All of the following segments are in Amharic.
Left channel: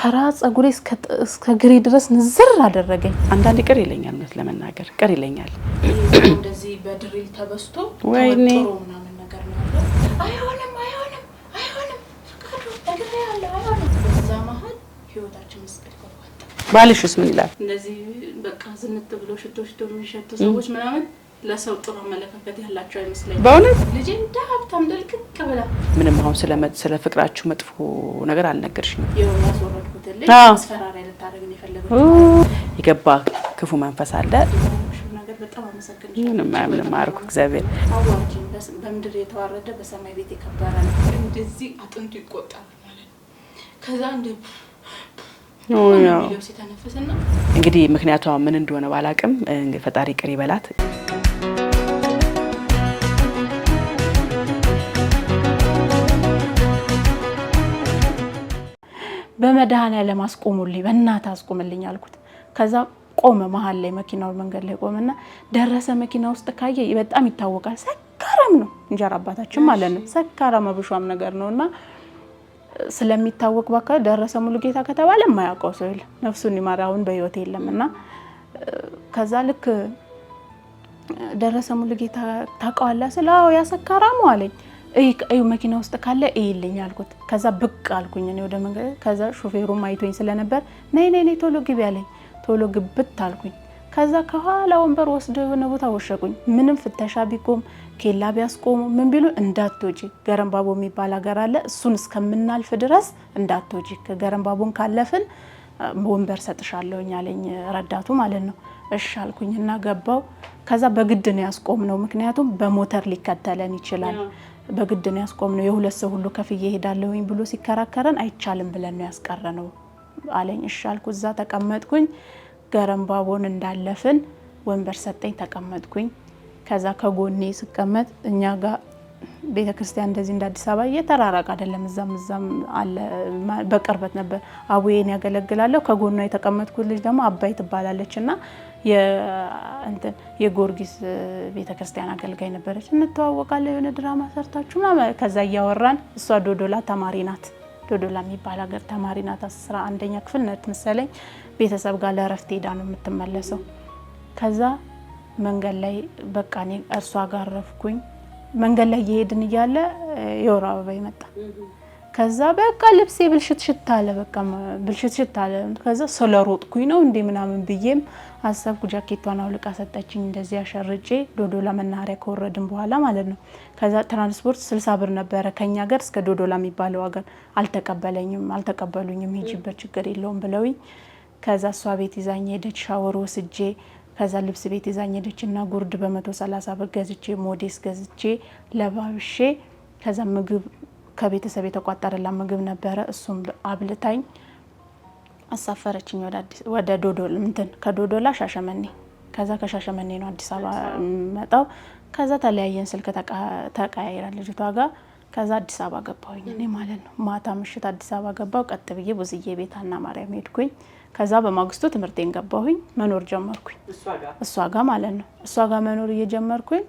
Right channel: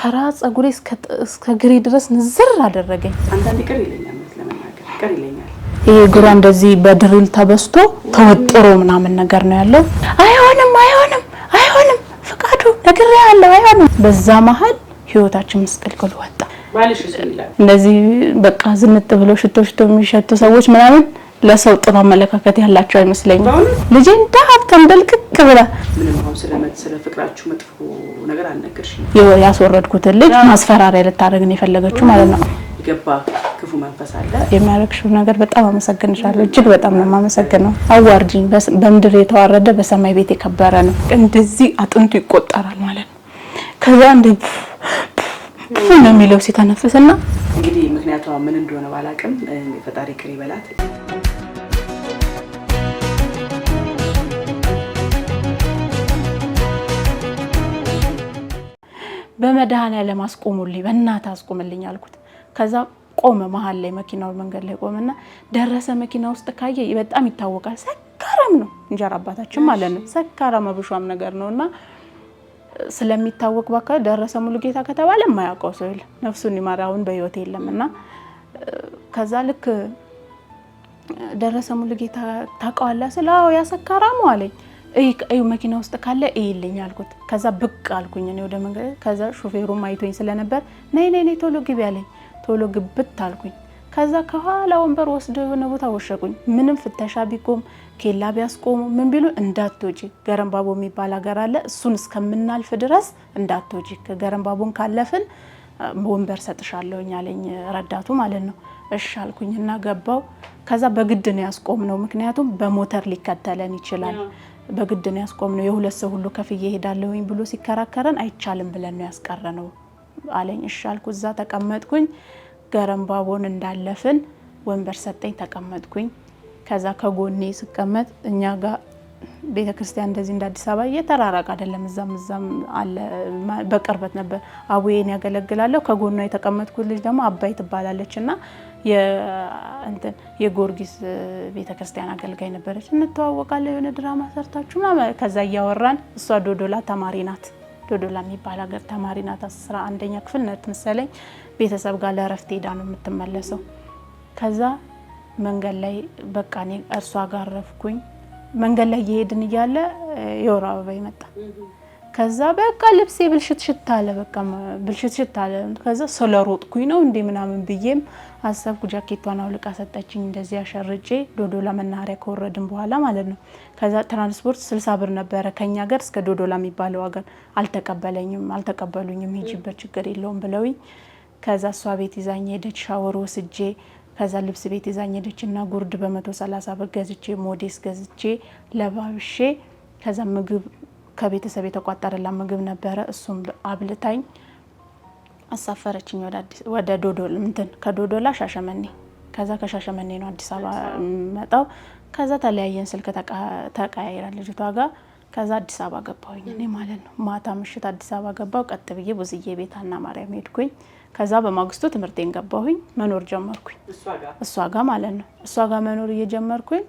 ከራስ ጸጉሬ እስከ ግሬ ድረስ ንዝር አደረገኝ። አንዳንዴ ቅር ይለኛል ማለት ለመናገር ቅር ይለኛል። ይሄ ግራ እንደዚህ በድሪል ተበስቶ ተወጥሮ ምናምን ነገር ነው ያለው። አይሆንም ፍቃዱ ነግሬያለሁ አይሆንም። በዛ መሀል ህይወታችን መስቀልቅል ወጣ። ባልሽስ ምን ይላል? እንደዚህ በቃ ዝንጥ ብሎ ሽቶ የሚሸቱ ሰዎች ምናምን ለሰው ጥሩ አመለካከት ያላቸው አይመስለኝም። ልጄ እንዳሀብታም ደልክክ ብላ ምንም አሁን ስለ ፍቅራችሁ መጥፎ ነገር አልነገርሽም? ያስወረድኩትን ልጅ ማስፈራሪያ ልታደርግ ነው የፈለገችው ማለት ነው። ይገባ ክፉ መንፈስ አለ። የሚያረክሽው ነገር በጣም አመሰግንሻለሁ። እጅግ በጣም ነው የማመሰግነው። አዋርጂኝ በምድር የተዋረደ በሰማይ ቤት የከበረ ነው። እንደዚህ አጥንቱ ይቆጠራል ማለት ነው። ከዛ እንደ ነው የሚለው ሲተነፍስና እንግዲህ ምክንያቷ ምን እንደሆነ ባላቅም ፈጣሪ ቅር ይበላት። በመድኃኒዓለም አስቆሙልኝ፣ በእናትህ አስቆምልኝ አልኩት። ከዛ ቆመ መሀል ላይ መኪናው መንገድ ላይ ቆመና ደረሰ። መኪና ውስጥ ካየ በጣም ይታወቃል። ሰካራም ነው እንጀራ አባታችን ማለት ነው። ሰካራም አብሿም ነገር ነውና ስለሚታወቅ ባካ ደረሰ ሙሉጌታ ከተባለ የማያውቀው ሰው የለም። ነፍሱን ይማራውን በህይወት የለምና ከዛ ልክ ደረሰ ሙሉጌታ ታውቀዋለህ ስለው ያሰካራም አለኝ። እይ መኪና ውስጥ ካለ እይልኝ አልኩት። ከዛ ብቅ አልኩኝ እኔ ወደ መንገድ። ከዛ ሾፌሩም አይቶኝ ስለነበር ነይ ቶሎ ግቢ አለኝ። ቶሎ ግብት አልኩኝ። ከዛ ከኋላ ወንበር ወስደው የሆነ ቦታ ወሸቁኝ። ምንም ፍተሻ ቢቆም ኬላ ቢያስቆሙ ምን ቢሉ እንዳትወጪ ገረምባቦ የሚባል ሀገር አለ፣ እሱን እስከምናልፍ ድረስ እንዳትወጪ፣ ከገረምባቦን ካለፍን ወንበር ሰጥሻለሁኝ አለኝ ረዳቱ ማለት ነው። እሺ አልኩኝና ገባው። ከዛ በግድ ነው ያስቆምነው፣ ምክንያቱም በሞተር ሊከተለን ይችላል። በግድ ነው ያስቆምነው። የሁለት ሰው ሁሉ ከፍዬ ሄዳለሁኝ ብሎ ሲከራከረን አይቻልም ብለን ነው ያስቀረነው አለኝ። እሺ አልኩ። እዛ ተቀመጥኩኝ። ገረምባቦን እንዳለፍን ወንበር ሰጠኝ፣ ተቀመጥኩኝ። ከዛ ከጎኔ ስቀመጥ እኛ ጋር ቤተክርስቲያን እንደዚህ እንደ አዲስ አበባ እየተራራቀ አይደለም፣ እዛም አለ፣ በቅርበት ነበር። አቡዬን ያገለግላለሁ። ከጎኗ የተቀመጥኩት ልጅ ደግሞ አባይ ትባላለችና የጊዮርጊስ ቤተክርስቲያን አገልጋይ ነበረች። እንተዋወቃለን፣ የሆነ ድራማ ሰርታችሁ ማለት። ከዛ እያወራን እሷ ዶዶላ ተማሪ ናት፣ ዶዶላ የሚባል ሀገር ተማሪ ናት። 11ኛ ክፍል ናት መሰለኝ። ቤተሰብ ጋር ለእረፍት ሄዳ ነው የምትመለሰው። ከዛ መንገድ ላይ በቃ እኔ እርሷ ጋር ረፍኩኝ። መንገድ ላይ እየሄድን እያለ የወር አበባ ይመጣ። ከዛ በቃ ልብሴ ብልሽት አለ፣ በቃ ብልሽት አለ። ከዛ ስለሮጥኩኝ ነው እንዴ ምናምን ብዬም አሰብኩ። ጃኬቷን አውልቃ ሰጠችኝ፣ እንደዚህ አሸርጬ ዶዶላ መናኸሪያ ከወረድን በኋላ ማለት ነው። ከዛ ትራንስፖርት 60 ብር ነበረ ከኛ ሀገር እስከ ዶዶላ የሚባለው ሀገር። አልተቀበሉኝም። ሂጂበት ችግር የለውም ብለውኝ ከዛ እሷ ቤት ይዛኝ ሄደች። ሻወር ወስጄ ከዛ ልብስ ቤት ይዛኝ ሄደችና ጉርድ በ130 ብር ገዝቼ ሞዴስ ገዝቼ ለባብሼ ከዛ ምግብ ከቤተሰብ የተቋጠረላ ምግብ ነበረ፣ እሱም አብልታኝ አሳፈረችኝ ወደ ዶዶላ ከዶዶላ ሻሸመኔ። ከዛ ከሻሸመኔ ነው አዲስ አበባ መጣው። ከዛ ተለያየን፣ ስልክ ተቀያይራን ልጅቷ ጋር። ከዛ አዲስ አበባ ገባሁኝ እኔ ማለት ነው። ማታ ምሽት አዲስ አበባ ገባው። ቀጥ ብዬ ቡዝዬ ቤታና ማርያም ሄድኩኝ። ከዛ በማግስቱ ትምህርቴን ገባሁኝ፣ መኖር ጀመርኩኝ እሷ ጋር ማለት ነው። እሷ ጋር መኖር እየጀመርኩኝ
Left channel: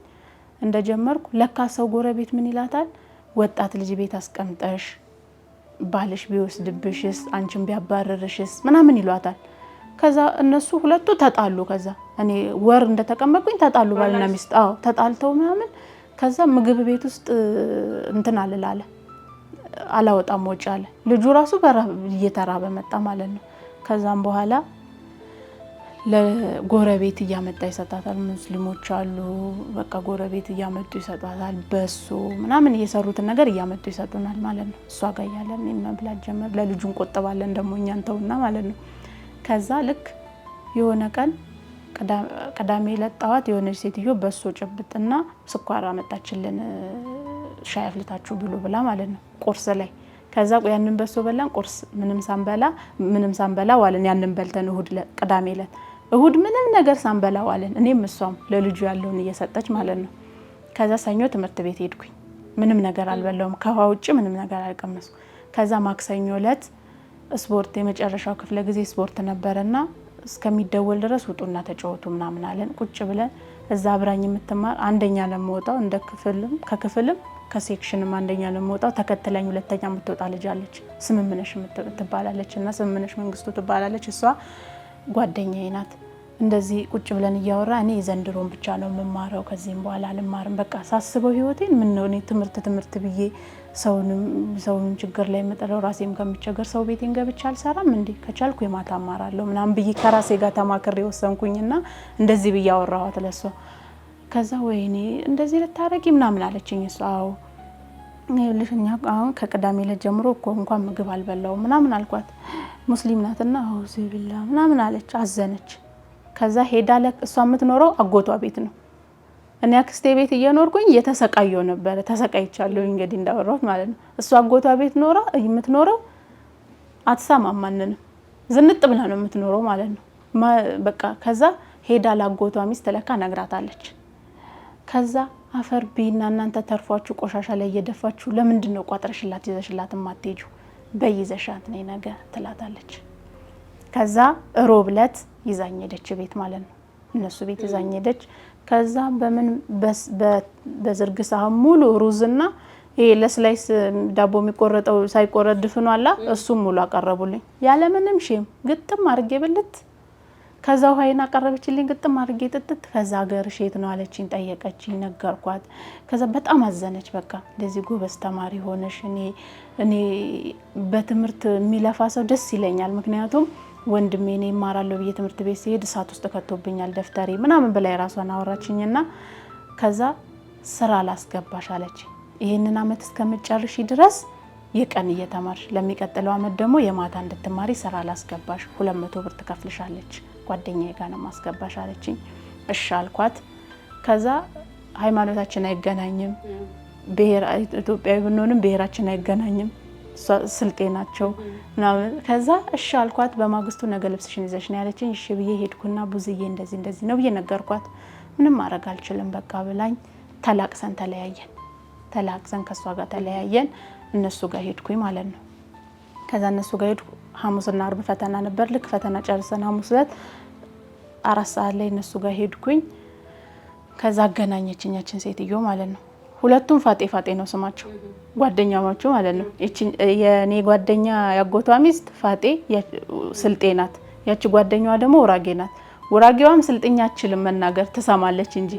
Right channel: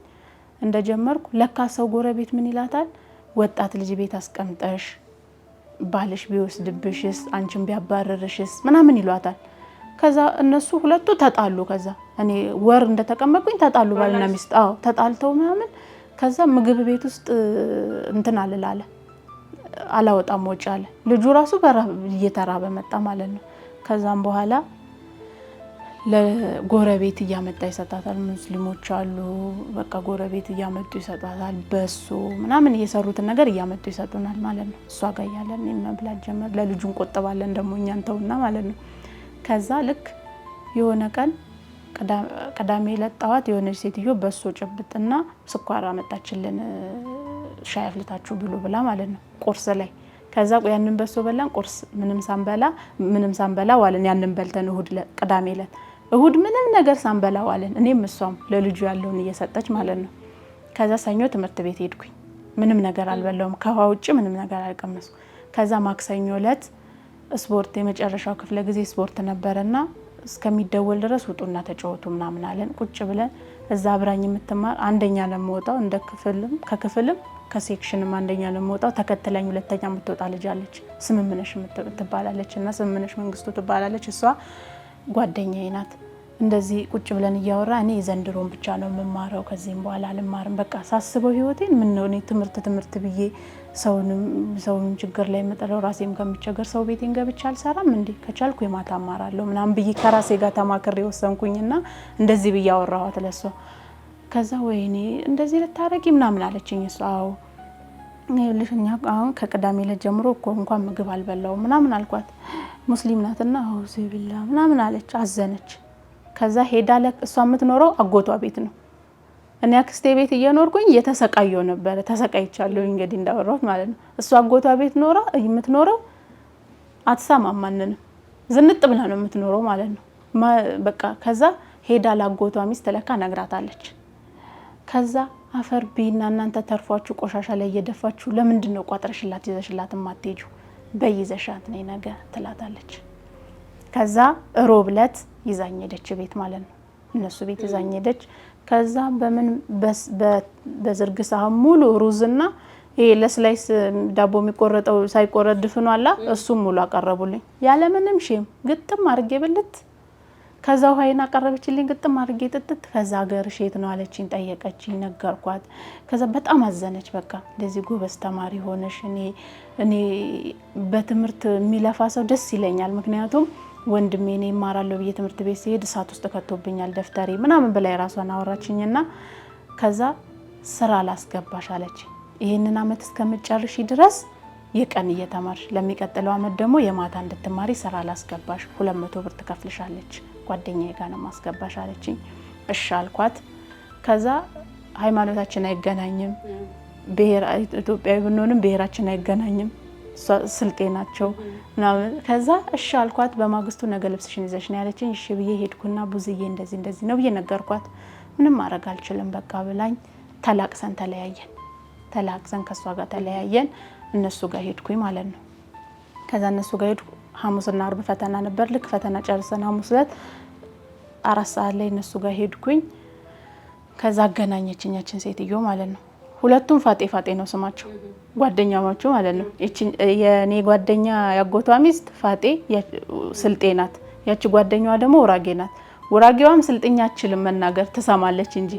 እንደጀመርኩ ለካ ሰው ጎረቤት ምን ይላታል፣ ወጣት ልጅ ቤት አስቀምጠሽ ባልሽ ቢወስድብሽስ አንቺን ቢያባረርሽስ ምናምን ይሏታል። ከዛ እነሱ ሁለቱ ተጣሉ። ከዛ እኔ ወር እንደተቀመጥኩኝ ተጣሉ፣ ባልና ሚስት። አዎ ተጣልተው ምናምን። ከዛ ምግብ ቤት ውስጥ እንትን አልላለ አላወጣም ወጪ አለ። ልጁ ራሱ እየተራበ መጣ ማለት ነው። ከዛም በኋላ ለጎረቤት እያመጣ ይሰጣታል። ሙስሊሞች አሉ፣ በቃ ጎረቤት እያመጡ ይሰጣታል። በሶ ምናምን እየሰሩትን ነገር እያመጡ ይሰጡናል ማለት ነው። እሷ ጋር ያለን መብላት ጀመር። ለልጁ እንቆጥባለን ደግሞ እኛን ተውና ማለት ነው። ከዛ ልክ የሆነ ቀን ቅዳሜ ለጣዋት የሆነች ሴትዮ በሶ ጭብጥና ስኳር አመጣችልን፣ ሻይ አፍልታችሁ ብሉ ብላ ማለት ነው ቁርስ ላይ። ከዛ ያንን በሶ በላን። ቁርስ ምንም ሳንበላ ዋለን። ያንን በልተን ቅዳሜ ዕለት እሁድ ምንም ነገር ሳንበላ ዋለን። እኔም እሷም ለልጁ ያለውን እየሰጠች ማለት ነው። ከዛ ሰኞ ትምህርት ቤት ሄድኩኝ። ምንም ነገር አልበላውም፣ ከውሃ ውጭ ምንም ነገር አልቀመስኩ። ከዛ ማክሰኞ ዕለት ስፖርት የመጨረሻው ክፍለ ጊዜ ስፖርት ነበርና እስከሚደወል ድረስ ውጡና ተጫወቱ ምናምን አለን። ቁጭ ብለን እዛ አብራኝ የምትማር አንደኛ ለምወጣው እንደ ክፍልም ከክፍልም ከሴክሽንም አንደኛ ለምወጣው ተከትለኝ ሁለተኛ የምትወጣ ልጅ አለች። ስምምነሽ ትባላለች እና ስምምነሽ መንግስቱ ትባላለች። እሷ ጓደኛዬ ናት። እንደዚህ ቁጭ ብለን እያወራ እኔ ዘንድሮን ብቻ ነው የምማረው ከዚህም በኋላ አልማርም። በቃ ሳስበው ህይወቴን ምን ነው እኔ ትምህርት ብዬ ሰውን ችግር ላይ መጠለው ራሴም ከምቸገር ሰው ቤቴን ገብቻ አልሰራም እንዴ ከቻልኩ የማታ አማራለሁ ምናምን ብዬ ከራሴ ጋር ተማክሬ ወሰንኩኝና እንደዚህ ብዬ አወራኋት ለሷ። ከዛ ወይኔ እንደዚህ ልታረጊ ምናምን አለችኝ እሷ። አዎ ልሽኛ አሁን ከቅዳሜ ዕለት ጀምሮ እኮ እንኳን ምግብ አልበላውም ምናምን አልኳት። ሙስሊም ናትና አዎ ሲብላ ምናምን አለች፣ አዘነች። ከዛ ሄዳ እሷ የምትኖረው አጎቷ ቤት ነው። እኔ አክስቴ ቤት እየኖርኩኝ እየተሰቃየው ነበር። ተሰቃይቻለሁ እንግዲህ እንዳወራሁት ማለት ነው። እሷ አጎቷ ቤት የምትኖረው አትሰማም ማንንም፣ ዝንጥ ብላ ነው የምትኖረው ማለት ነው። በቃ ከዛ ሄዳ ላጎቷ ሚስት ለካ ነግራታለች። ከዛ አፈር ቢና እናንተ ተርፏችሁ ቆሻሻ ላይ እየደፋችሁ ለምንድን ነው ቋጥረሽላት ይዘሽላት ማትሄጂው? በይዘሻት ነይ ነገ ትላታለች። ከዛ ሮብ ዕለት ይዛኝ ሄደች ቤት ማለት ነው። እነሱ ቤት ይዛኝ ሄደች። ከዛ በዝርግ ሳህን ሙሉ ሩዝና ይሄ ለስላይስ ዳቦ የሚቆረጠው ሳይቆረጥ ድፍኑ አላ እሱም ሙሉ አቀረቡልኝ ያለ ምንም ሼም ግጥም አድርጌ ብልት። ከዛ ውሃይና አቀረበችልኝ ግጥም አድርጌ ጥጥት። ከዛ ሀገርሽ የት ነው አለችኝ፣ ጠየቀችኝ፣ ነገርኳት። ከዛ በጣም አዘነች። በቃ እንደዚህ ጎበዝ ተማሪ ሆነሽ እኔ በትምህርት የሚለፋ ሰው ደስ ይለኛል፣ ምክንያቱም ወንድሜ እኔ እማራለሁ ብዬ ትምህርት ቤት ሲሄድ እሳት ውስጥ ከቶብኛል ደፍተሬ ምናምን በላይ ራሷን አወራችኝና ከዛ ስራ ላስገባሽ አለች። ይሄንን አመት እስከምጨርሺ ድረስ የቀን እየተማርሽ ለሚቀጥለው አመት ደግሞ የማታ እንድትማሪ ስራ ላስገባሽ 200 ብር ትከፍልሻለች፣ ጓደኛዬ ጋር ነው ማስገባሽ አለችኝ። እሺ አልኳት። ከዛ ሃይማኖታችን አይገናኝም፣ ኢትዮጵያዊ ብንሆንም ብሔራችን አይገናኝም፣ ስልጤ ናቸው ምናምን። ከዛ እሺ አልኳት። በማግስቱ ነገ ልብስሽን ይዘሽ ነው ያለችኝ። እሺ ብዬ ሄድኩና ቡዝዬ እንደዚህ ነው ብዬ ነገርኳት። ምንም ማድረግ አልችልም በቃ ብላኝ ተላቅሰን ተለያየን። ተላቅሰን ከሷ ጋር ተለያየን። እነሱ ጋር ሄድኩኝ ማለት ነው። ከዛ እነሱ ጋር ሄድኩ። ሐሙስና አርብ ፈተና ነበር። ልክ ፈተና ጨርሰን ሐሙስ ዕለት 4 ሰዓት ላይ እነሱ ጋር ሄድኩኝ። ከዛ አገናኘችኛችን ሴትዮ ማለት ነው። ሁለቱም ፋጤ ነው ስማቸው፣ ጓደኛሞቹ ማለት ነው። የኔ ጓደኛ ያጎቷ ሚስት ፋጤ ስልጤ ናት። ያቺ ጓደኛዋ ደግሞ ውራጌ ናት። ውራጌዋም ስልጥኛ አትችልም መናገር ትሰማለች እንጂ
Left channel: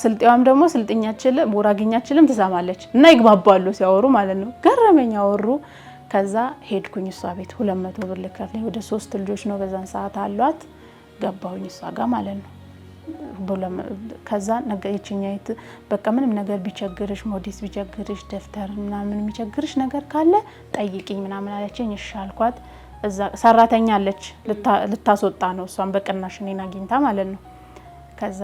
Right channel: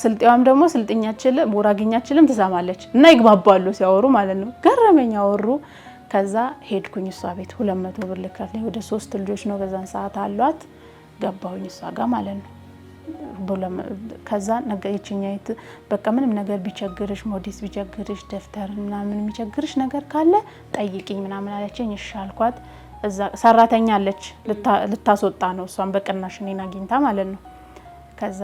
ስልጤዋም ደግሞ ስልጥኛ አትችልም ውራጌኛ አትችልም ትሰማለች። እና ይግባባሉ ሲያወሩ ማለት ነው። ገረመኝ አወሩ። ከዛ ሄድኩኝ እሷ ቤት 200 ብር ልከፍለኝ። ወደ 3 ልጆች ነው በዛን ሰዓት አሏት። ገባሁኝ እሷ ጋር ማለት ነው። ከዛ ነገየችኛይት በቃ ምንም ነገር ቢቸግርሽ፣ ሞዴስ ቢቸግርሽ፣ ደፍተር ምናምን የሚቸግርሽ ነገር ካለ ጠይቂኝ ምናምን አለችኝ። እሺ አልኳት። እዛ ሰራተኛ አለች ልታስወጣ ነው እሷን በቅናሽ እኔን አግኝታ ማለት ነው። ከዛ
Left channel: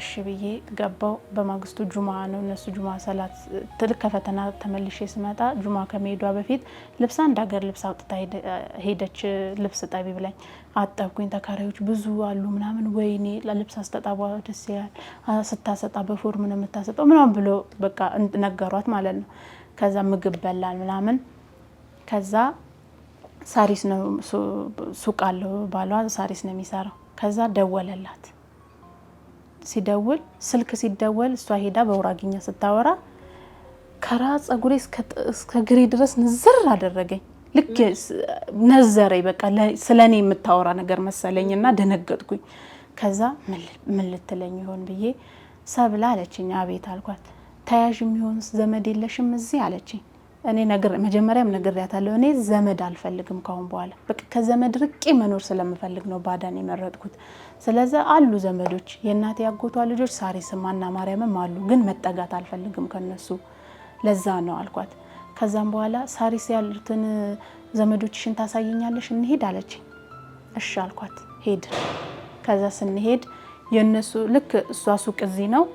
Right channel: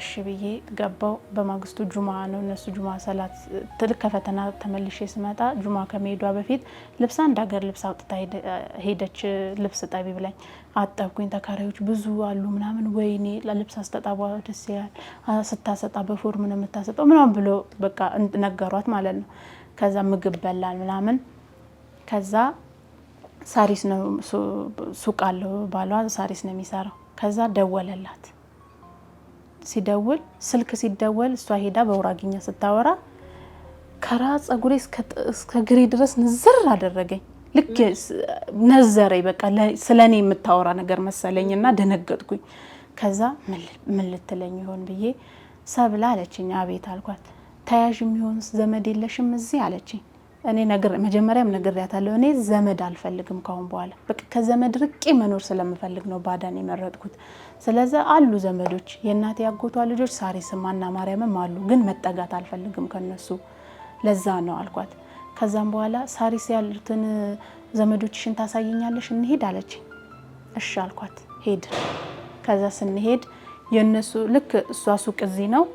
እሺ ብዬ ገባው። በማግስቱ ጁማ ነው። እነሱ ጁማ ሰላት ትልቅ ከፈተና ተመልሼ ስመጣ ጁማ ከመሄዷ በፊት ልብስ አንድ ሀገር ልብስ አውጥታ ሄደች። ልብስ ጠቢ ብላኝ አጠብኩኝ። ተካሪዎች ብዙ አሉ ምናምን። ወይኔ ለልብስ አስተጣባ ደስ ይላል፣ ስታሰጣ በፎርም ነው የምታሰጠው ምናምን ብሎ በቃ ነገሯት ማለት ነው። ከዛ ምግብ በላል ምናምን። ከዛ ሳሪስ ነው ሱቅ አለው ባሏ፣ ሳሪስ ነው የሚሰራው። ከዛ ደወለላት። ሲደውል ስልክ ሲደወል እሷ ሄዳ በውራግኛ ስታወራ ከራስ ጸጉሬ እስከ ግሬ ድረስ ንዝር አደረገኝ። ልክ ነዘረኝ። በቃ ስለኔ የምታወራ ነገር መሰለኝና ደነገጥኩኝ። ከዛ ምን ልትለኝ ይሆን ብዬ ሰብላ አለችኝ። አቤት አልኳት። ተያዥ የሚሆን ዘመድ የለሽም እዚህ አለችኝ። እኔ መጀመሪያም ነግሬያታለሁ። እኔ ዘመድ አልፈልግም ካሁን በኋላ በቃ ከዘመድ ርቄ መኖር ስለምፈልግ ነው ባዳን የመረጥኩት። ስለዚህ አሉ ዘመዶች፣ የእናቴ ያጎቷ ልጆች ሳሪስም እና ማርያምም አሉ፣ ግን መጠጋት አልፈልግም ከነሱ፣ ለዛ ነው አልኳት። ከዛም በኋላ ሳሪስ ያሉትን ዘመዶችሽን ታሳየኛለሽ እንሄድ አለችኝ። እሺ አልኳት። ሄድን። ከዛ ስንሄድ የነሱ ልክ እሷ ሱቅ እዚህ ነው፣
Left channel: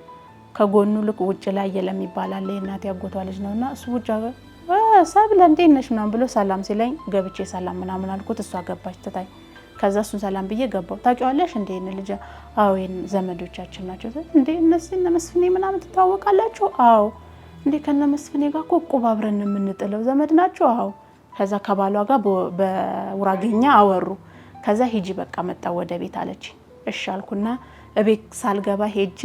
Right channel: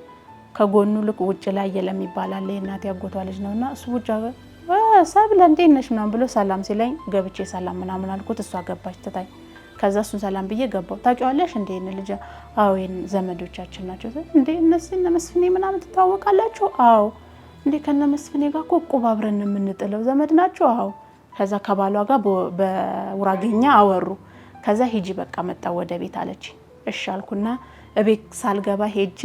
ከጎኑ ልክ ውጭ ላይ የለም ይባላል የእናቴ ያጎቷ ልጅ ነውና እሱ ውጭ ሰብለ እንዴት ነሽ ምናምን ብሎ ሰላም ሲለኝ ገብቼ ሰላም ምናምን አልኩት። እሷ ገባች ትታኝ። ከዛ እሱን ሰላም ብዬ ገባው። ታውቂዋለሽ እንዴ እነ ልጅ? አዎ ዘመዶቻችን ናቸው። እንዴ እነ መስፍኔ ምናምን ትታወቃላችሁ? አዎ። እንዴ ከነ መስፍኔ ጋር እኮ ቁብ አብረን የምንጥለው ዘመድ ናቸው? አዎ። ከዛ ከባሏ ጋር በውራጌኛ አወሩ። ከዛ ሂጂ በቃ መጣ ወደ ቤት አለች። እሺ አልኩና እቤት ሳልገባ ሄጄ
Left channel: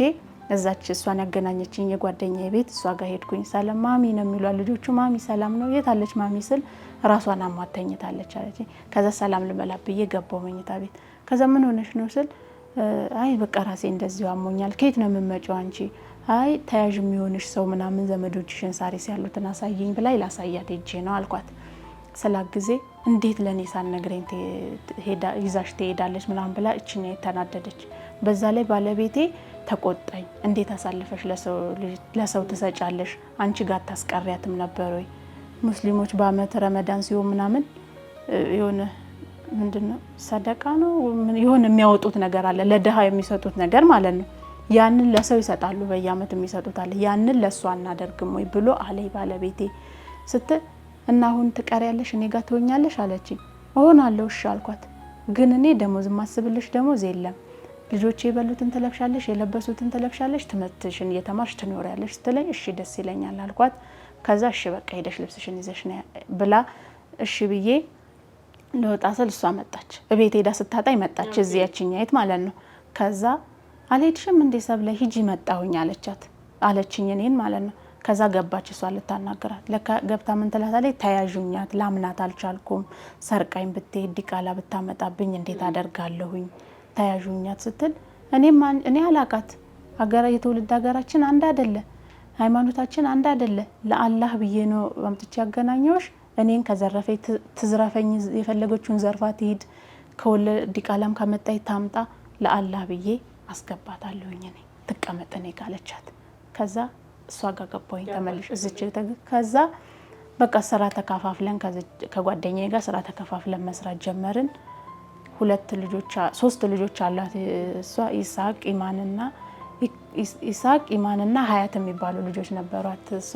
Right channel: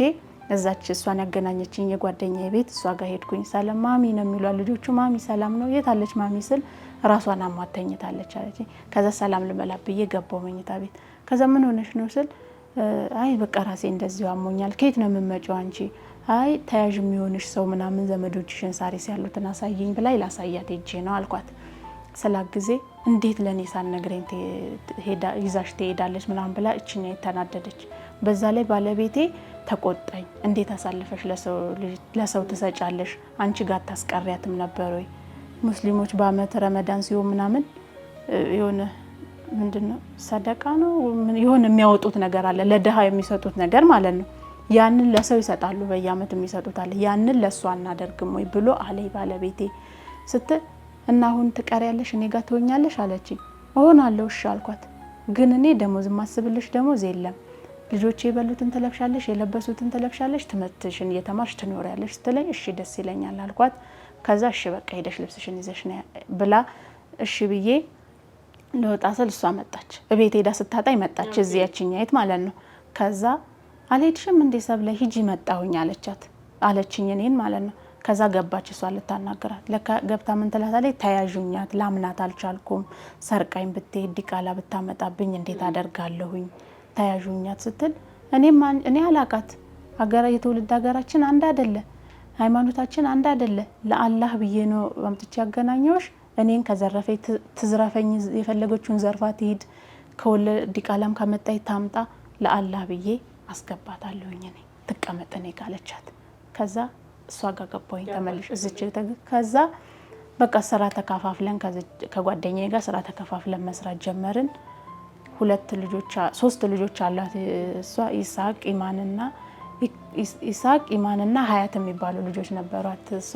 እዛች እሷን ያገናኘችኝ የጓደኛዬ ቤት እሷ ጋር ሄድኩኝ። ሰላም ማሚ ነው የሚሏት ልጆቹ። ማሚ ሰላም ነው? የት አለች ማሚ ስል ራሷን አሟት ተኝታለች አለች። ከዛ ሰላም ልበላት ብዬ ገባሁ መኝታ ቤት። ከዛ ምን ሆነሽ ነው ስል አይ በቃ ራሴ እንደዚሁ አሞኛል። ከየት ነው የምትመጪው አንቺ? አይ ተያዥ የሚሆንሽ ሰው ምናምን ዘመዶችሽን ሳሪስ ያሉትን አሳየኝ ብላይ ላሳያት ሄጄ ነው አልኳት። ስላጊዜ እንዴት ለኔ ሳትነግረኝ ይዛሽ ትሄዳለች ምናምን ብላ እችኛ ተናደደች። በዛ ላይ ባለቤቴ ተቆጣኝ። እንዴት አሳልፈሽ ለሰው ትሰጫለሽ? አንቺ ጋር ታስቀሪያትም ነበር ወይ? ሙስሊሞች በአመት ረመዳን ሲሆን ምናምን የሆነ ምንድነው ሰደቃ ነው የሆነ የሚያወጡት ነገር አለ፣ ለድሃ የሚሰጡት ነገር ማለት ነው። ያንን ለሰው ይሰጣሉ፣ በየአመት የሚሰጡት አለ። ያንን ለሷ አናደርግም ወይ ብሎ አለይ ባለቤቴ ስትል እና አሁን ትቀሪያለሽ እኔ ጋር ትሆኛለሽ አለችኝ። እሆናለሁ እሺ አልኳት። ግን እኔ ደሞዝ ማስብልሽ ደሞዝ የለም፣ ልጆቼ የበሉትን ትለብሻለሽ፣ የለበሱትን ትለብሻለሽ፣ ትምህርትሽን እየተማርሽ ትኖሪያለሽ ስትለኝ እሺ ደስ ይለኛል አልኳት። ከዛ እሺ በቃ ሄደሽ ልብስሽን ይዘሽ ነው ብላ እሺ ብዬ ለወጣ ስል እሷ መጣች። እቤት ሄዳ ስታጣኝ መጣች፣ እዚህ ያችኛይት ማለት ነው። ከዛ አልሄድሽም እንዴ ሰብለ ሂጂ መጣሁኝ አለችኝ እኔን ማለት ነው። ከዛ ገባች እሷ ልታናገራት። ለካ ገብታ ምን ትላታለች? ተያዡኛት ላምናት አልቻልኩም፣ ሰርቃኝ ብትሄድ ዲቃላ ብታመጣብኝ እንዴት አደርጋለሁኝ? ተያዡኛት ስትል እኔ አላቃት። የትውልድ ሀገራችን አንድ አይደለ፣ ሃይማኖታችን አንድ አይደለ። ለአላህ ብዬ ነው አምጥቼ ያገናኘውሽ። እኔን ከዘረፈኝ ትዝረፈኝ፣ የፈለገችውን ዘርፋ ትሂድ፣ ከወለድ ዲቃላም ካመጣይ ታምጣ፣ ለአላህ ብዬ አስገባታለሁኝ እኔ ትቀመጥ እኔ ካለቻት። ከዛ እሷ ጋር ገባሁኝ ተመልሽ እዚች። ከዛ በቃ ስራ ተከፋፍለን ከጓደኛዬ ጋር ስራ ተከፋፍለን መስራት ጀመርን። ሶስት ልጆች አሏት እሷ። ኢሳቅ ኢማንና ሀያት የሚባሉ ልጆች ነበሯት እሷ።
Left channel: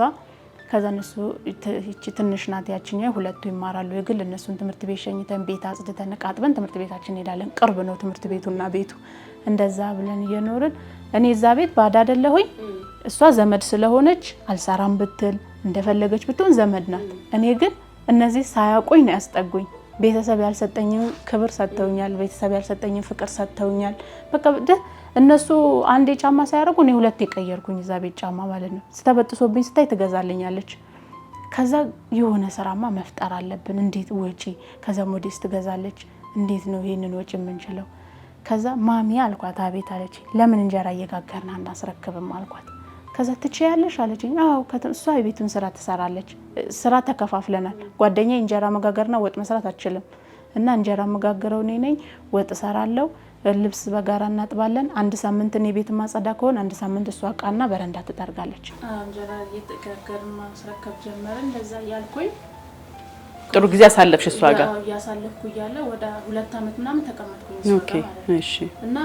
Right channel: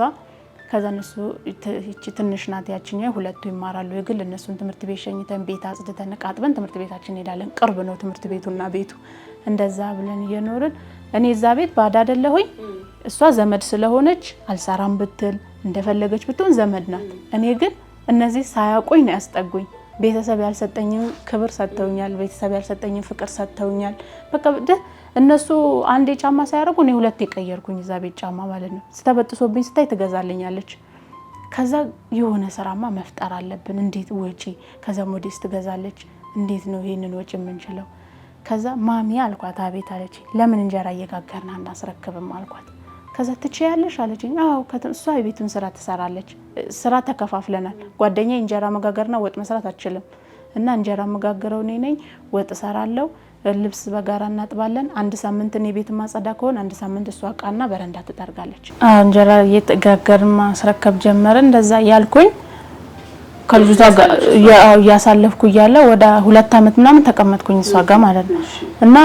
ከዛ እነሱ ትንሽ ናት ያችኛው፣ ሁለቱ ይማራሉ የግል። እነሱን ትምህርት ቤት ሸኝተን ቤት አጽድተን ቃጥበን ትምህርት ቤታችን እንሄዳለን። ቅርብ ነው ትምህርት ቤቱና ቤቱ። እንደዛ ብለን እየኖርን እኔ እዛ ቤት ባዳ አይደለሁኝ። እሷ ዘመድ ስለሆነች አልሰራም ብትል እንደፈለገች ብትሆን ዘመድ ናት። እኔ ግን እነዚህ ሳያውቁኝ ነው ያስጠጉኝ። ቤተሰብ ያልሰጠኝን ክብር ሰጥተውኛል። ቤተሰብ ያልሰጠኝን ፍቅር ሰጥተውኛል። በቃ እነሱ አንዴ ጫማ ሳያደርጉ እኔ ሁለት የቀየርኩኝ እዛ ቤት ጫማ ማለት ነው። ስተበጥሶብኝ ስታይ ትገዛልኛለች። ከዛ የሆነ ስራማ መፍጠር አለብን። እንዴት ወጪ? ከዛ ሞዴስ ትገዛለች። እንዴት ነው ይሄንን ወጪ የምንችለው? ከዛ ማሚ አልኳት። አቤት አለች። ለምን እንጀራ እየጋገርን አናስረክብም አልኳት። ከዛ ትችያለሽ አለችኝ። አዎ እሷ የቤቱን ስራ ትሰራለች። ስራ ተከፋፍለናል። ጓደኛዬ እንጀራ መጋገርና ወጥ መስራት አትችልም እና እንጀራ መጋገረው እኔ ነኝ፣ ወጥ እሰራለሁ፣ ልብስ በጋራ እናጥባለን። አንድ ሳምንት እኔ ቤት ማጸዳ ከሆነ አንድ ሳምንት እሷ እቃና በረንዳ ትጠርጋለች። እንጀራ እየጋገርን ማስረከብ ጀመርን። እንደዛ ያልኩኝ ከልጅቷ ጋር ያሳለፍኩ እያለ ወደ 2 አመት ምናምን ተቀመጥኩኝ እሷ ጋር ማለት ነው። እና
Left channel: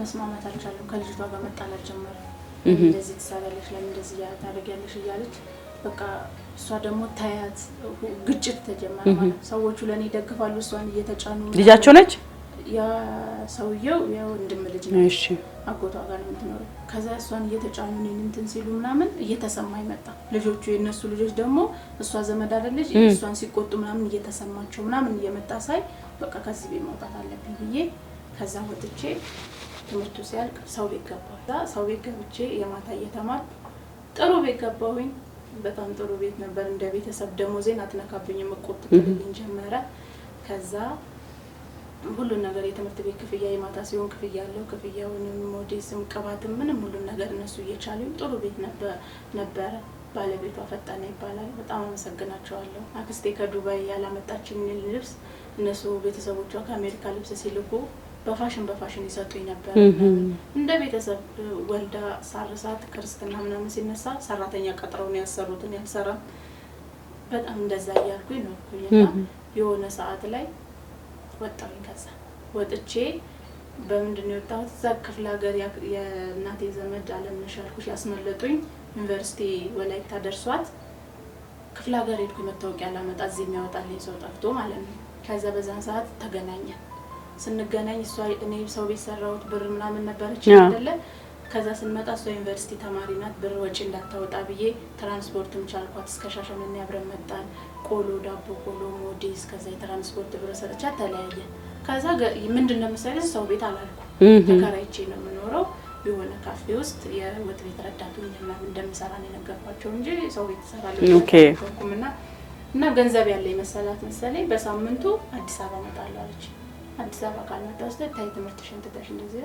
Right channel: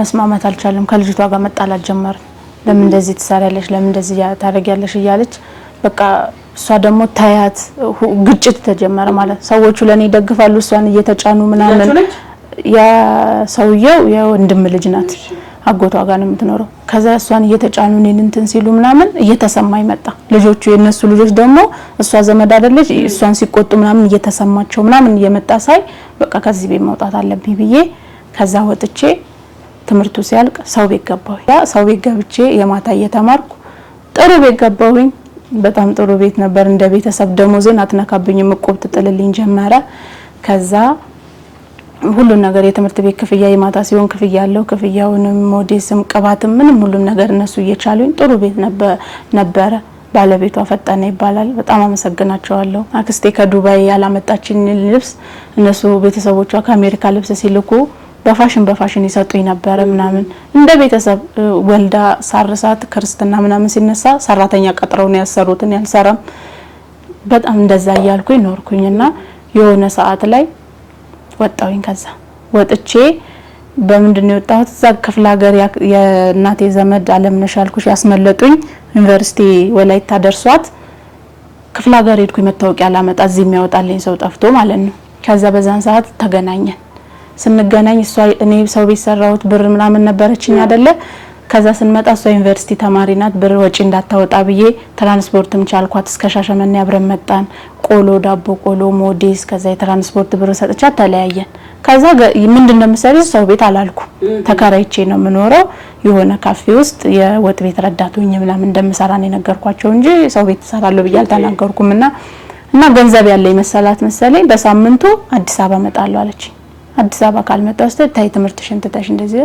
መስማማት አልቻለም። ከልጅቷ ጋር መጣላት ጀመርን። ለምን እንደዚህ ትሰሪያለሽ? ለምን እንደዚህ ታደርጊያለሽ? እያለች በቃ እሷ ደግሞ ታያት ግጭት ተጀመረ ማለት። ሰዎቹ ለኔ ይደግፋሉ፣ እሷን እየተጫኑ ምናምን። ያ ሰውየው የወንድም ልጅ ናት፣ አጎቷ ጋር ነው የምትኖረው። ከዛ እሷን እየተጫኑ እኔን እንትን ሲሉ ምናምን እየተሰማኝ መጣ። ልጆቹ የነሱ ልጆች ደግሞ እሷ ዘመድ አይደለች፣ እሷን ሲቆጡ ምናምን እየተሰማቸው ምናምን እየመጣ ሳይ በቃ ከዚህ ቤት መውጣት አለብኝ ብዬ ከዛ ወጥቼ ትምህርቱ ሲያልቅ ሰው ቤት ገባሁኝ። ያ ሰው ቤት ገብቼ የማታ እየተማርኩ ጥሩ ቤት ገባሁኝ። በጣም ጥሩ ቤት ነበር። እንደ ቤተሰብ ደሞዜን አትነካብኝም፣ እቁብ ትጥልልኝ ጀመረ። ከዛ ሁሉን ነገር የትምህርት ቤት ክፍያ የማታ ሲሆን ክፍያ ያለው ክፍያውንም ሞዴስም ቅባትም ምንም ሁሉም ነገር እነሱ እየቻሉኝ ጥሩ ቤት ነበረ። ባለቤቷ ፈጠነ ይባላል። በጣም አመሰግናቸዋለሁ። አክስቴ ከዱባይ ያላመጣችኝ ልብስ እነሱ ቤተሰቦቿ ከአሜሪካ ልብስ ሲልኩ በፋሽን ይሰጡኝ ነበር ምናምን። እንደ ቤተሰብ ወልዳ ሳርሳት ክርስትና ምናምን ሲነሳ ሰራተኛ ቀጥረው ነው ያሰሩትን ያልሰራም። በጣም እንደዛ እያልኩኝ ኖርኩኝና የሆነ ሰዓት ላይ ወጣሁኝ። ከዛ ወጥቼ በምንድነው የወጣሁት? እዛ ክፍለ ሀገር የእናቴ ዘመድ አለምነሽ አልኩሽ ያስመለጡኝ ዩኒቨርሲቲ ወላይታ ደርሷት ክፍለ ሀገር ሄድኩኝ። መታወቂያ ላመጣ እዚህ የሚያወጣልኝ ሰው ጠፍቶ ማለት ነው። ከዛ በዛን ሰዓት ተገናኘን። ስንገናኝ እሷ እኔ ሰው ቤት ሰራሁት ብር ምናምን ነበረችኝ አይደለ? ከዛ ስንመጣ እሷ ዩኒቨርሲቲ ተማሪ ናት። ብር ወጪ እንዳታወጣ ብዬ ትራንስፖርትም ቻልኳት። እስከ ሻሸመኔ አብረን መጣን። ቆሎ ዳቦ ቆሎ ሞዴስ፣ ከዛ የትራንስፖርት ብር ሰጥቻት ተለያየን። ከዛ ምንድነው የምሰራው ሰው ቤት አላልኩ ተከራይቼ ነው የምኖረው የሆነ ካፌ ውስጥ የወጥ ቤት ረዳት ሆኜ ምናምን እንደምሰራ ነው የነገርኳቸው እንጂ ሰው ቤት እሰራለሁ ብዬ አልተናገርኩምና እና ገንዘብ ያለኝ መሰለኝ በሳምንቱ አዲስ አበባ እመጣለሁ አለች። አዲስ አበባ ካልመጣሁ ታይ ትምህርትሽን ትተሽ እንደዚህ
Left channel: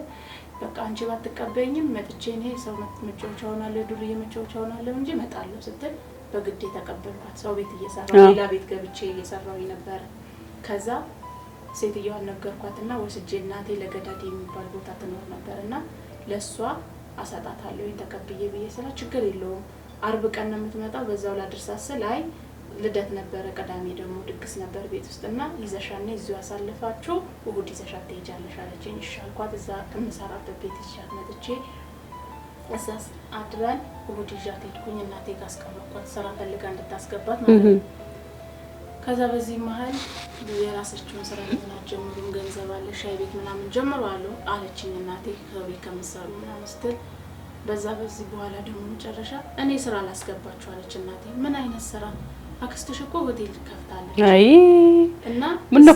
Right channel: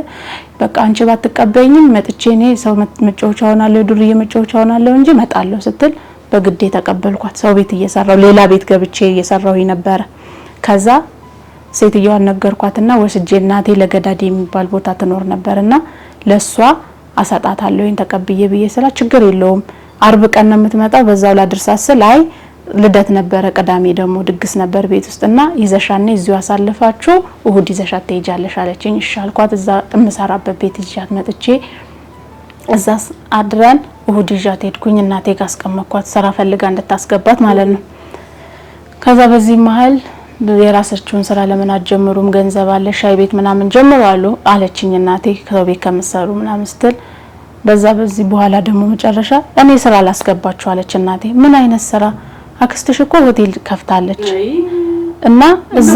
በቃ አንቺ ባትቀበይኝም መጥቼ እኔ ሰው መጫወቻ ሆናለሁ ዱርዬ መጫወቻ ሆናለሁ እንጂ እመጣለሁ ስትል በግዴ ተቀበልኳት። ሰው ቤት እየሰራው ሌላ ቤት ገብቼ እየሰራው ነበር። ከዛ ሴትዮዋን ነገርኳትና ወስጄ እናቴ ለገዳዲ የሚባል ቦታ ትኖር ነበርና ለሷ አሰጣታለሁ ተቀብዬ ብዬ ስላ ችግር የለውም አርብ ቀን ነው የምትመጣው በዛው ላድርሳስል አይ ልደት ነበረ ቅዳሜ ደግሞ ድግስ ነበር ቤት ውስጥና ይዘሻኔ እዚሁ አሳልፋችሁ እሁድ ይዘሻት ትሄጃለሽ አለችኝ። እሺ አልኳት። እዛ ተመሰራበት ቤት ይዣት መጥቼ እዛ አድረን እሁድ ይዣት ሄድኩኝ። እናቴ ጋር አስቀመጥኳት ስራ ፈልጋ እንድታስገባት ማለት ነው። ከዛ በዚህ መሀል የራሳችሁን ስራ ለምን አትጀምሩም ገንዘብ አለ ሻይ ቤት ምናምን ጀምሩ አለችኝ እናቴ ከቤት ከመሰሩ ምናምን ስትል በዚህ በኋላ ደግሞ መጨረሻ እኔ ስራ ላስገባችሁ አለች እናቴ። ምን አይነት ስራ? አክስትሽ እኮ ሆቴል ከፍታለች እና እዛ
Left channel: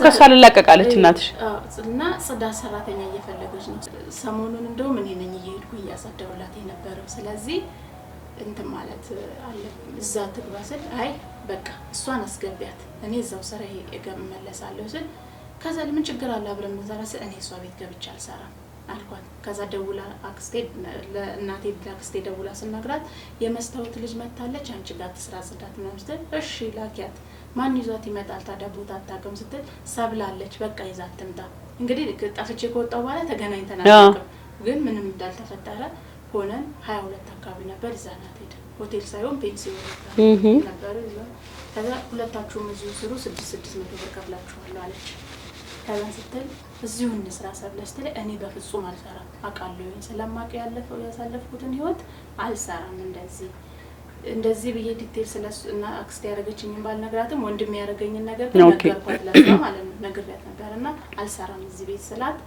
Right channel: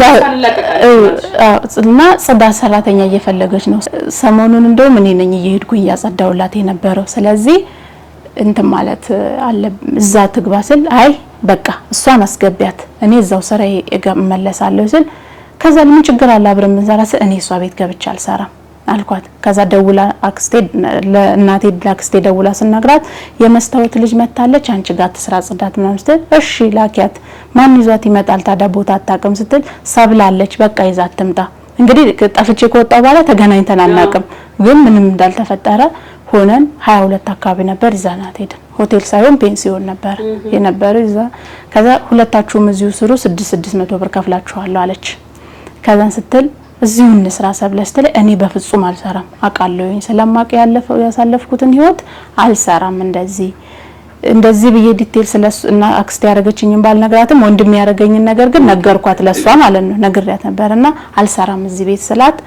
እና ጽዳት ሰራተኛ እየፈለገች ነው። ሰሞኑን እንደውም እኔ ነኝ እየሄድኩኝ ያጸዳውላት የነበረው። ስለዚህ እንትን ማለት አለ እዛ ትግባ ስል አይ በቃ እሷን አስገቢያት እኔ እዛው ስራ እመለሳለሁ ስል ከዛ ምን ችግር አለ አብረን እንሰራ ስል እኔ እሷ ቤት ገብቻ አልሰራም አልኳት። ከዛ ደውላ አክስቴ ለእናቴ አክስቴ ደውላ ስናግራት የመስታወት ልጅ መታለች አንቺ ጋር ተስራ ጽዳት ምናምን ስትል እሺ ላኪያት ማን ይዟት ይመጣል ታዳ ቦታ አታውቅም ስትል ሰብላለች በቃ ይዛት ትምጣ። እንግዲህ ጠፍቼ ከወጣው በኋላ ተገናኝተን አናውቅም ግን ምንም እንዳልተፈጠረ ሆነን 22 አካባቢ ነበር ይዛናት ሄድን። ሆቴል ሳይሆን ፔንሲዮን ነበር የነበረው ይዛ። ከዛ ሁለታችሁም እዚሁ ስሩ 600 ብር ከፍላችኋለሁ አለች። ከዛን ስትል እዚሁ እንስራ ሰብለስተለ እኔ በፍጹም አልሰራም አቃለሁኝ ስለማቅ ያሳለፍኩትን ህይወት አልሰራም እንደዚህ ብዬ ዲቴል ስለሱ እና አክስቴ ያረጋችኝን ባልነግራትም ወንድም ያረጋኝን ነገር ግን ነገርኳት ለሷ ማለት ነው ነግሬያት ነበርና አልሰራም እዚህ ቤት ስላት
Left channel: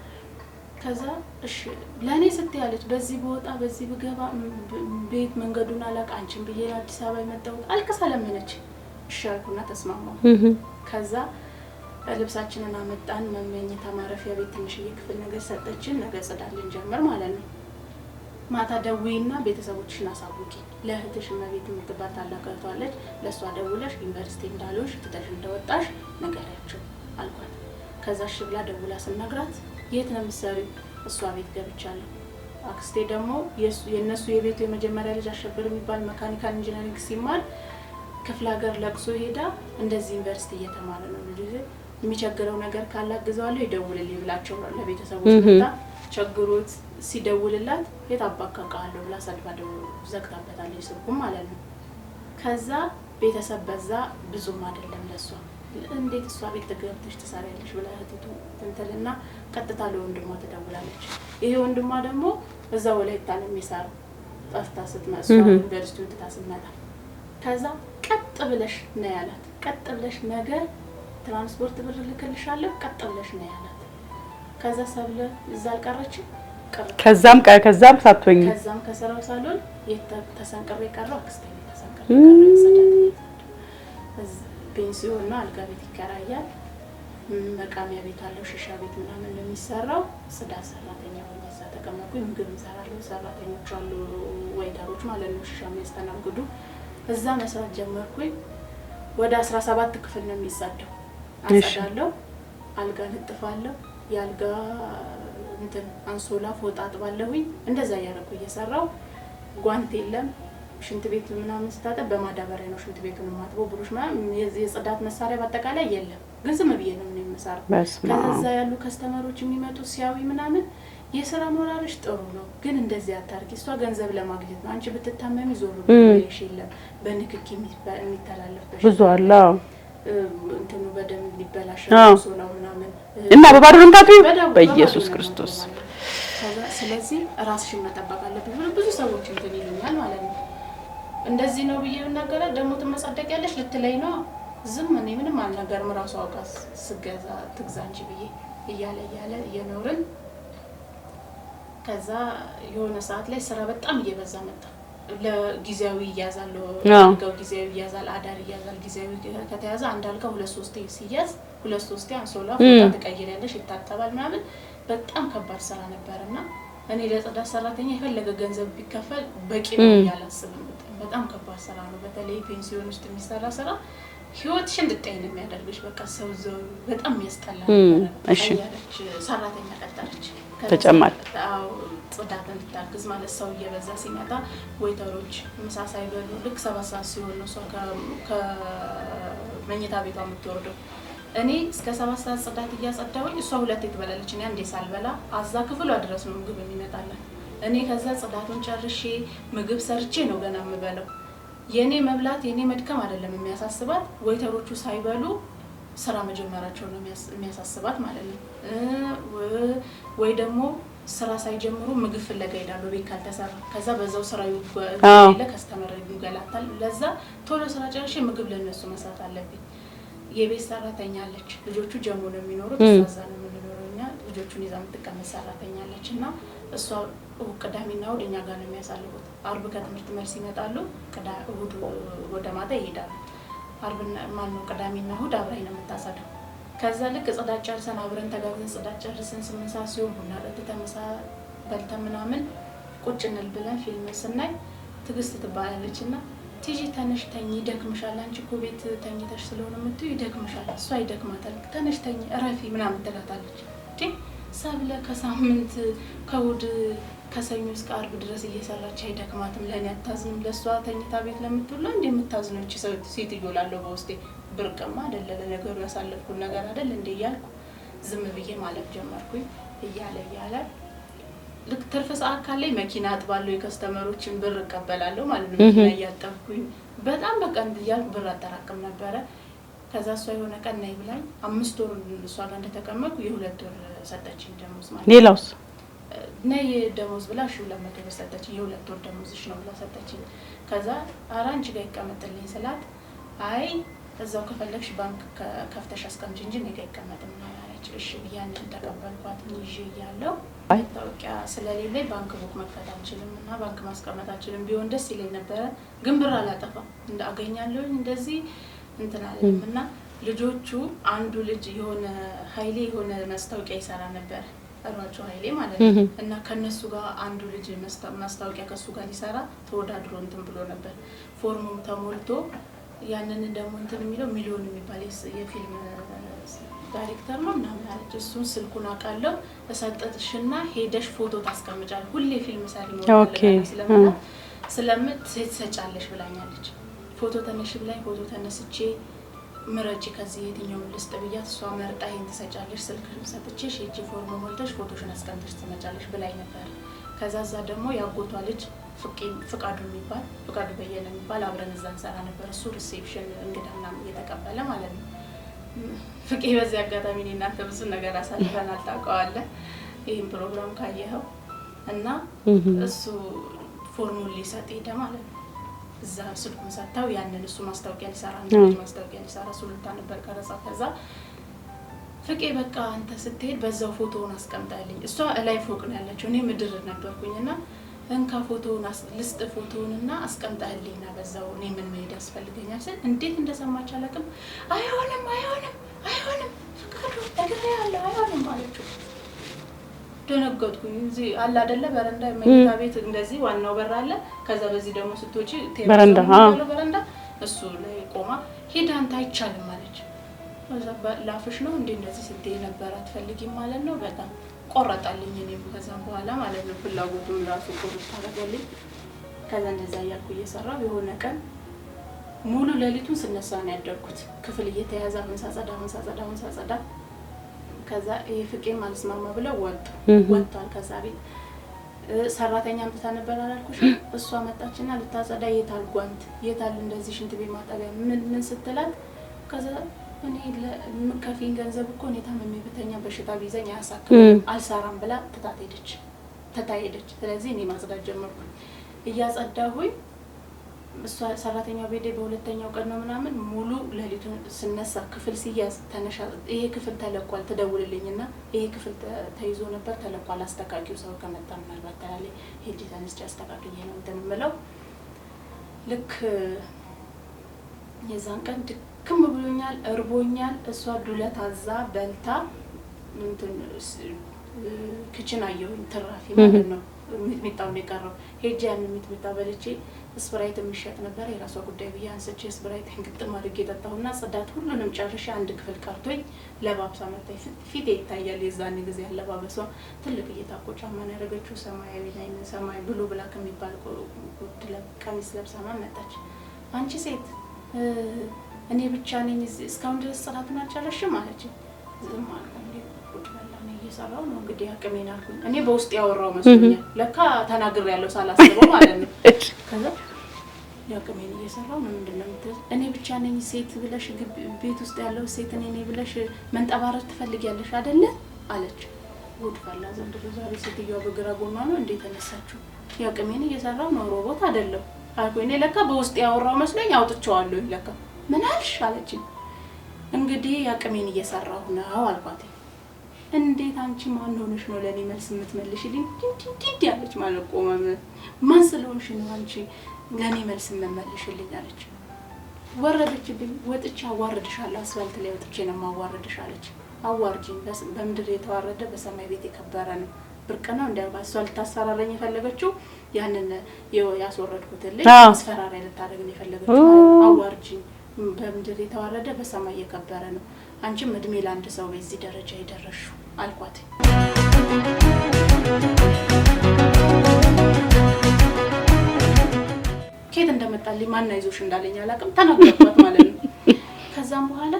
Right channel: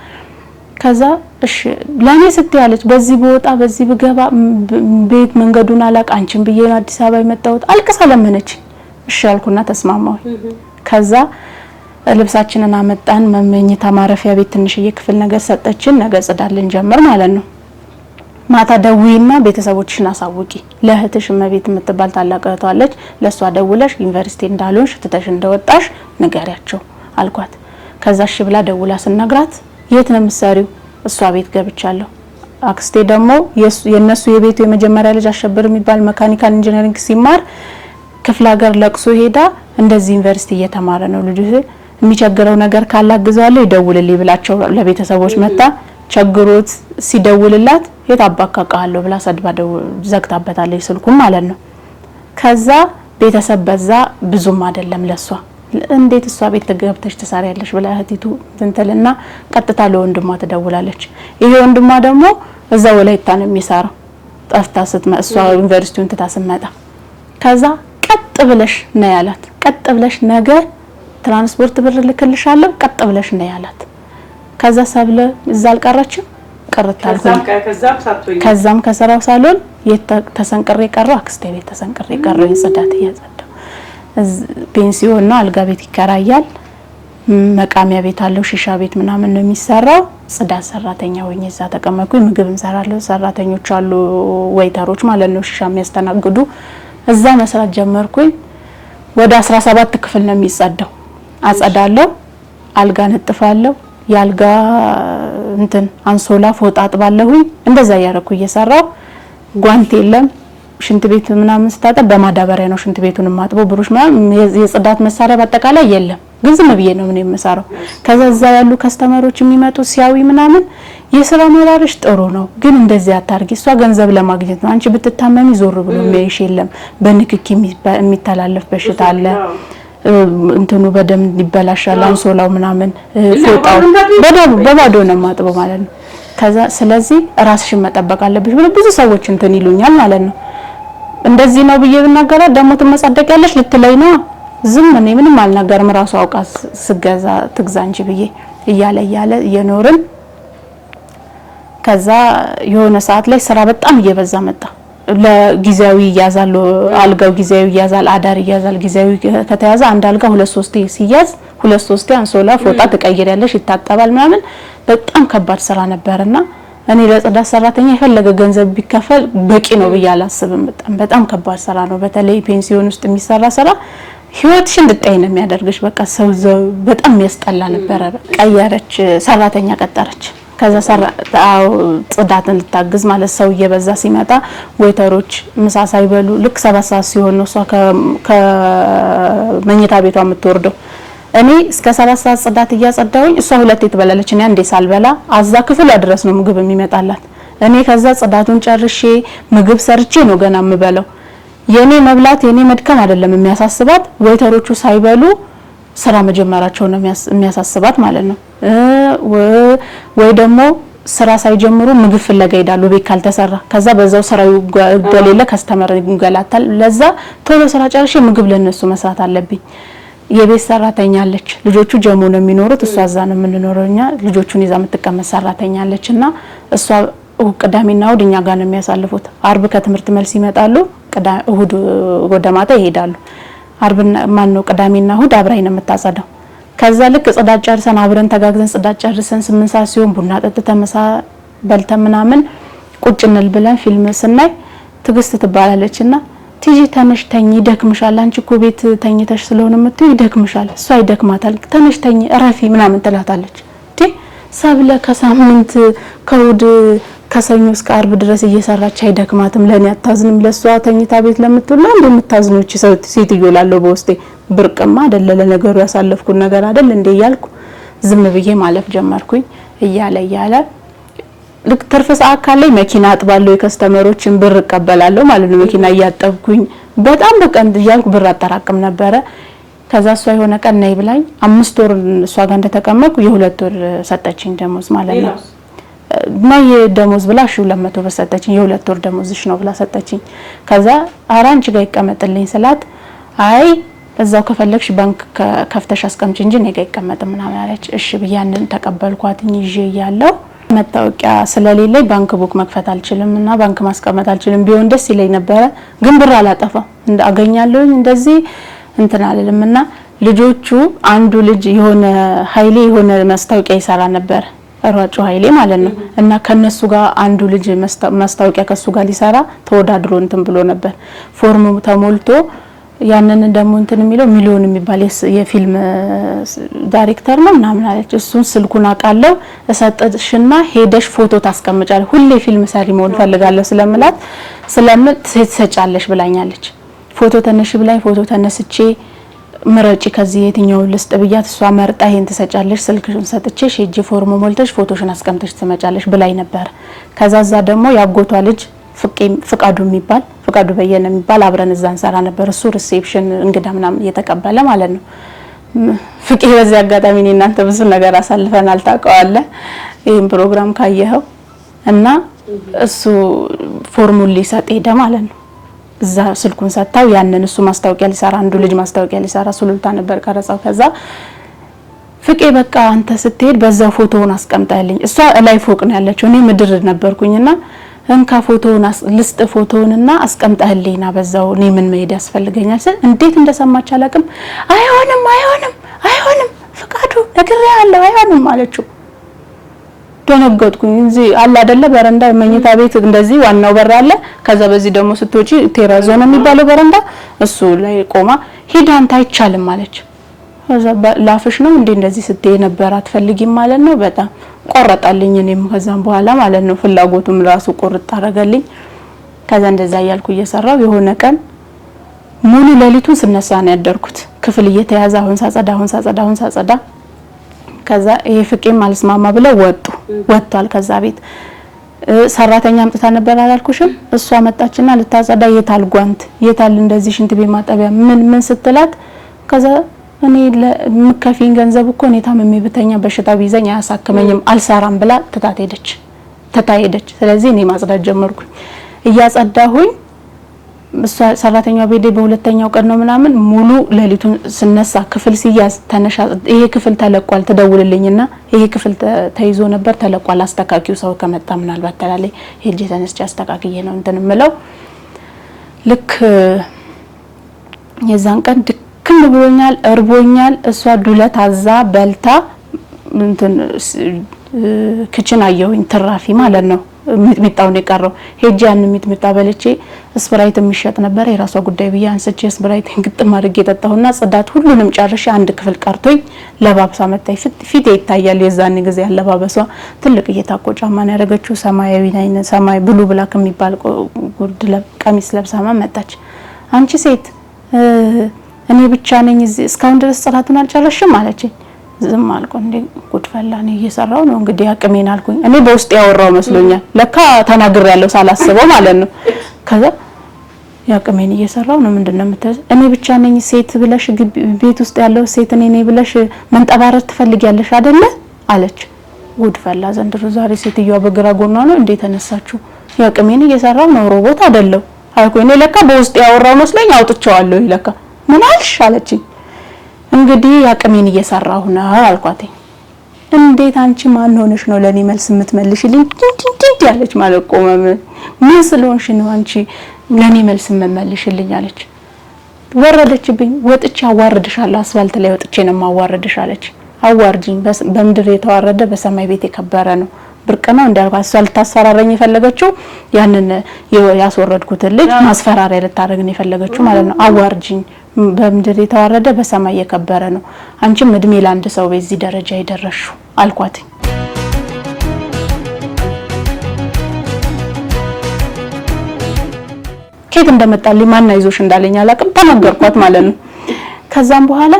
ከዛ እሺ ለኔ ስትያለች በዚህ በወጣ በዚህ በገባ ቤት መንገዱን አላቅ አንቺን ብዬ ነው አዲስ አበባ የመጣሁት አልቀሳ ለመነች። እሺ አልኩና ተስማማሁ። ከዛ ልብሳችንን አመጣን መመኝታ ማረፊያ ቤት ትንሽዬ ክፍል ነገር ሰጠችን። ነገ ጽዳልን ጀመር ማለት ነው። ማታ ደውይና ቤተሰቦችሽን አሳውቂ ለእህትሽ መቤት የምትባል ታላቅ እህቷ አለች ለሷ ደውለሽ ዩኒቨርሲቲ እንዳልሆንሽ ትተሽ እንደወጣሽ ንገሪያቸው አልኳት። ከዛ እሺ ብላ ደውላ ስነግራት የት ነው የምትሰሪው? እሷ ቤት ገብቻለሁ። አክስቴ ደግሞ የነሱ የቤቱ የመጀመሪያ ልጅ አሸብር የሚባል መካኒካል ኢንጂነሪንግ ሲማር ክፍለ ሀገር ለቅሶ ሄዳ እንደዚህ ዩኒቨርሲቲ እየተማረ ነው ልጅ የሚቸግረው ነገር ካላግዛለሁ ይደውልልኝ ብላቸው ለቤተሰቦች መጣ ቸግሮት ሲደውልላት የታባካካለው ብላ ሰድባ ዘግታበታለች ስልኩን ማለት ነው። ከዛ ቤተሰብ በዛ ብዙም አይደለም ለሷ እንዴት እሷ ቤት ተገብተሽ ተሳሪያለሽ ብላ እህቲቱ እንተልና ቀጥታ ለወንድሟ ተደውላለች። ይሄ ወንድሟ ደግሞ እዛ ወላይታ ነው የሚሰራው ጠፍታ ስትመጣ እሷ ዩኒቨርሲቲውን ተታስመጣ ከዛ ቀጥ ብለሽ ነው ያላት ቀጥ ብለሽ ነገ ትራንስፖርት ብር ልክልሻለሁ ቀጥ ብለሽ ነው ያላት። ከዛ ሰብለ እዛ አልቀረችም ከዛም ከሰራው ሳሎን ተሰንቅሬ ቀረው አክስቴ ቤት ተሰንቅሬ ቀረው የጽዳት ያጸዳው ፔንሲዮን ነው አልጋ ቤት ይከራያል መቃሚያ ቤት አለው ሺሻ ቤት ምናምን ነው የሚሰራው። ጽዳት ሰራተኛ ሆኜ እዛ ተቀመጥኩኝ። ምግብ እንሰራለሁ ሰራተኞች አሉ ወይተሮች ማለት ነው ሺሻ የሚያስተናግዱ እዛ መስራት ጀመርኩኝ። ወደ 17 ክፍል ነው የሚጸዳው አጸዳለሁ አልጋ ነጥፋለሁ ያልጋ እንትን አንሶላ ፎጣ አጥባለሁኝ እንደዛ ያረኩ እየሰራው ጓንት የለም ሽንት ቤት ምናምን ስታጠብ በማዳበሪያ ነው ሽንት ቤቱን ማጥበው ብሩሽ ምናምን የጽዳት መሳሪያ በአጠቃላይ የለም ግን ዝም ብዬ ነው ምን የምሰራው። ከዛ እዛ ያሉ ከስተመሮች የሚመጡ ሲያዊ ምናምን የስራ መራርሽ ጥሩ ነው ግን እንደዚህ አታርጊ እሷ ገንዘብ ለማግኘት ነው አንቺ ብትታመሚ ዞር ብሎ የሚያይሽ የለም በንክኪ የሚተላለፍ በሽታ አለ እንትኑ በደም ይበላሻል አንሶላው ምናምን እና በባዶ ነው ማጥበው ማለት ነው። ከዛ ስለዚህ ራስሽን መጠበቅ አለብሽ ብሎ ብዙ ሰዎች እንትን ይሉኛል ማለት ነው። እንደዚህ ነው ብዬ ብናገራ ደሞ ተመጻደቅ ያለሽ ልትለይ ነው ዝም እኔ ምንም አልናገርም ራሱ አውቃ ስገዛ ትግዛ እንጂ ብዬ እያለ የኖርን ከዛ የሆነ ሰዓት ላይ ስራ በጣም እየበዛ መጣ። ለጊዜያዊ ያዛሉ አልጋው ጊዜያዊ ያዛል አዳር ያዛል ጊዜያዊ ከተያዘ አንድ አልጋ 2-3 ሲያዝ 2-3 አንሶላ ፎጣ ትቀይሪያለሽ፣ ይታጠባል ምናምን በጣም ከባድ ስራ ነበርና እኔ ለጽዳት ሰራተኛ የፈለገ ገንዘብ ቢከፈል በቂ ነው ብዬ አላስብም። በጣም ከባድ ስራ ነው። በተለይ ፔንሲዮን ውስጥ የሚሰራ ስራ ህይወትሽ እንድትጠይ ነው የሚያደርግሽ። በቃ ሰው በጣም ያስጠላ ነበር። ቀየረች፣ ሰራተኛ ቀጠረች። ከዛ ጽዳትን ልታግዝ ማለት ሰው እየበዛ ሲመጣ ወይተሮች ምሳ ሳይበሉ ልክ 7 ሰዓት ሲሆን ነው እሷ ከመኝታ ቤቷ የምትወርደው። እኔ እስከ 7 ሰዓት ጽዳት እያጸዳሁኝ እሷ 2 ትበላለች፣ እኔ አንዴ ሳልበላ አዛ ክፍሏ ድረስ ነው ምግብ የሚመጣላት። እኔ ከዛ ጽዳቱን ጨርሼ ምግብ ሰርቼ ነው ገና የምበላው። የኔ መብላት የኔ መድከም አይደለም የሚያሳስባት፣ ወይተሮቹ ሳይበሉ ስራ መጀመራቸው ነው የሚያሳስባት ማለት ነው። ወይ ደግሞ ስራ ሳይጀምሩ ምግብ ፍለጋ ይሄዳሉ ቤት ካልተሰራ። ከዛ በዛው ስራው ገለለ ከስተመር ይንገላታል። ለዛ ቶሎ ስራ ጨርሼ ምግብ ለነሱ መስራት አለብኝ። የቤት ሰራተኛ አለች፣ ልጆቹ ጀሞ ነው የሚኖሩት፣ እሷ እዛ ነው የምንኖረው እኛ። ልጆቹን ይዛ የምትቀመጥ ሰራተኛ አለችና እሷ ቅዳሜና እሁድ እኛ ጋር ነው የሚያሳልፉት። አርብ ከትምህርት መልስ ይመጣሉ፣ እሁድ ወደ ማታ ይሄዳሉ። አርብና ቅዳሜና እሁድ አብራኝ ነው የምታጸዳው። ከዛ ልክ ጽዳት ጨርሰን አብረን ተጋግዘን ጽዳት ጨርሰን 8 ሰዓት ሲሆን ቡና ጠጥተን ምሳ በልተን ምናምን ቁጭ እንል ብለን ፊልም ስናይ ትግስት ትባላለችና ትጂ ተነሽ ተኝ፣ ይደክምሻል፣ አንቺ እኮ ቤት ተኝተሽ ስለሆነ የምትይው ይደክምሻል። እሷ ይደክማታል፣ ተነሽ ተኝ እረፊ ምናምን ትላታለች። ሰብለ ከሳምንት ከእሁድ ከሰኞ እስከ አርብ ድረስ እየሰራች አይደክማትም? ለኔ አታዝንም? ለሷ ተኝታ ቤት ለምትውላ እንደምታዝኖች ሴትዮ ላለው በውስጤ ብርቅማ አይደለ ለነገሩ ያሳለፍኩት ነገር አይደል እንዴ እያልኩ ዝም ብዬ ማለፍ ጀመርኩኝ። እያለ ልክ ትርፍ ሰዓት ካለኝ መኪና አጥባለሁ፣ የከስተመሮችን ብር እቀበላለሁ ማለት ነው። መኪና እያጠብኩኝ በጣም በቀን እያልኩ ብር አጠራቅም ነበረ። ከዛ እሷ የሆነ ቀን ነይ ብላኝ 5 ወር እሷ ጋር እንደተቀመጥኩ የ2 ወር ሰጠችኝ ደሞዝ ማለት ነው። ነይ ደሞዝ ብላ 200 ብር ሰጠችኝ። የ2 ወር ደሞዝሽ ነው ብላ ሰጠችኝ። ከዛ አራንቺ ጋር ይቀመጥልኝ ስላት አይ እዛው ከፈለግሽ ባንክ ከፍተሽ አስቀምጪ እንጂ እኔ ጋር ይቀመጥ ምናምን አለች። እሺ ብያንን ተቀበልኳትኝ። ይዤ ያለው መታወቂያ ስለሌለኝ ባንክ ቡክ መክፈት አልችልምና ባንክ ማስቀመጥ አልችልም። ቢሆን ደስ ይለኝ ነበረ፣ ግን ብር አላጠፋ አገኛለሁ እንደዚህ እንትን አለልምና ልጆቹ አንዱ ልጅ የሆነ ኃይሌ የሆነ ማስታወቂያ ይሰራ ነበር፣ ሯጩ ኃይሌ ማለት ነው። እና ከነሱ ጋር አንዱ ልጅ ማስታወቂያ ከሱ ጋር ሊሰራ ተወዳድሮ እንትን ብሎ ነበር። ፎርሙ ተሞልቶ ያንን ደግሞ እንትን የሚለው ሚሊዮን የሚባል የፊልም ዳይሬክተር ነው ምናምን አለች። እሱን ስልኩን አቃለው እሰጥሽና ሄደሽ ፎቶ ታስቀምጫለሽ፣ ሁሌ ፊልም ሰሪ መሆን ፈልጋለሁ ስለምላት ትሰጫለሽ ብላኛለች። ፎቶ ተነሽ ብላኝ ፎቶ ተነስቼ ምረጪ ከዚህ የትኛውን ልስጥ ብያት እሷ መርጣ ይሄን ትሰጫለሽ፣ ስልክሽን ሰጥቼሽ ሄጂ ፎርሙ ሞልተሽ ፎቶሽን አስቀምጠሽ ትመጫለሽ ብላኝ ነበር። ከዛዛ ደግሞ ያጎቷ ልጅ ፍቃዱ በየነ የሚባል አብረን እዛ እንሰራ ነበር። እሱ ሪሴፕሽን እንግዳ ምናምን እየተቀበለ ማለት ነው። ፍቄ በዚህ አጋጣሚ እኔ እናንተ ብዙ ነገር አሳልፈናል ታውቀዋለህ፣ ይሄን ፕሮግራም ካየኸው እና እሱ ፎርሙን ሊሰጥ ሄደ ማለት ነው። እዛ ስልኩን ሰጣው። ያንን እሱ ማስታወቂያ ሊሰራ አንዱ ልጅ ማስታወቂያ ሊሰራ ሱሉልታ ነበር ቀረጻው። ከዛ ፍቄ በቃ አንተ ስትሄድ በዛው ፎቶውን አስቀምጣልኝ። እሷ ላይ ፎቅ ነው ያለችው፣ እኔ ምድር ነበርኩኝና እንካ ፎቶውን ልስጥ ፎቶውንና አስቀምጣልኝና በዛው እኔ ምን መሄድ ያስፈልገኛል ስል እንዴት እንደሰማች አላውቅም። አይሆንም ፍቃዱ ነግሬሃለሁ አይሆንም አለችው። ደነገጥኩኝ። እዚህ አለ አይደለ በረንዳ መኝታ ቤት እንደዚህ ዋናው በር አለ። ከዛ በዚህ ደግሞ ስትወጪ ቴራዞ ነው የሚባለው በረንዳ፣ እሱ ላይ ቆማ ሄዳ አንተ አይቻልም አለች። ከዛ ላፍሽ ነው እንዴ እንደዚህ ስትይ ነበር አትፈልጊም ማለት ነው። በጣም ቆረጣልኝ። እኔም ከዛም በኋላ ማለት ነው ፍላጎቱም ራሱ ቆርጥ አረጋልኝ። ከዛ እንደዛ ያልኩ እየሰራው የሆነ ቀን ሙሉ ሌሊቱን ስነሳ ነው ያደርኩት። ክፍል እየተያዘ አሁን ሳጸዳ ከዛ ይሄ ፍቄም አልስማማ ብለው ወጥቷል። ከዛ ቤት ሰራተኛ አምጥታ ነበር አላልኩሽም? እሷ መጣችና ልታጸዳ የታል ጓንት የታል እንደዚህ ሽንት ቤት ማጠቢያ ምን ስትላት ከዛ እኔ ለምከፊን ገንዘብ እኮ እኔ ታመሜ ብተኛ በሽታ ቢዘኝ አያሳክመኝም አልሰራም ብላ ተታሄደች። ስለዚህ እኔ ማጽዳት ጀመርኩኝ። እያጸዳሁኝ እሷ ሰራተኛው ቤቴ በሁለተኛው ቀን ነው ምናምን ሙሉ ሌሊቱን ስነሳ ክፍል ሲያዝ ተነሻ ይሄ ክፍል ተለቋል ተደውልልኝና ይሄ ክፍል ተይዞ ነበር ተለቋል አስተካኪው ሰው ከመጣ ምናልባት ተላለይ ሄጄ ተነስቼ አስተካክዬ ነው እንትን ምለው። ልክ የዛን ቀን ድክም ብሎኛል እርቦኛል እሷ ዱለት አዛ በልታ እንትን ክችን አየሁኝ ትራፊ ማለት ነው ሚጥሚጣውን የቀረው ሄጄ ያን ሚጥሚጣ በልቼ ስፕራይት የሚሸጥ ነበር የራሷ ጉዳይ ብዬ አንስቼ ስፕራይት ግጥም አድርጌ ጠጣሁና ጽዳት ሁሉንም ጨርሼ አንድ ክፍል ቀርቶኝ ለባብሳ መጣይ ፊት ይታያል የዛን ጊዜ ያለባበሷ ትልቅ እየታቆ ጫማን ያደረገችው ሰማያዊ አይነ ሰማይ ብሉ ብላክ የሚባል ጉርድ ቀሚስ ለብሳ መጣች አንቺ ሴት እኔ ብቻ ነኝ እዚህ እስካሁን ድረስ ጽዳቱን አልጨረሽም አለችኝ ዝም አልኩ እንዴ ጉድፈላኔ እየሰራው ነው እንግዲህ አቅሜን አልኩኝ እኔ በውስጥ ያወራው መስሎኛል ለካ ተናግር ያለው ሳላስበው ማለት ነው ከዛ ያቅሜን እየሰራው ነው ምንድነው የምትል እኔ ብቻ ነኝ ሴት ብለሽ ቤት ውስጥ ያለው ሴት እኔ ነኝ ብለሽ መንጠባረር ትፈልጊያለሽ አይደለ አለች ጉድፈላ ዘንድሮ ዛሬ ሴትየዋ በግራ ጎኗ ነው እንዴ ተነሳችሁ ያቅሜን እየሰራው ነው ሮቦት አይደለም አልኩ እኔ ለካ በውስጥ ያወራው መስሎኝ አውጥቻለሁ ለካ ምን አልሽ አለችኝ እንግዲህ ያቅሜን እየሰራሁ ነው አልኳት እንዴት አንቺ ማን ሆነሽ ነው ለኔ መልስ የምትመልሽልኝ እንዴ ያለች ማለት ቆመ ምን ስለሆንሽ ነው አንቺ ለኔ መልስ የምትመልሽልኝ አለች ወረደችብኝ ወጥቼ አዋርድሻለሁ አስፋልት ላይ ወጥቼ ነው ማዋርድሽ አለች አዋርጂኝ በምድር የተዋረደ በሰማይ ቤት የከበረ ነው ብርቅናው እንዳልኳት ሰው ልታስፈራረኝ የፈለገችው ያንን ያስወረድኩት ልጅ ማስፈራሪያ ልታረግ ነው የፈለገችው ማለት ነው አዋርጂኝ በምድር የተዋረደ በሰማይ የከበረ ነው አንቺም እድሜ ለአንድ ሰው በዚህ ደረጃ ይደረሹ አልኳት ከየት እንደመጣልኝ ማን አይዞሽ እንዳለኝ አላቅም ተናገርኳት ማለት ነው ከዛም በኋላ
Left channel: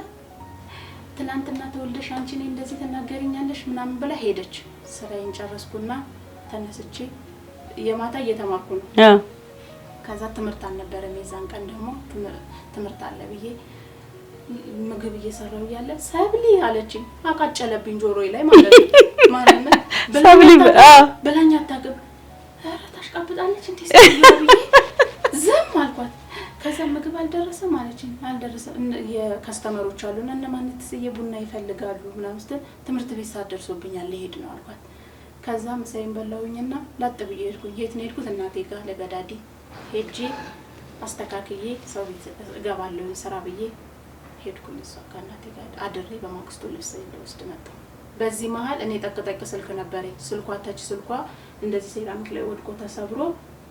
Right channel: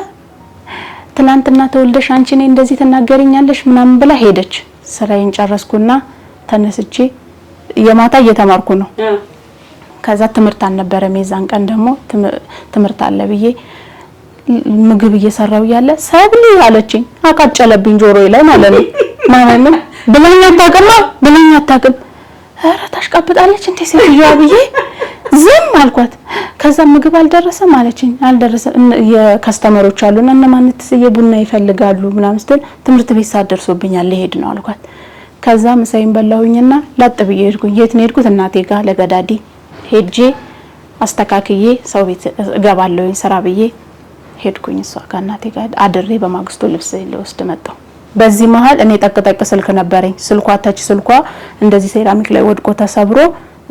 ትናንትና ተወልደሽ አንቺ ነኝ እንደዚህ ተናገሪኛለሽ ምናምን ብላ ሄደች ስራዬን ጨረስኩና ተነስቼ የማታ እየተማርኩ ነው ከዛ ትምርት አልነበረ ሜዛን ቀን ደግሞ ትምርት አለ ብዬ ምግብ እየሰራው ያለ ሰብሊ አለችኝ አቃጨለብኝ ጆሮዬ ላይ ማለት ነው ብለኛ ታቀም ኧረ ታሽቃብጣለች እንዴ ሲያ ብዬ ዝም አልኳት ከዛ ምግብ አልደረሰም አለችኝ አልደረሰም የከስተመሮች አሉና እነማን ተሰየቡና ይፈልጋሉ ምናምን ስትል ትምርት ቤት ሳደርሶብኛል ለሄድ ነው አልኳት ከዛ ምሳይን በላሁኝና ላጥ ብዬ ሄድኩኝ የት ነው ሄድኩት እናቴ ጋር ለገዳዲ ሄጄ አስተካክዬ ሰው ቤት ገባለሁኝ ስራ ብዬ ሄድኩኝ እሷ ጋር እናቴ ጋር አድሬ በማግስቱ ልብስ ልወስድ መጣሁ በዚህ መሃል እኔ ጠቅጠቅ ስልክ ነበረኝ ስልኳ ታች ስልኳ እንደዚህ ሴራሚክ ላይ ወድቆ ተሰብሮ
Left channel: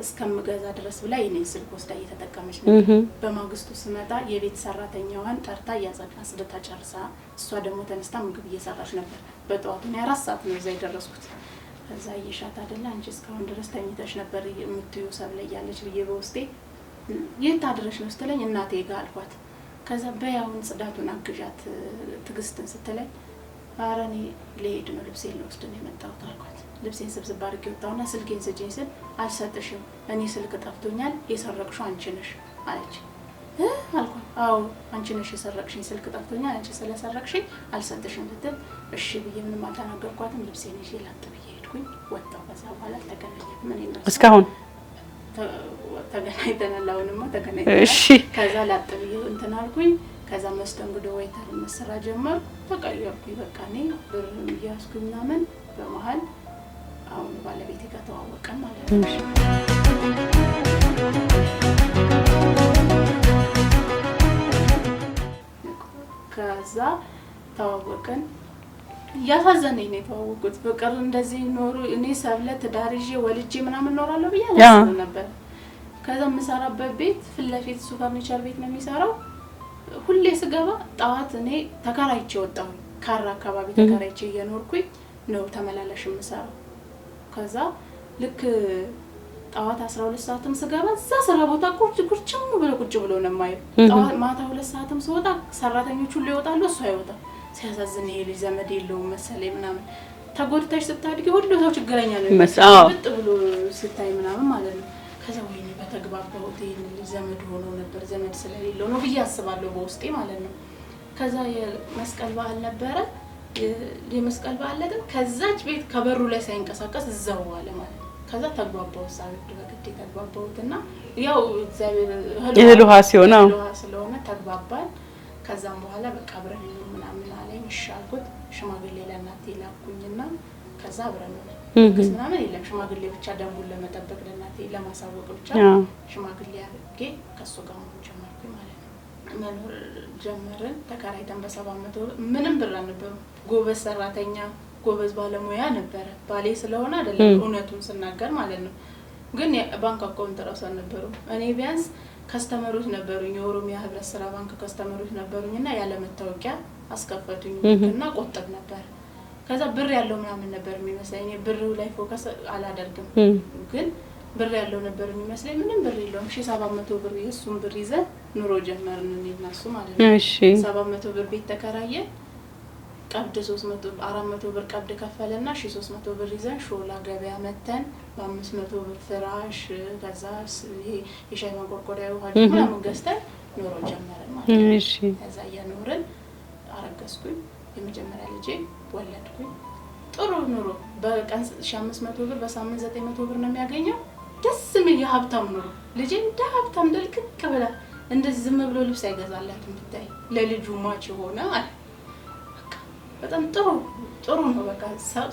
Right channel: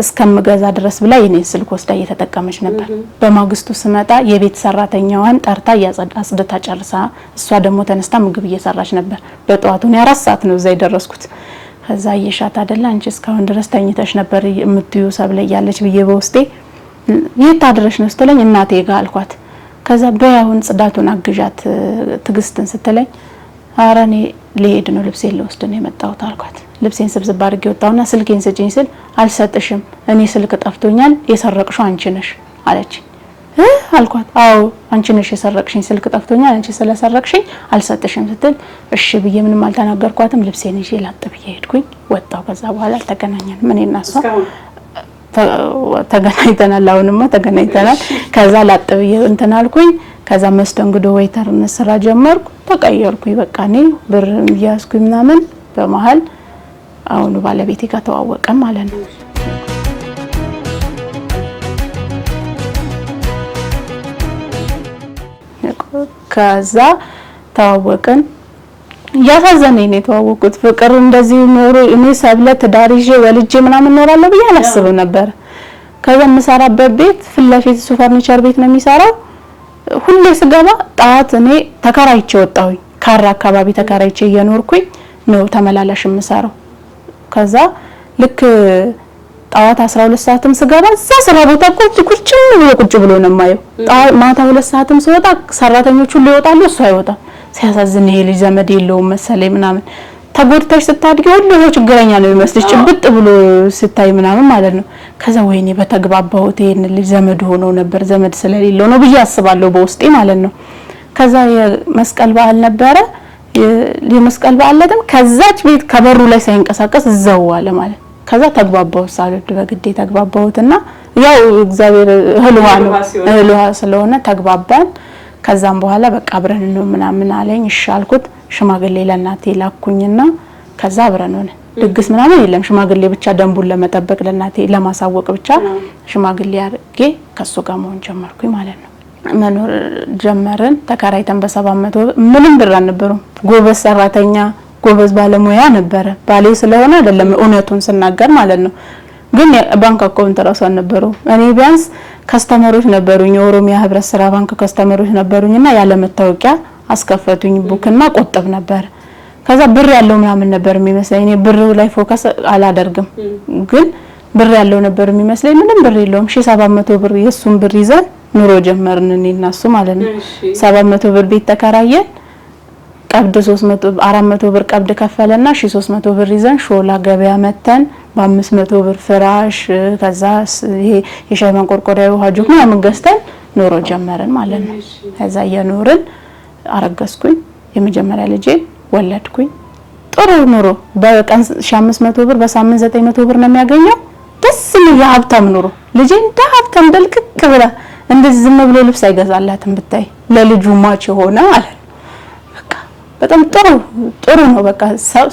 እስከምገዛ ድረስ ብላ የኔን ስልክ ወስዳ እየተጠቀመች ነበር በማግስቱ ስመጣ የቤት ሰራተኛዋን ጠርታ ያጸዳስደታ ጨርሳ እሷ ደግሞ ተነስታ ምግብ እየሰራች ነበር በጧቱ ነው 4 ሰዓት ነው እዛ ይደረስኩት ከዛ እየሻት አይደለ አንቺ እስካሁን ድረስ ተኝተሽ ነበር የምትዩ ሰብለ ያለች ብዬ በውስጤ የት አድረሽ ነው ስትለኝ እናቴ ጋር አልኳት ከዛ በያውን ጽዳቱን አግዣት ትግስትን ስትለኝ አራኔ ለሄድ ነው ልብሴን ልወስድ ነው የመጣሁት አልኳት ልብሴን ስብስብ አድርጌ ወጣውና ስልኬን ስጪኝ ስል አልሰጥሽም እኔ ስልክ ጠፍቶኛል የሰረቅሽው አንቺ ነሽ አለች አልኳት አዎ አንቺ ነሽ የሰረቅሽኝ ስልክ ጠፍቶኛል አንቺ ስለሰረቅሽኝ አልሰጥሽም ስትል እሺ ብዬ ምንም አልተናገርኳትም ልብሴን ይዤ ላጥ ብዬ ሄድኩኝ ወጣው ከዛ በኋላ ተገናኘን ምን እናሷ ተገናኝተናል አሁንማ ተገናኝተናል ከዛ ላጥ ብዬ እንትን አልኩኝ ከዛ መስተንግዶ ዌይተርነት ስራ ጀመርኩ ተቀየርኩኝ በቃ እኔ ብር ያስኩኝ ምናምን በመሃል አሁን ባለቤቴ ጋር ተዋወቀን ማለት ነው ከዛ ተዋወቀን ያሳዘነኝ ነው የተዋወቁት ፍቅር እንደዚህ ኖሮ እኔ ሰብለ ተዳሪጄ ወልጄ ምናምን ኖራለሁ ብዬ አላስብም ነበር ከዛ መሰራበት ቤት ፍለፊት ሱ ፈርኒቸር ቤት ነው የሚሰራው ሁሌ ስገባ ጣት እኔ ተከራይቼ ወጣሁኝ ካራ አካባቢ ተከራይቼ እየኖርኩኝ ነው ተመላላሽ የምሰራው ከዛ ልክ ጣዋት 12 ሰዓትም ስገባ እዛ ስራ ቦታ ቁጭ ብሎ ነው ማየው ማታ 2 ሰዓትም ስወጣ ሰራተኞቹ ሊወጣሉ እሱ አይወጣም ሲያሳዝን ይሄ ልጅ ዘመድ የለውም መሰለኝ ምናምን ተጎድተሽ ስታድጊ ሁሉ ችግረኛ ነው የሚመስልሽ ጭብጥ ብሎ ስታይ ምናምን ማለት ነው ከዛ ወይኔ በተግባባሁት ይሄን ልጅ ዘመድ ሆኖ ነበር ዘመድ ስለሌለው ነው ብዬ አስባለሁ በውስጤ ማለት ነው ከዛ የመስቀል በዓል ነበረ የመስቀል በዓል ላይ ከዛች ቤት ከበሩ ላይ ሳይንቀሳቀስ እዛው አለ ማለት ከዛ ተግባባው ሳልድ በግዴ ተግባባውትና ያው እግዚአብሔር ህልዋ ስለሆነ ተግባባን ከዛም በኋላ በቃ አብረን ነው ምናምን አለኝ ይሻልኩት ሽማግሌ ለናቴ ላኩኝና ከዛ አብረን ሆነ ድግስ ምናምን የለም ሽማግሌ ብቻ ደንቡን ለመጠበቅ ለናቴ ለማሳወቅ ብቻ ሽማግሌ አርጌ ከሱ ጋር መሆን ጀመርኩኝ ማለት ነው መኖር ጀመርን። ተከራይተን በ700 ምንም ብር አልነበረም። ጎበዝ ሰራተኛ ጎበዝ ባለሙያ ነበረ። ባሌ ስለሆነ አይደለም እውነቱን ስናገር ማለት ነው። ግን ባንክ አካውንት ራሱ አልነበረው። እኔ ቢያንስ ከስተመሮች ነበሩኝ፣ የኦሮሚያ ህብረት ስራ ባንክ ከስተመሮች ነበሩኝና ያለ መታወቂያ አስከፈቱኝ ቡክና ቆጥብ ነበር። ከዛ ብር ያለው ምናምን ነበር የሚመስለኝ። እኔ ብር ላይ ፎከስ አላደርግም፣ ግን ብር ያለው ነበር የሚመስለኝ። ምንም ብር የለውም። 700 ብር የሱን ብር ይዘን ኑሮ ጀመርን እኔና እሱ ማለት ነው። 700 ብር ቤት ተከራየን። ቀብድ 400 ብር ቀብድ ከፈለና 1300 ብር ይዘን ሾላ ገበያ መተን በ500 ብር ፍራሽ ከዛ ይሄ የሻይ ማንቆርቆሪያ ውሃ ጁግ ምናምን ገዝተን ኑሮ ጀመርን ማለት ነው። ከዛ እየኖርን አረገዝኩኝ። የመጀመሪያ ልጄ ወለድኩኝ። ጥሩ ኑሮ በቀን 1500 ብር በሳምንት 900 ብር ነው የሚያገኘው። ደስ የሚል ሀብታም ኑሮ። ልጄ እንደ ሀብታም ደልቅቅ ብላ እንደዚህ ዝም ብሎ ልብስ አይገዛላትም ብታይ፣ ለልጁ ማች ሆነ ማለት ነው። በቃ በጣም ጥሩ ነው። በቃ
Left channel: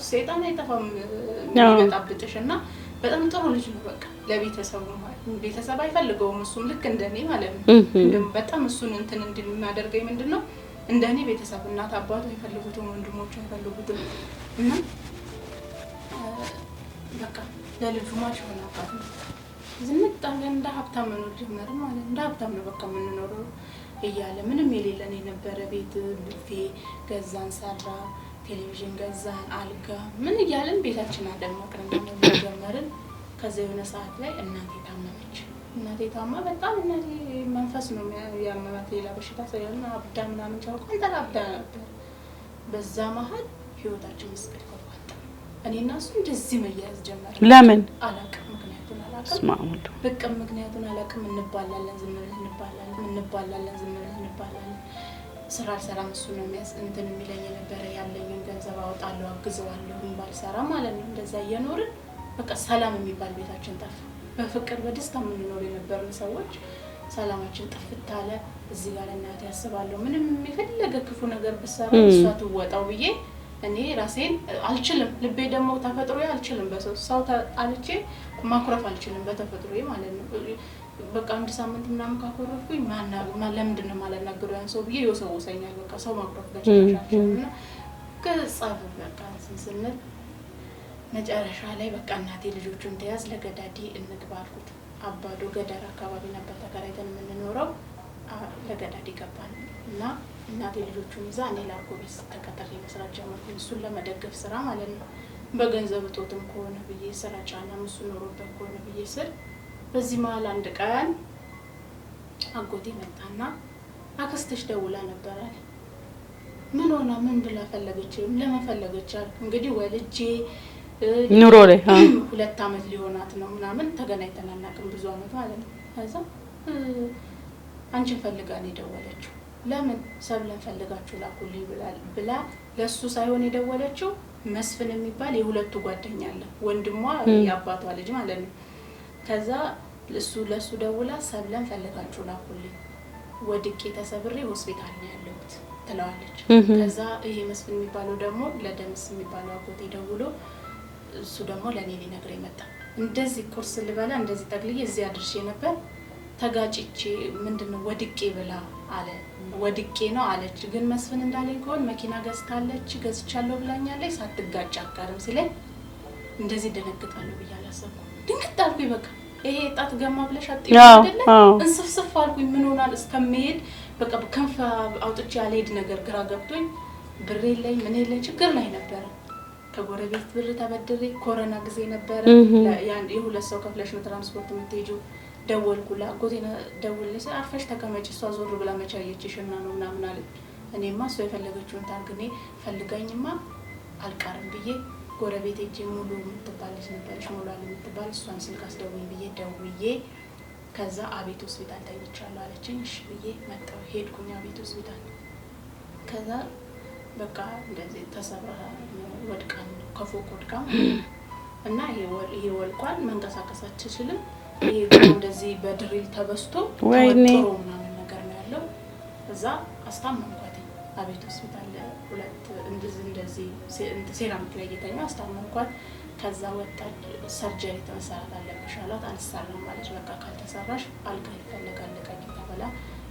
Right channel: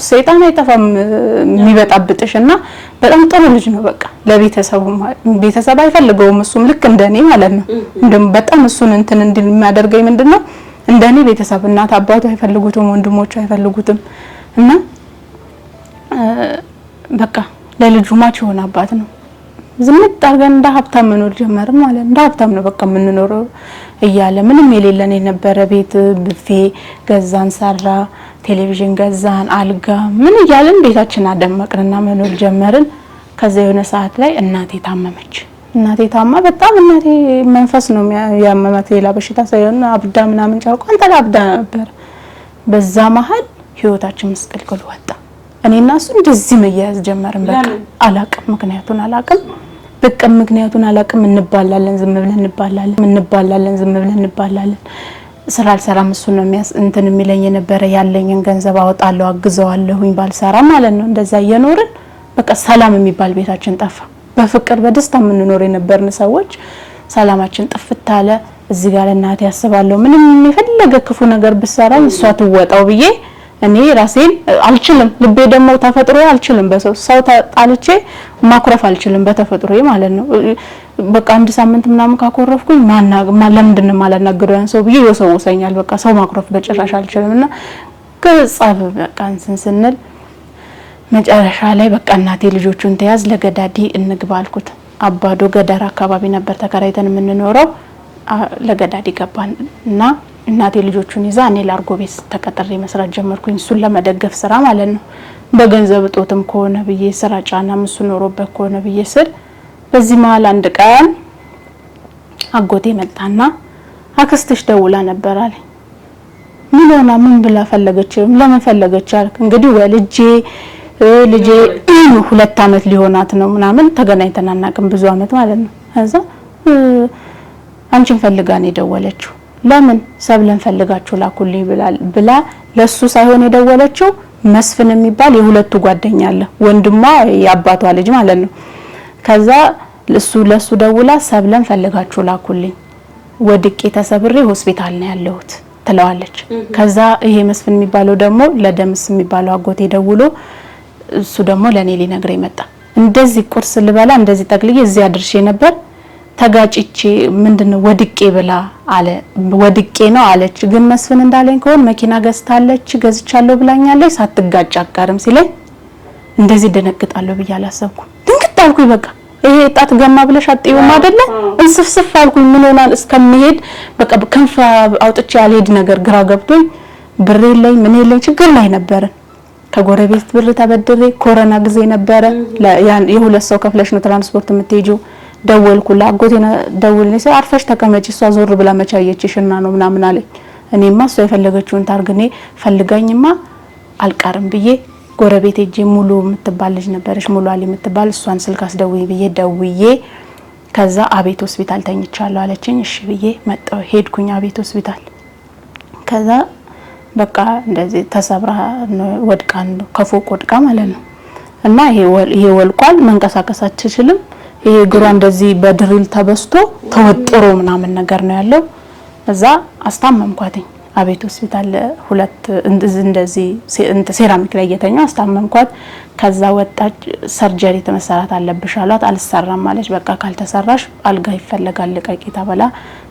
ሰይጣን አይጠፋም የሚበጣብጥሽና በጣም ጥሩ ልጅ ነው። በቃ ለቤተሰቡ ቤተሰብ አይፈልገውም እሱም ልክ እንደኔ ማለት ነው። እንደም በጣም እሱን እንትን እንዲል የሚያደርገኝ ምንድነው እንደኔ ቤተሰብ እናት አባቱ አይፈልጉትም፣ ወንድሞቹ አይፈልጉትም እና በቃ ለልጁ ማች ሆነ አባት ነው። ዝምጥ አድርገን እንደ ሀብታም መኖር ጀመርን ማለት እንደ ሀብታም ነው በቃ የምንኖረው እያለ ምንም የሌለን የነበረ ቤት ብፌ ገዛን፣ ሰራ ቴሌቪዥን ገዛን፣ አልጋ ምን እያለን ቤታችን አደመቅንና መኖር ጀመርን። ከዛ የሆነ ሰዓት ላይ እናቴ ታመመች። እናቴ ታማ በጣም እናቴ መንፈስ ነው ያመማት፣ ሌላ በሽታ ሳይሆን አብዳ ምናምን ጫውቃን ተላብዳ ነበር። በዛ መሀል ህይወታችን መስቀልቅል ወጣ። እኔና እሱ እንደዚህ መያያዝ ጀመርን። ለምን አላቅም፣ ምክንያቱን አላቅም። በቃ ምክንያቱን አላቅም። እንባላለን፣ ዝም ብለን እንባላለን። ስራ አልሰራም። እሱ ነው እንትን የሚለኝ የነበረ። ያለኝን ገንዘብ አወጣለሁ፣ አግዘዋለሁኝ ባልሰራ ማለት ነው። እንደዛ እየኖርን በቃ ሰላም የሚባል ቤታችን ጠፋ። በፍቅር በደስታ የምንኖር የነበርን ሰዎች ሰላማችን ጥፍት አለ። እዚህ ጋር እናቴ ያስባለሁ ምንም የፈለገ ክፉ ነገር ብሰራ እሷ ትወጣው ብዬ እኔ ራሴን አልችልም። ልቤ ደግሞ ተፈጥሮዬ አልችልም። በሰው ጣልቼ ማኩረፍ አልችልም በተፈጥሮዬ ማለት ነው። በቃ አንድ ሳምንት ምናምን ካኮረፍኩኝ ለምንድን ነው ማላናገረው ያን ሰው ብዬ ይወሰውሰኛል። በቃ ሰው ማኩረፍ በጭራሽ አልችልምና ከጻፍ በቃ ስንል መጨረሻ ላይ በቃ እናቴ ልጆቹን ተያዝ ለገዳዲ እንግባ አልኩት። አባዶ ገደራ አካባቢ ነበር ተከራይተን የምንኖረው። ለገዳዲ ገባን እና እናቴ ልጆቹን ይዛ እኔ ላርጎ ቤት ተቀጥሬ መስራት ጀመርኩኝ። እሱን ለመደገፍ ስራ ማለት ነው። በገንዘብ ጦትም ከሆነ ብዬ ስራ ጫናም እሱ ኖሮበት ከሆነ ብዬ ስል በዚህ መሀል አንድ ቀን አጎቴ መጣና አክስትሽ ደውላ ነበር አለኝ። ምን ሆና ምን ብላ ፈለገች? ለምን ፈለገች አልክ? እንግዲህ ወልጄ ልጄ 2 አመት ሊሆናት ነው ምናምን ተገናኝተን አናውቅም፣ ብዙ አመት ማለት ነው። ከዛ አንቺን ፈልጋ ነው የደወለችው። ለምን ሰብለን ፈልጋችሁ ላኩልኝ ብላ ለሱ ሳይሆን የደወለችው መስፍን የሚባል የሁለቱ ጓደኛ አለ፣ ወንድሟ ያባቷ ልጅ ማለት ነው። ከዛ ለሱ ደውላ ሰብለን ፈልጋችሁ ላኩልኝ፣ ወድቄ ተሰብሬ ሆስፒታል ነው ያለሁት ትለዋለች። ከዛ ይሄ መስፍን የሚባለው ደግሞ ለደምስ የሚባለው አጎቴ ደውሎ እሱ ደግሞ ለኔ ሊነግረኝ መጣ። እንደዚህ ቁርስ ልበላ እንደዚህ ጠቅልዬ እዚያ አድርሼ ነበር ተጋጭቼ ምንድነው ወድቄ ብላ አለ። ወድቄ ነው አለች። ግን መስፍን እንዳለኝ ከሆነ መኪና ገዝታለች ገዝቻለሁ ብላኛለች፣ ሳትጋጭ አጋርም ሲለኝ እንደዚህ ደነግጣለሁ ብዬ አላሰብኩም። ድንግጥ አልኩኝ። በቃ ይሄ ጣት ገማ ብለሽ አጥይው አይደለ? እንስፍስፍ አልኩኝ። ምን ሆናል እስከምሄድ በቃ ከንፋ አውጥቼ አልሄድ ነገር ግራ ገብቶኝ ብር የለኝ ምን የለኝ ችግር ላይ ነበር። ከጎረቤት ብር ተበድሬ ኮሮና ጊዜ ነበር። የሁለት ሰው ከፍለሽ ነው ትራንስፖርት የምትሄጂው። ደወልኩላ አጎቴና ደውልልኝ ሲል አርፈሽ ተቀመጪ እሷ ዞር ብላ መቻየችሽና ነው ምናምን አለኝ። እኔማ እሷ የፈለገችውን ታርግኔ ፈልጋኝማ አልቀርም ብዬ ጎረቤት ሄጄ ሙሉ የምትባል ልጅ ነበረች፣ ሙሉ አሊ የምትባል እሷን ስልክ አስደውይ ብዬ ደውዬ ከዛ አቤት ሆስፒታል ተኝቻለሁ አለችኝ። እሺ ብዬ መጣሁ ሄድኩኝ አቤት ሆስፒታል። ከዛ በቃ እንደዚህ ተሰብራ ወድቃ ከፎቅ ወድቃ ማለት ነው። እና ይሄ ወልቋል፣ መንቀሳቀስ አትችልም። ይሄ ግራ እንደዚህ በድሪል ተበስቶ ተወጥሮ ምናምን ነገር ነው ያለው። እዛ አስታመምኳትኝ አቤት ሆስፒታል 2 እንደዚህ ሴራሚክ ላይ እየተኛው አስታመምኳት። ከዛ ወጣች። ሰርጀሪ ተመሰራት አለብሽ አሏት። አልሰራም ማለች። በቃ ካልተሰራሽ አልጋ ይፈልጋል ልቀቂ ተብላ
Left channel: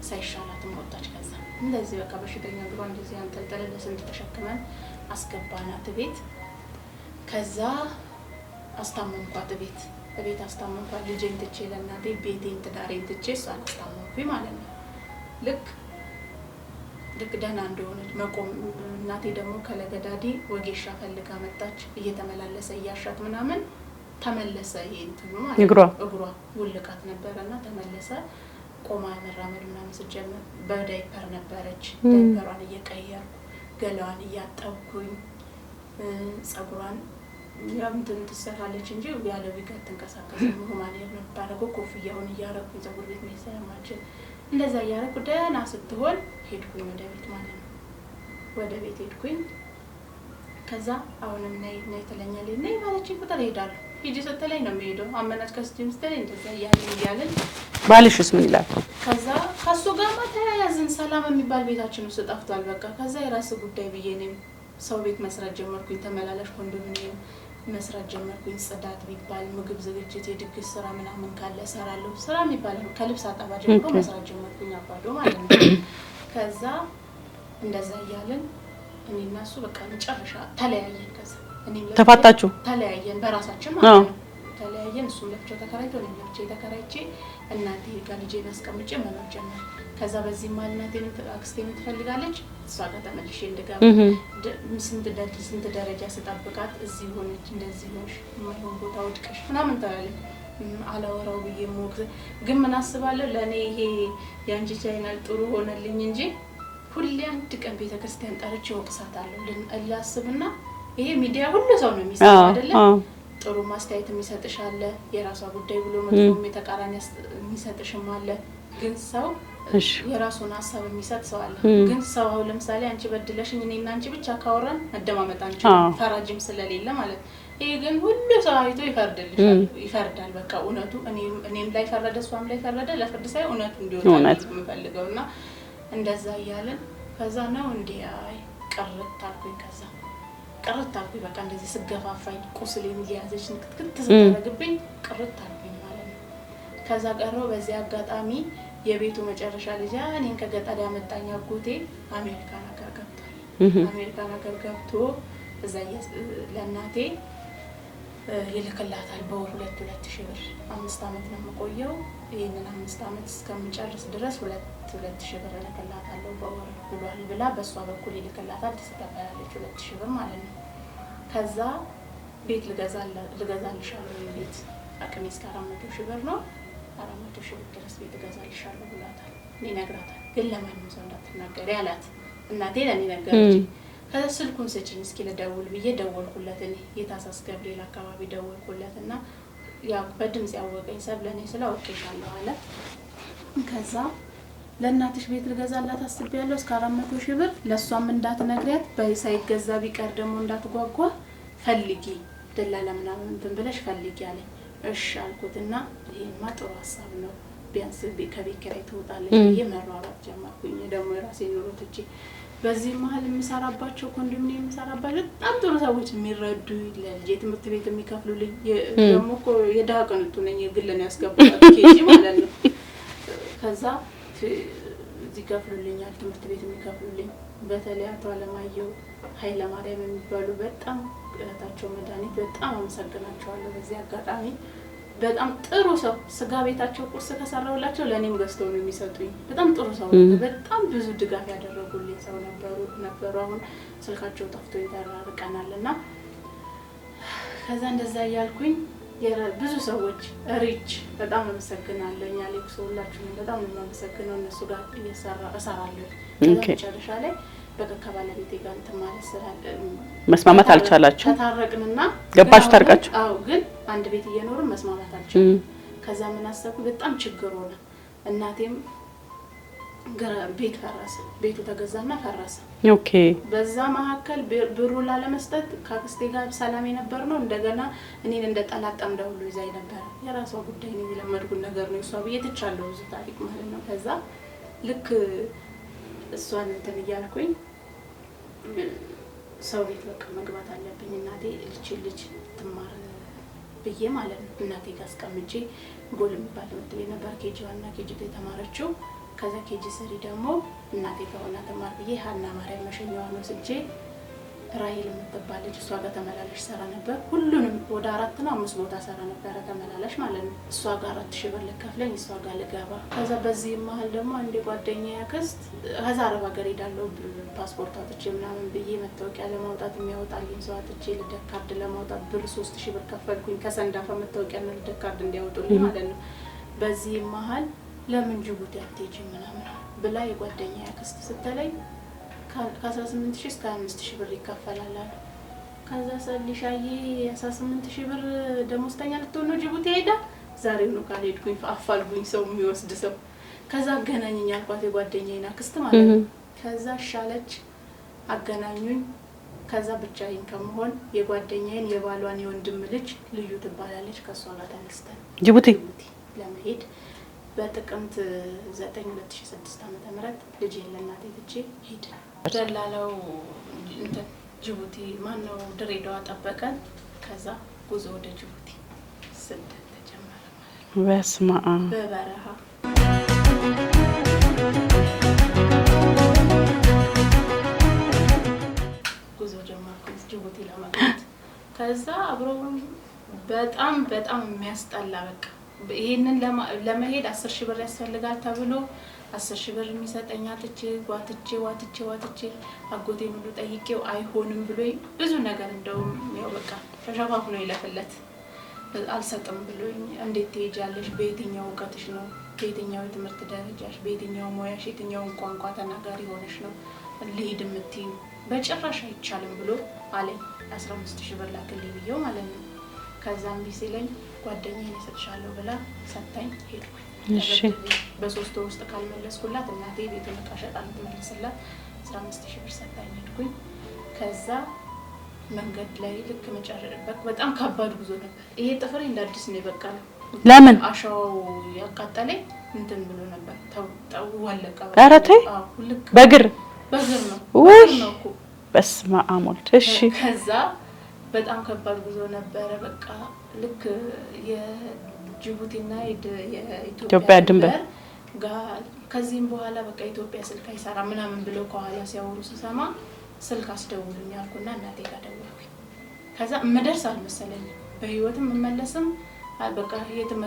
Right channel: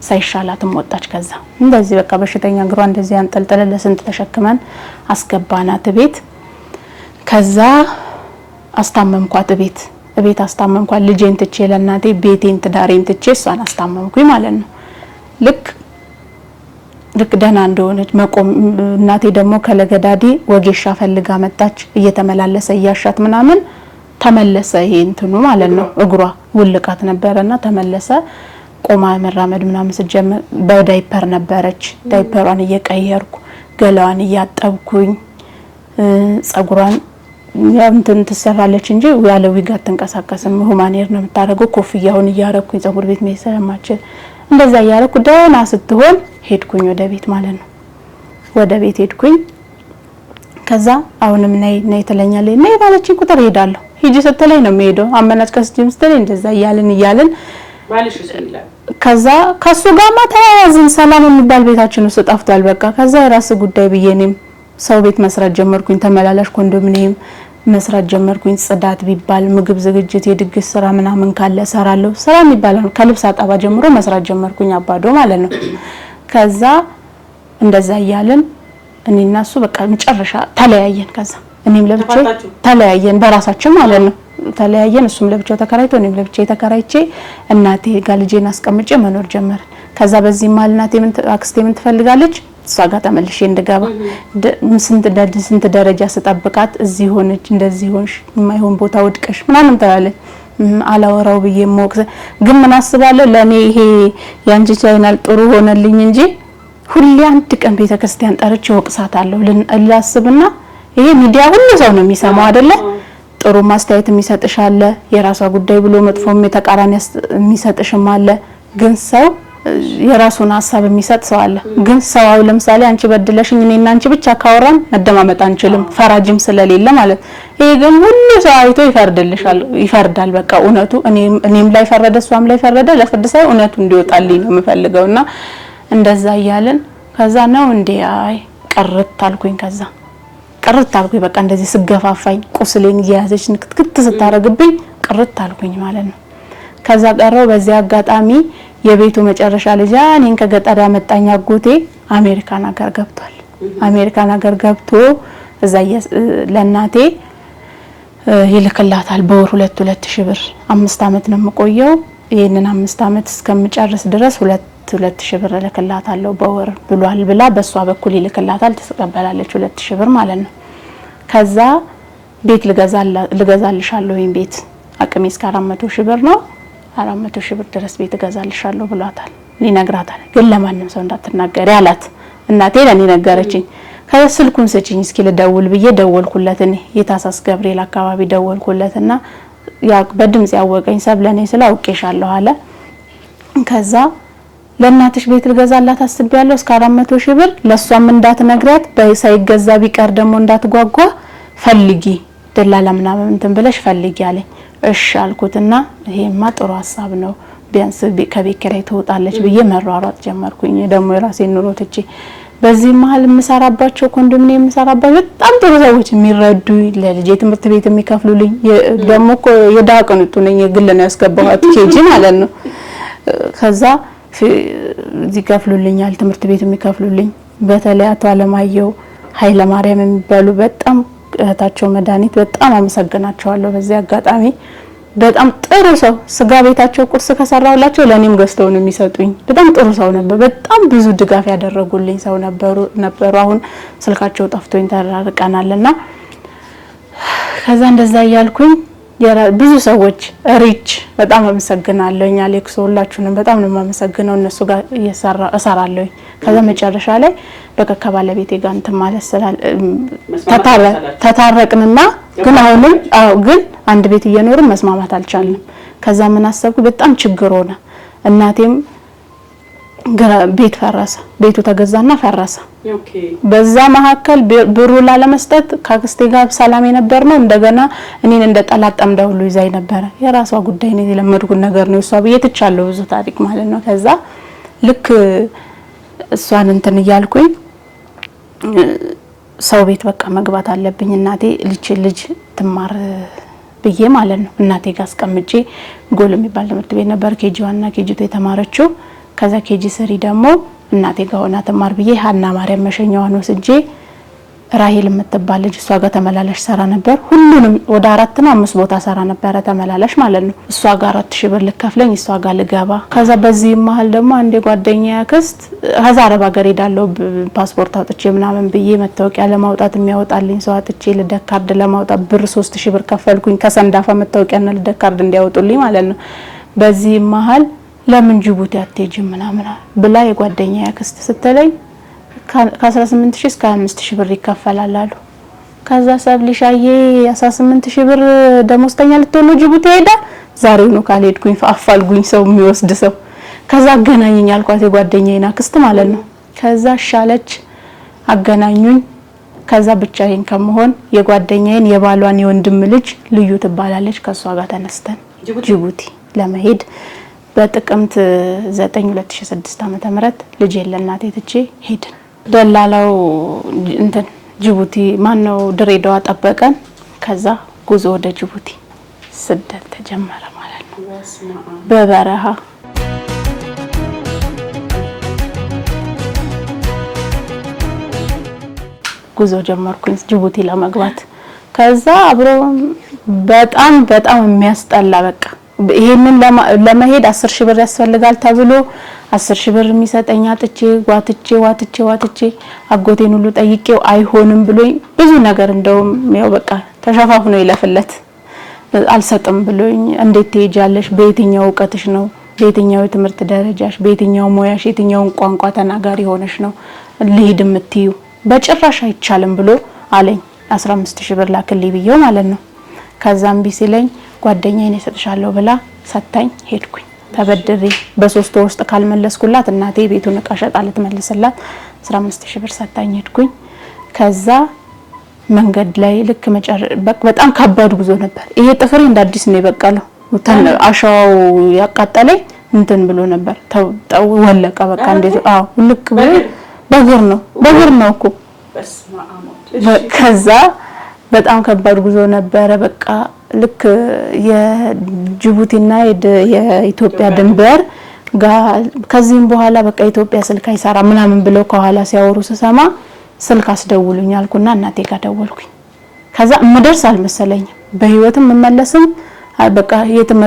ሳይሻላትም ወጣች። ከዛ እንደዚህ በቃ በሽተኛ እግሯ እንደዚህ አንጠልጥለ ለስንት ተሸክመን አስገባናት ቤት። ከዛ አስታመምኳት ቤት አስታመምኳት። ልጄን ትቼ ለእናቴ ቤቴን ትዳሬን ትቼ እሷን አስታመምኩኝ ማለት ነው። ልክ ደህና እንደሆነች መቆም እናቴ ደግሞ ከለገዳዲ ወጌሻ ፈልጋ መጣች። እየተመላለሰ እያሻት ምናምን ተመለሰ። ይሄ እንትኑ ማለት ነው እግሯ ውልቃት ነበርና ተመለሰ። ቆማ መራመድ ምናምን ሲጀመር በዳይፐር ነበረች። ዳይፐሯን እየቀየርኩ ገላዋን እያጠብኩኝ ጸጉሯን እንትን ትሰራለች እንጂ ያለ ዊግ አትንቀሳቀስም። ሁማኔር ነው የምታደርገው። ኮፍያውን እያረኩኝ ጸጉር ቤት መሄድ ስለማችል እንደዛ እያረኩ ደህና ስትሆን ሄድኩኝ ወደ ቤት ማለት ነው። ወደ ቤት ሄድኩኝ። ከዛ አሁንም ነይ ትለኛለች። ነይ ባለችኝ ቁጥር ሄዳለሁ። ሂጂ ስትለኝ ነው የምሄደው። አመናጭ ከስቲም ስትለኝ እንደዛ እያልን ባልሽስ ምን ይላል? ከዛ ከሱ ጋርማ ተያያዝን። ሰላም የሚባል ቤታችን ውስጥ ጠፍቷል። በቃ ከዛ የራስ ጉዳይ ብዬ እኔም ሰው ቤት መስራት ጀመርኩኝ። ተመላላሽ ኮንዶሚኒየም መስራት ጀመርኩኝ። ጽዳት ቢባል ምግብ ዝግጅት፣ የድግስ ስራ ምናምን ካለ ሰራለሁ። ስራ የሚባለው ከልብስ አጣባ ጀምሮ መስራት ጀመርኩኝ። አባዶ ማለት ነው። ከዛ እንደዛ እያልን እኔና እሱ በቃ መጨረሻ ተለያየን። ከዛ እኔም ለብቻው ተለያየን በራሳችን ማለት ነው። ተለያየን። እሱም ለብቻው ተከራይቶ እኔም ለብቻው ተከራይቼ እናቴ ጋር ልጄን አስቀምጬ መኖር ጀመርን። ከዛ በዚህ ማል እናቴ አክስቴ ምን ትፈልጋለች? እሷ ጋር ተመልሼ እንድገባ ስንት ደረጃ ስጠብቃት እዚህ ሆነች እንደዚህ ሆንሽ የማይሆን ቦታ ወድቀሽ ምናምን ትላለች። አላወራው ብዬ ሞክሰ ግን ምን አስባለሁ ለኔ ይሄ ያንቺ ቻይናል ጥሩ ሆነልኝ እንጂ ሁሌ አንድ ቀን ቤተክርስቲያን ጠርቼ ወቅሳታለሁ ልላስብና ይሄ ሚዲያ ሁሉ ሰው ነው የሚሰማው አይደለ? ጥሩ ማስተያየት የሚሰጥሽ አለ፣ የራሷ ጉዳይ ብሎ መጥፎም የተቃራኒ የሚሰጥሽም አለ። ግን ሰው የራሱን ሐሳብ የሚሰጥ ሰው አለ። ግን ሰው ለምሳሌ አንቺ በድለሽኝ እኔና አንቺ ብቻ ካወራን መደማመጥ አንችልም፣ ፈራጅም ስለሌለ ማለት። ይሄ ግን ሁሉ ሰው አይቶ ይፈርዳል። በቃ እውነቱ እኔም ላይ ፈረደ እሷም ላይ ፈረደ። ለፍርድ ሳይ እውነቱ እንዲወጣልኝ ነው የምፈልገውና እንደዛ እያልን ከዛ ነው እንዴ አይ ቀርት አልኩኝ። ከዛ ቀርት አልኩኝ። በቃ እንደዚህ ስገፋፋኝ ቁስሌን እያያዘች ንክትክት ስታረግብኝ ቀርት አልኩኝ ማለት ነው። ከዛ ቀረው። በዚህ አጋጣሚ የቤቱ መጨረሻ ልጅ እኔን ከገጠር ያመጣኝ አጎቴ አሜሪካን ሀገር ገብቷል። አሜሪካን ሀገር ገብቶ እዛ ለናቴ ይልክላታል በወር 2,000 ብር 5 አመት ነው የምቆየው። ይሄንን 5 አመት እስከምጨርስ ድረስ 2,000 ብር እልክላታለሁ በወር ብሏል ብላ በሷ በኩል ይልክላታል። ተቀበላለች 2,000 ብር ማለት ነው። ከዛ ቤት ልገዛልሻለሁ ወይም ቤት አቅሜ እስከ 400,000 ብር ነው 400,000 ብር ድረስ ቤት እገዛልሻለሁ ብሏታል። ይነግራታል። ግን ለማንም ሰው እንዳትናገሪ አላት። እናቴ ለኔ ነገረችኝ። ከዛ ስልኩን ስጪኝ እስኪ ልደውል ብዬ ደወልኩለት። እኔ የታሳስ ገብርኤል አካባቢ ደወልኩለትና ያ በድምጽ ያወቀኝ ሰብለኔ ስላውቄሻለሁ አለ። ከዛ ለእናትሽ ቤት ልገዛላት አስቤያለሁ እስከ 400,000 ብር ለሷም እንዳትነግራት ሳይገዛ ቢቀር ደግሞ እንዳትጓጓ ፈልጊ ደላላ ምናምን እንትን ብለሽ ፈልጊ አለኝ። እሺ አልኩትና ይሄማ ጥሩ ሐሳብ ነው ቢያንስ ከቤት ኪራይ ትወጣለች ብዬ መሯሯጥ ጀመርኩኝ። ደግሞ የራሴን ኑሮ ትቼ በዚህ መሀል የምሰራባቸው ኮንዶሚኒየም የምሰራባቸው በጣም ጥሩ ሰዎች የሚረዱ ለልጄ ትምህርት ቤት የሚከፍሉልኝ ደግሞ እኮ የዳቅንጡ ነኝ የግል ነው ያስገባኋት ኬጂ ማለት ነው። ከዛ ይከፍሉልኛል ትምህርት ቤት የሚከፍሉልኝ በተለይ አቶ አለማየሁ ኃይለ ማርያም የሚባሉ በጣም እህታቸው መድኃኒት በጣም አመሰግናቸዋለሁ። በዚህ አጋጣሚ በጣም ጥሩ ሰው ስጋ ቤታቸው ቁርስ ከሰራውላቸው ለኔም ገዝተው ነው የሚሰጡኝ። በጣም ጥሩ ሰው ነበር። በጣም ብዙ ድጋፍ ያደረጉልኝ ሰው ነበሩ። አሁን ስልካቸው ጠፍቶኝ ተራርቀናልና ከዛ እንደዛ ያልኩኝ ብዙ ሰዎች ሪች በጣም አመሰግናለሁኝ። አሌክስ ሁላችሁንም በጣም ነው የማመሰግነው። እነሱ ጋር እሰራለሁ። ከዛ መጨረሻ ላይ በቃ ከባለቤቴ ጋር እንትን ማለት ተታረቅንና ግን አንድ ቤት እየኖርን መስማማት አልቻልንም። ከዛ ምን አሰብኩ በጣም ችግር ሆነ። እናቴም ቤት ፈረሰ። ቤቱ ተገዛና ፈረሰ። ኦኬ በዛ መሐከል ብሩ ላለመስጠት ካክስቴ ጋር ሰላም የነበር ነው። እንደገና እኔን እንደ ጠላት ጠምዳ ሁሉ ይዛይ ነበር። የራሷ ጉዳይ ነው የለመድኩት ነገር ነው። እሷ በየትቻለው ብዙ ታሪክ ማለት ነው። ከዛ ልክ እሷን እንትን እያልኩኝ ሰው ቤት በቃ መግባት አለብኝ እናቴ ልጅ ትማር ብዬ ማለት ነው። እናቴ ጋር አስቀምጬ ጎል የሚባል ትምህርት ቤት ነበር ኬጂ1 እና ኬጂ2 የተማረችው። ከዛ ኬጂ3 ደግሞ እናቴ ጋር ሆና ትማር ብዬ ሀና ማርያም መሸኛዋን ወስጄ ራሄል የምትባል ልጅ እሷ ጋር ተመላላሽ ሰራ ነበር። ሁሉንም ወደ 4 ነው 5 ቦታ ሰራ ነበር ተመላላሽ ማለት ነው። እሷ ጋር 4000 ብር ልከፍለኝ እሷ ጋር ልገባ። ከዛ በዚህ መሀል ደግሞ አንዴ ጓደኛዬ አክስት ከዛ አረብ ሀገር ሄዳለሁ ፓስፖርት አውጥቼ ምናምን ብዬ መታወቂያ ለማውጣት የሚያወጣልኝ ሰው አጥቼ ልደት ካርድ ለማውጣት ብር 3000 ብር ከፈልኩኝ ከሰንዳፋ መታወቂያና ልደት ካርድ እንዲያወጡልኝ ማለት ነው። በዚህ መሀል ለምን ጅቡቲ አትሄጂም ምናምን ብላ የጓደኛዬ አክስት ስትለኝ ከ18000 እስከ 25000 ብር ይከፈላል አሉ። ከዛ ሰብልሻዬ 18000 ብር ደሞዝተኛ ልትሆን ጅቡቲ ሄዳ ዛሬው ነው ካልሄድኩኝ አፋልጉኝ ሰው የሚወስድ ሰው። ከዛ አገናኘኝ አልኳት የጓደኛዬን አክስት ማለት ነው። ከዛ ሻለች አገናኙኝ። ከዛ ብቻዬን ከመሆን የጓደኛዬን የባሏን የወንድም ልጅ ልዩ ትባላለች ከሷ ጋር ተነስተን ጅቡቲ ለመሄድ በጥቅምት 9 2006 ዓ.ም ልጄን ለእናቴ ትቼ ሄድን። ደላላው እንትን ጅቡቲ ማነው ድሬዳዋ ጠበቀን። ከዛ ጉዞ ወደ ጅቡቲ ስደት ተጀመረ ማለት ነው። በስማአ በበረሃ ጉዞ ጀመርኩኝ ጅቡቲ ለመግባት። ከዛ አብሮ በጣም የሚያስጠላ በቃ ይሄንን ለመሄድ 10000 ብር ያስፈልጋል ተብሎ 10000 ብር የሚሰጠኛ ጥቼ ዋትቼ አጎቴን ሁሉ ጠይቄው አይሆንም ብሎኝ ብዙ ነገር እንደውም ያው በቃ ተሸፋፍኖ ይለፍለት አልሰጥም ብሎኝ እንዴት ትሄጃለሽ? በየትኛው እውቀትሽ ነው? በየትኛው የትምህርት ደረጃሽ? በየትኛው ሙያሽ? የትኛውን ቋንቋ ተናጋሪ ሆነሽ ነው ልሄድ የምትዩ? በጭራሽ አይቻልም ብሎ አለኝ። 15000 ብር ላክልኝ ብዬው ማለት ነው። ከዛም ቢሲለኝ ጓደኛዬን እሰጥሻለሁ ብላ ሰጣኝ። ሄድኩኝ ተበድሬ በ3 ወር ውስጥ ካልመለስኩላት እናቴ ቤቱን እቃ ሸጣ ልትመልስላት 15000 ብር ሰጣኝ። ሄድኩኝ። ከዛ መንገድ ላይ ልክ በጣም ከባድ ጉዞ ነበር። ይሄ ጥፍሬ እንደ አዲስ ነው የበቀለው። አሻዋው ያቃጠለኝ እንትን ብሎ ነበር ወለቀ በቃ እንደዚህ። አዎ ልክ በእግር ነው እኮ በስመ አብ። ከዛ በጣም ከባድ ጉዞ ነበረ። በቃ ልክ የጅቡቲና የኢትዮጵያ ድንበር ጋር ከዚህም በኋላ በቃ ኢትዮጵያ ስልክ አይሰራ ምናምን ብለው ከኋላ ሲያወሩ ስሰማ ስልክ አስደውሉኝ አልኩና እናቴ ጋር ደወልኩኝ። ከዛ ምደርስ አልመሰለኝም በህይወትም መመለስም በቃ የትም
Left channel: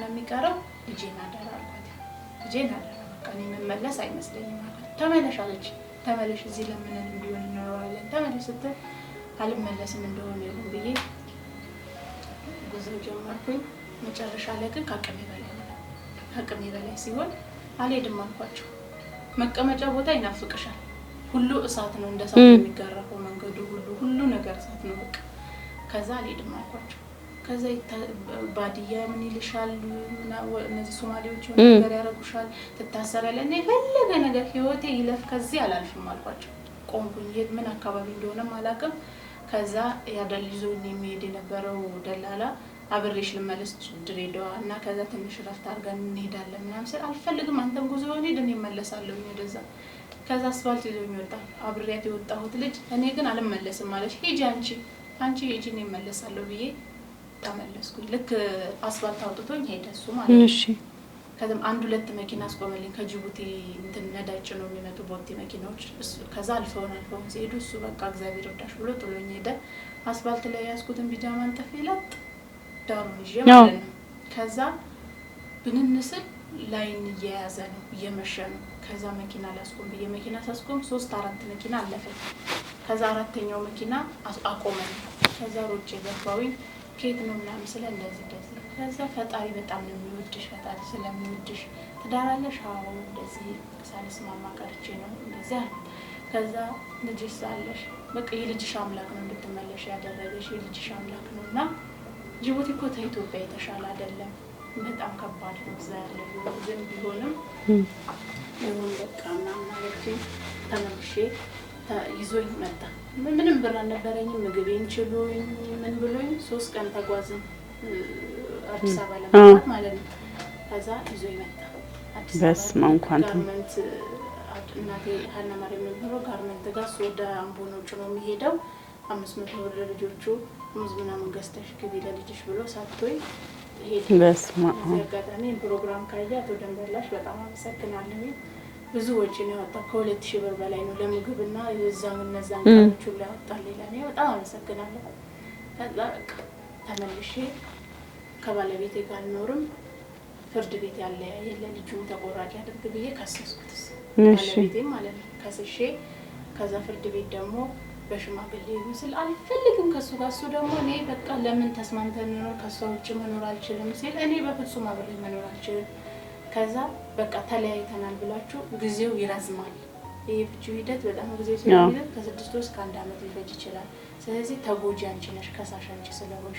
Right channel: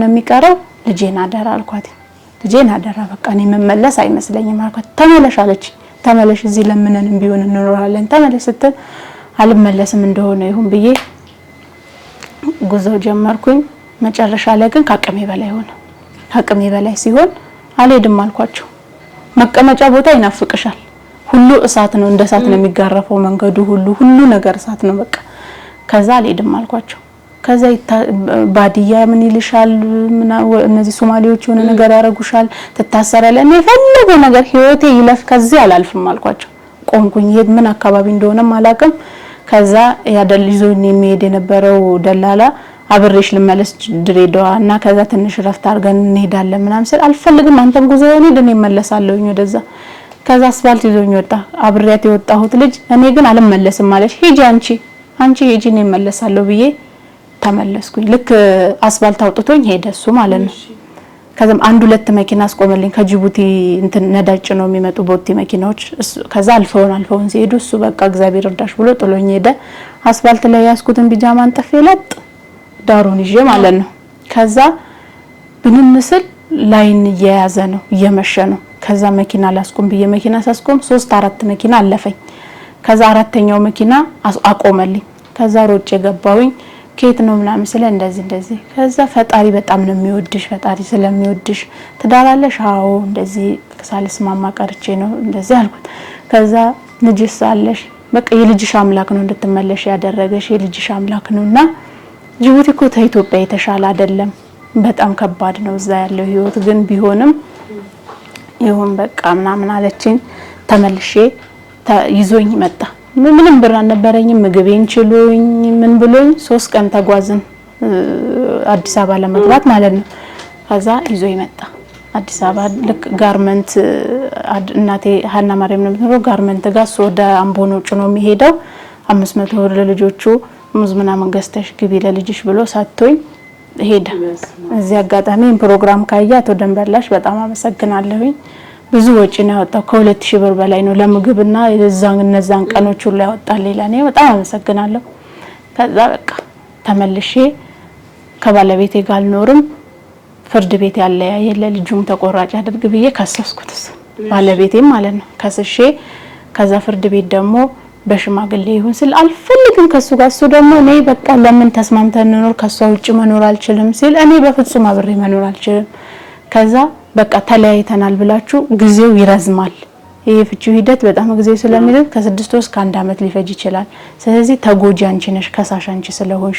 ነው የሚቀረው ልጄን አደራ አልኳት። ልጄን አደራ በቃ እኔ መመለስ አይመስለኝም አልኳት። ተመለሽ አለች። ተመለሽ እዚህ ለምነንም ቢሆን እንኖራለን ተመለስ ስትል አልመለስም እንደሆነ ይሁን ብዬ ጉዞ ጀመርኩኝ። መጨረሻ ላይ ግን ከአቅሜ በላይ ሆነ። ከአቅሜ በላይ ሲሆን አልሄድም አልኳቸው። መቀመጫ ቦታ ይናፍቅሻል። ሁሉ እሳት ነው፣ እንደ እሳት ነው የሚጋረፈው መንገዱ ሁሉ ነገር እሳት ነው በቃ። ከዛ አልሄድም አልኳቸው። ከዛ ባዲያ ምን ይልሻል እነዚህ ሶማሌዎች የሆነ ነገር ያረጉሻል፣ ትታሰራለህ፣ እኔ ፈለገ ነገር ህይወቴ ይለፍ ከዚህ አላልፍም አልኳቸው። ቆንኩኝ። ምን አካባቢ እንደሆነም አላውቅም። ከዛ ያደልይዞኝ የሚሄድ የነበረው ደላላ አብሬሽ ልመለስ ድሬዳዋ እና ከዛ ትንሽ ረፍት አድርገን እንሄዳለን ምናምን ሲል አልፈልግም አንተም ጉዞ ሆነ ደኔ መለሳለሁኝ ወደዛ። ከዛ አስፋልት ይዞኝ ወጣ። አብሬያት የወጣሁት ልጅ እኔ ግን አልመለስም ማለት ሂጂ አንቺ ሂጂ እኔ መለሳለሁ ብዬ ተመለስኩኝ። ልክ አስፋልት አውጥቶኝ ሄደ እሱ ማለት ነው። ከዛም 1-2 መኪና አስቆመልኝ። ከጅቡቲ እንትን ነዳጭ ነው የሚመጡ ቦቲ መኪናዎች። ከዛ አልፈውን ሲሄዱ እሱ በቃ እግዚአብሔር እርዳሽ ብሎ ጥሎኝ ሄደ። አስፋልት ላይ ያስኩትን ቢጃማ አንጠፌ ለጥ ዳሩን ይዤ ማለት ነው። ከዛ ብንንስል ላይን እየያዘ ነው እየመሸ ነው። ከዛ መኪና ላስቆም ብዬ መኪና ሳስቆም 3-4 መኪና አለፈኝ። ከዛ 4ኛው መኪና አቆመልኝ። ከዛ ሮጬ ገባሁኝ። ኬት ነው ምናምን ስለ እንደዚህ ከዛ ፈጣሪ በጣም ነው የሚወድሽ፣ ፈጣሪ ስለሚወድሽ ትዳራለሽ? አዎ እንደዚህ ሳልስማማ ቀርቼ ነው እንደዚህ አልኩት። ከዛ ልጅስ አለሽ? በቃ የልጅሽ አምላክ ነው እንድትመለሽ ያደረገሽ የልጅሽ አምላክ ነውና ጅቡቲ እኮ ከኢትዮጵያ የተሻለ አይደለም፣ በጣም ከባድ ነው እዛ ያለው ህይወት፣ ግን ቢሆንም ይሁን በቃ ምናምን አለችኝ። ተመልሼ ይዞኝ መጣ። ምንም ብር አልነበረኝም። ምግቤን ችሎኝ ምን ብሎኝ 3 ቀን ተጓዝን አዲስ አበባ ለመግባት ማለት ነው። ከዛ ይዞኝ መጣ። አዲስ አበባ ልክ ጋርመንት እናቴ ሀና ማርያም ነው የምትኖረው ጋርመንት ጋር ወደ አምቦ ነው ጭኖ የሚሄደው 500 ብር ለልጆቹ ሙዝ ምናምን ገዝተሽ ግቢ ለልጅሽ ብሎ ሳቶኝ ሄደ። እዚህ አጋጣሚ ፕሮግራም ካያት ወደንበላሽ በጣም አመሰግናለሁኝ። ብዙ ወጪ ነው ያወጣው ከ2000 ብር በላይ ነው ለምግብና እነዛን ቀኖች ሁሉ ያወጣልኝ ለኔ በጣም አመሰግናለሁ። ከዛ በቃ ተመልሼ ከባለቤቴ ጋር አልኖርም ፍርድ ቤት ያለያየ ለልጁም ተቆራጭ አድርግ ብዬ ከሰስኩት ባለቤቴም ማለት ነው ከሰሼ ከዛ ፍርድ ቤት ደግሞ በሽማግሌ ይሁን ስል አልፈልግም ከሱ ጋር እሱ ደግሞ እኔ በቃ ለምን ተስማምተን እንኖር ከሷ ውጭ መኖር አልችልም ሲል እኔ በፍጹም አብሬ መኖር አልችልም። ከዛ በቃ ተለያይተናል ብላችሁ ጊዜው ይረዝማል ይሄ ፍቺው ሂደት በጣም ጊዜው ስለሚረዝም ከ6 ወር እስከ 1 አመት ሊፈጅ ይችላል። ስለዚህ ተጎጂ አንቺ ነሽ ከሳሽ አንቺ ስለሆንሽ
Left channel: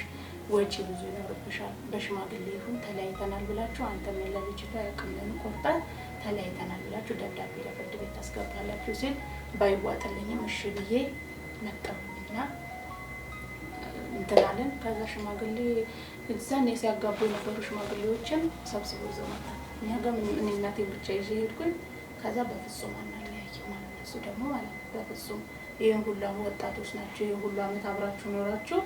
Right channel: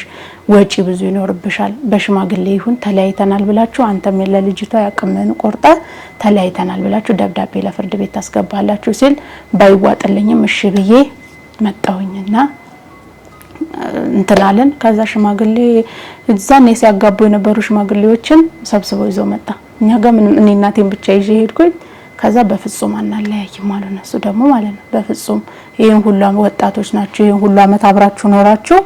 ወጪ ብዙ ይኖርብሻል። በሽማግሌ ይሁን ተለያይተናል ብላችሁ አንተም ለልጅቷ ያቅምን ቆርጣ ተለያይተናል ብላችሁ ደብዳቤ ለፍርድ ቤት ታስገባላችሁ ሲል ባይዋጥልኝም እሺ ብዬ መጣሁኝና እንትላለን። ከዛ ሽማግሌ እዛኔ ሲያጋቡ የነበሩ ሽማግሌዎችን ሰብስበው ይዘው መጣ። እኛ ጋር ምንም እኔ እናቴን ብቻ ይዤ ሄድኩኝ። ከዛ በፍጹም አናለያይም ማለት ነው እሱ ደግሞ ማለት ነው በፍጹም ይሄን ሁሉ ወጣቶች ናችሁ ይሄን ሁሉ አመት አብራችሁ ኖራችሁ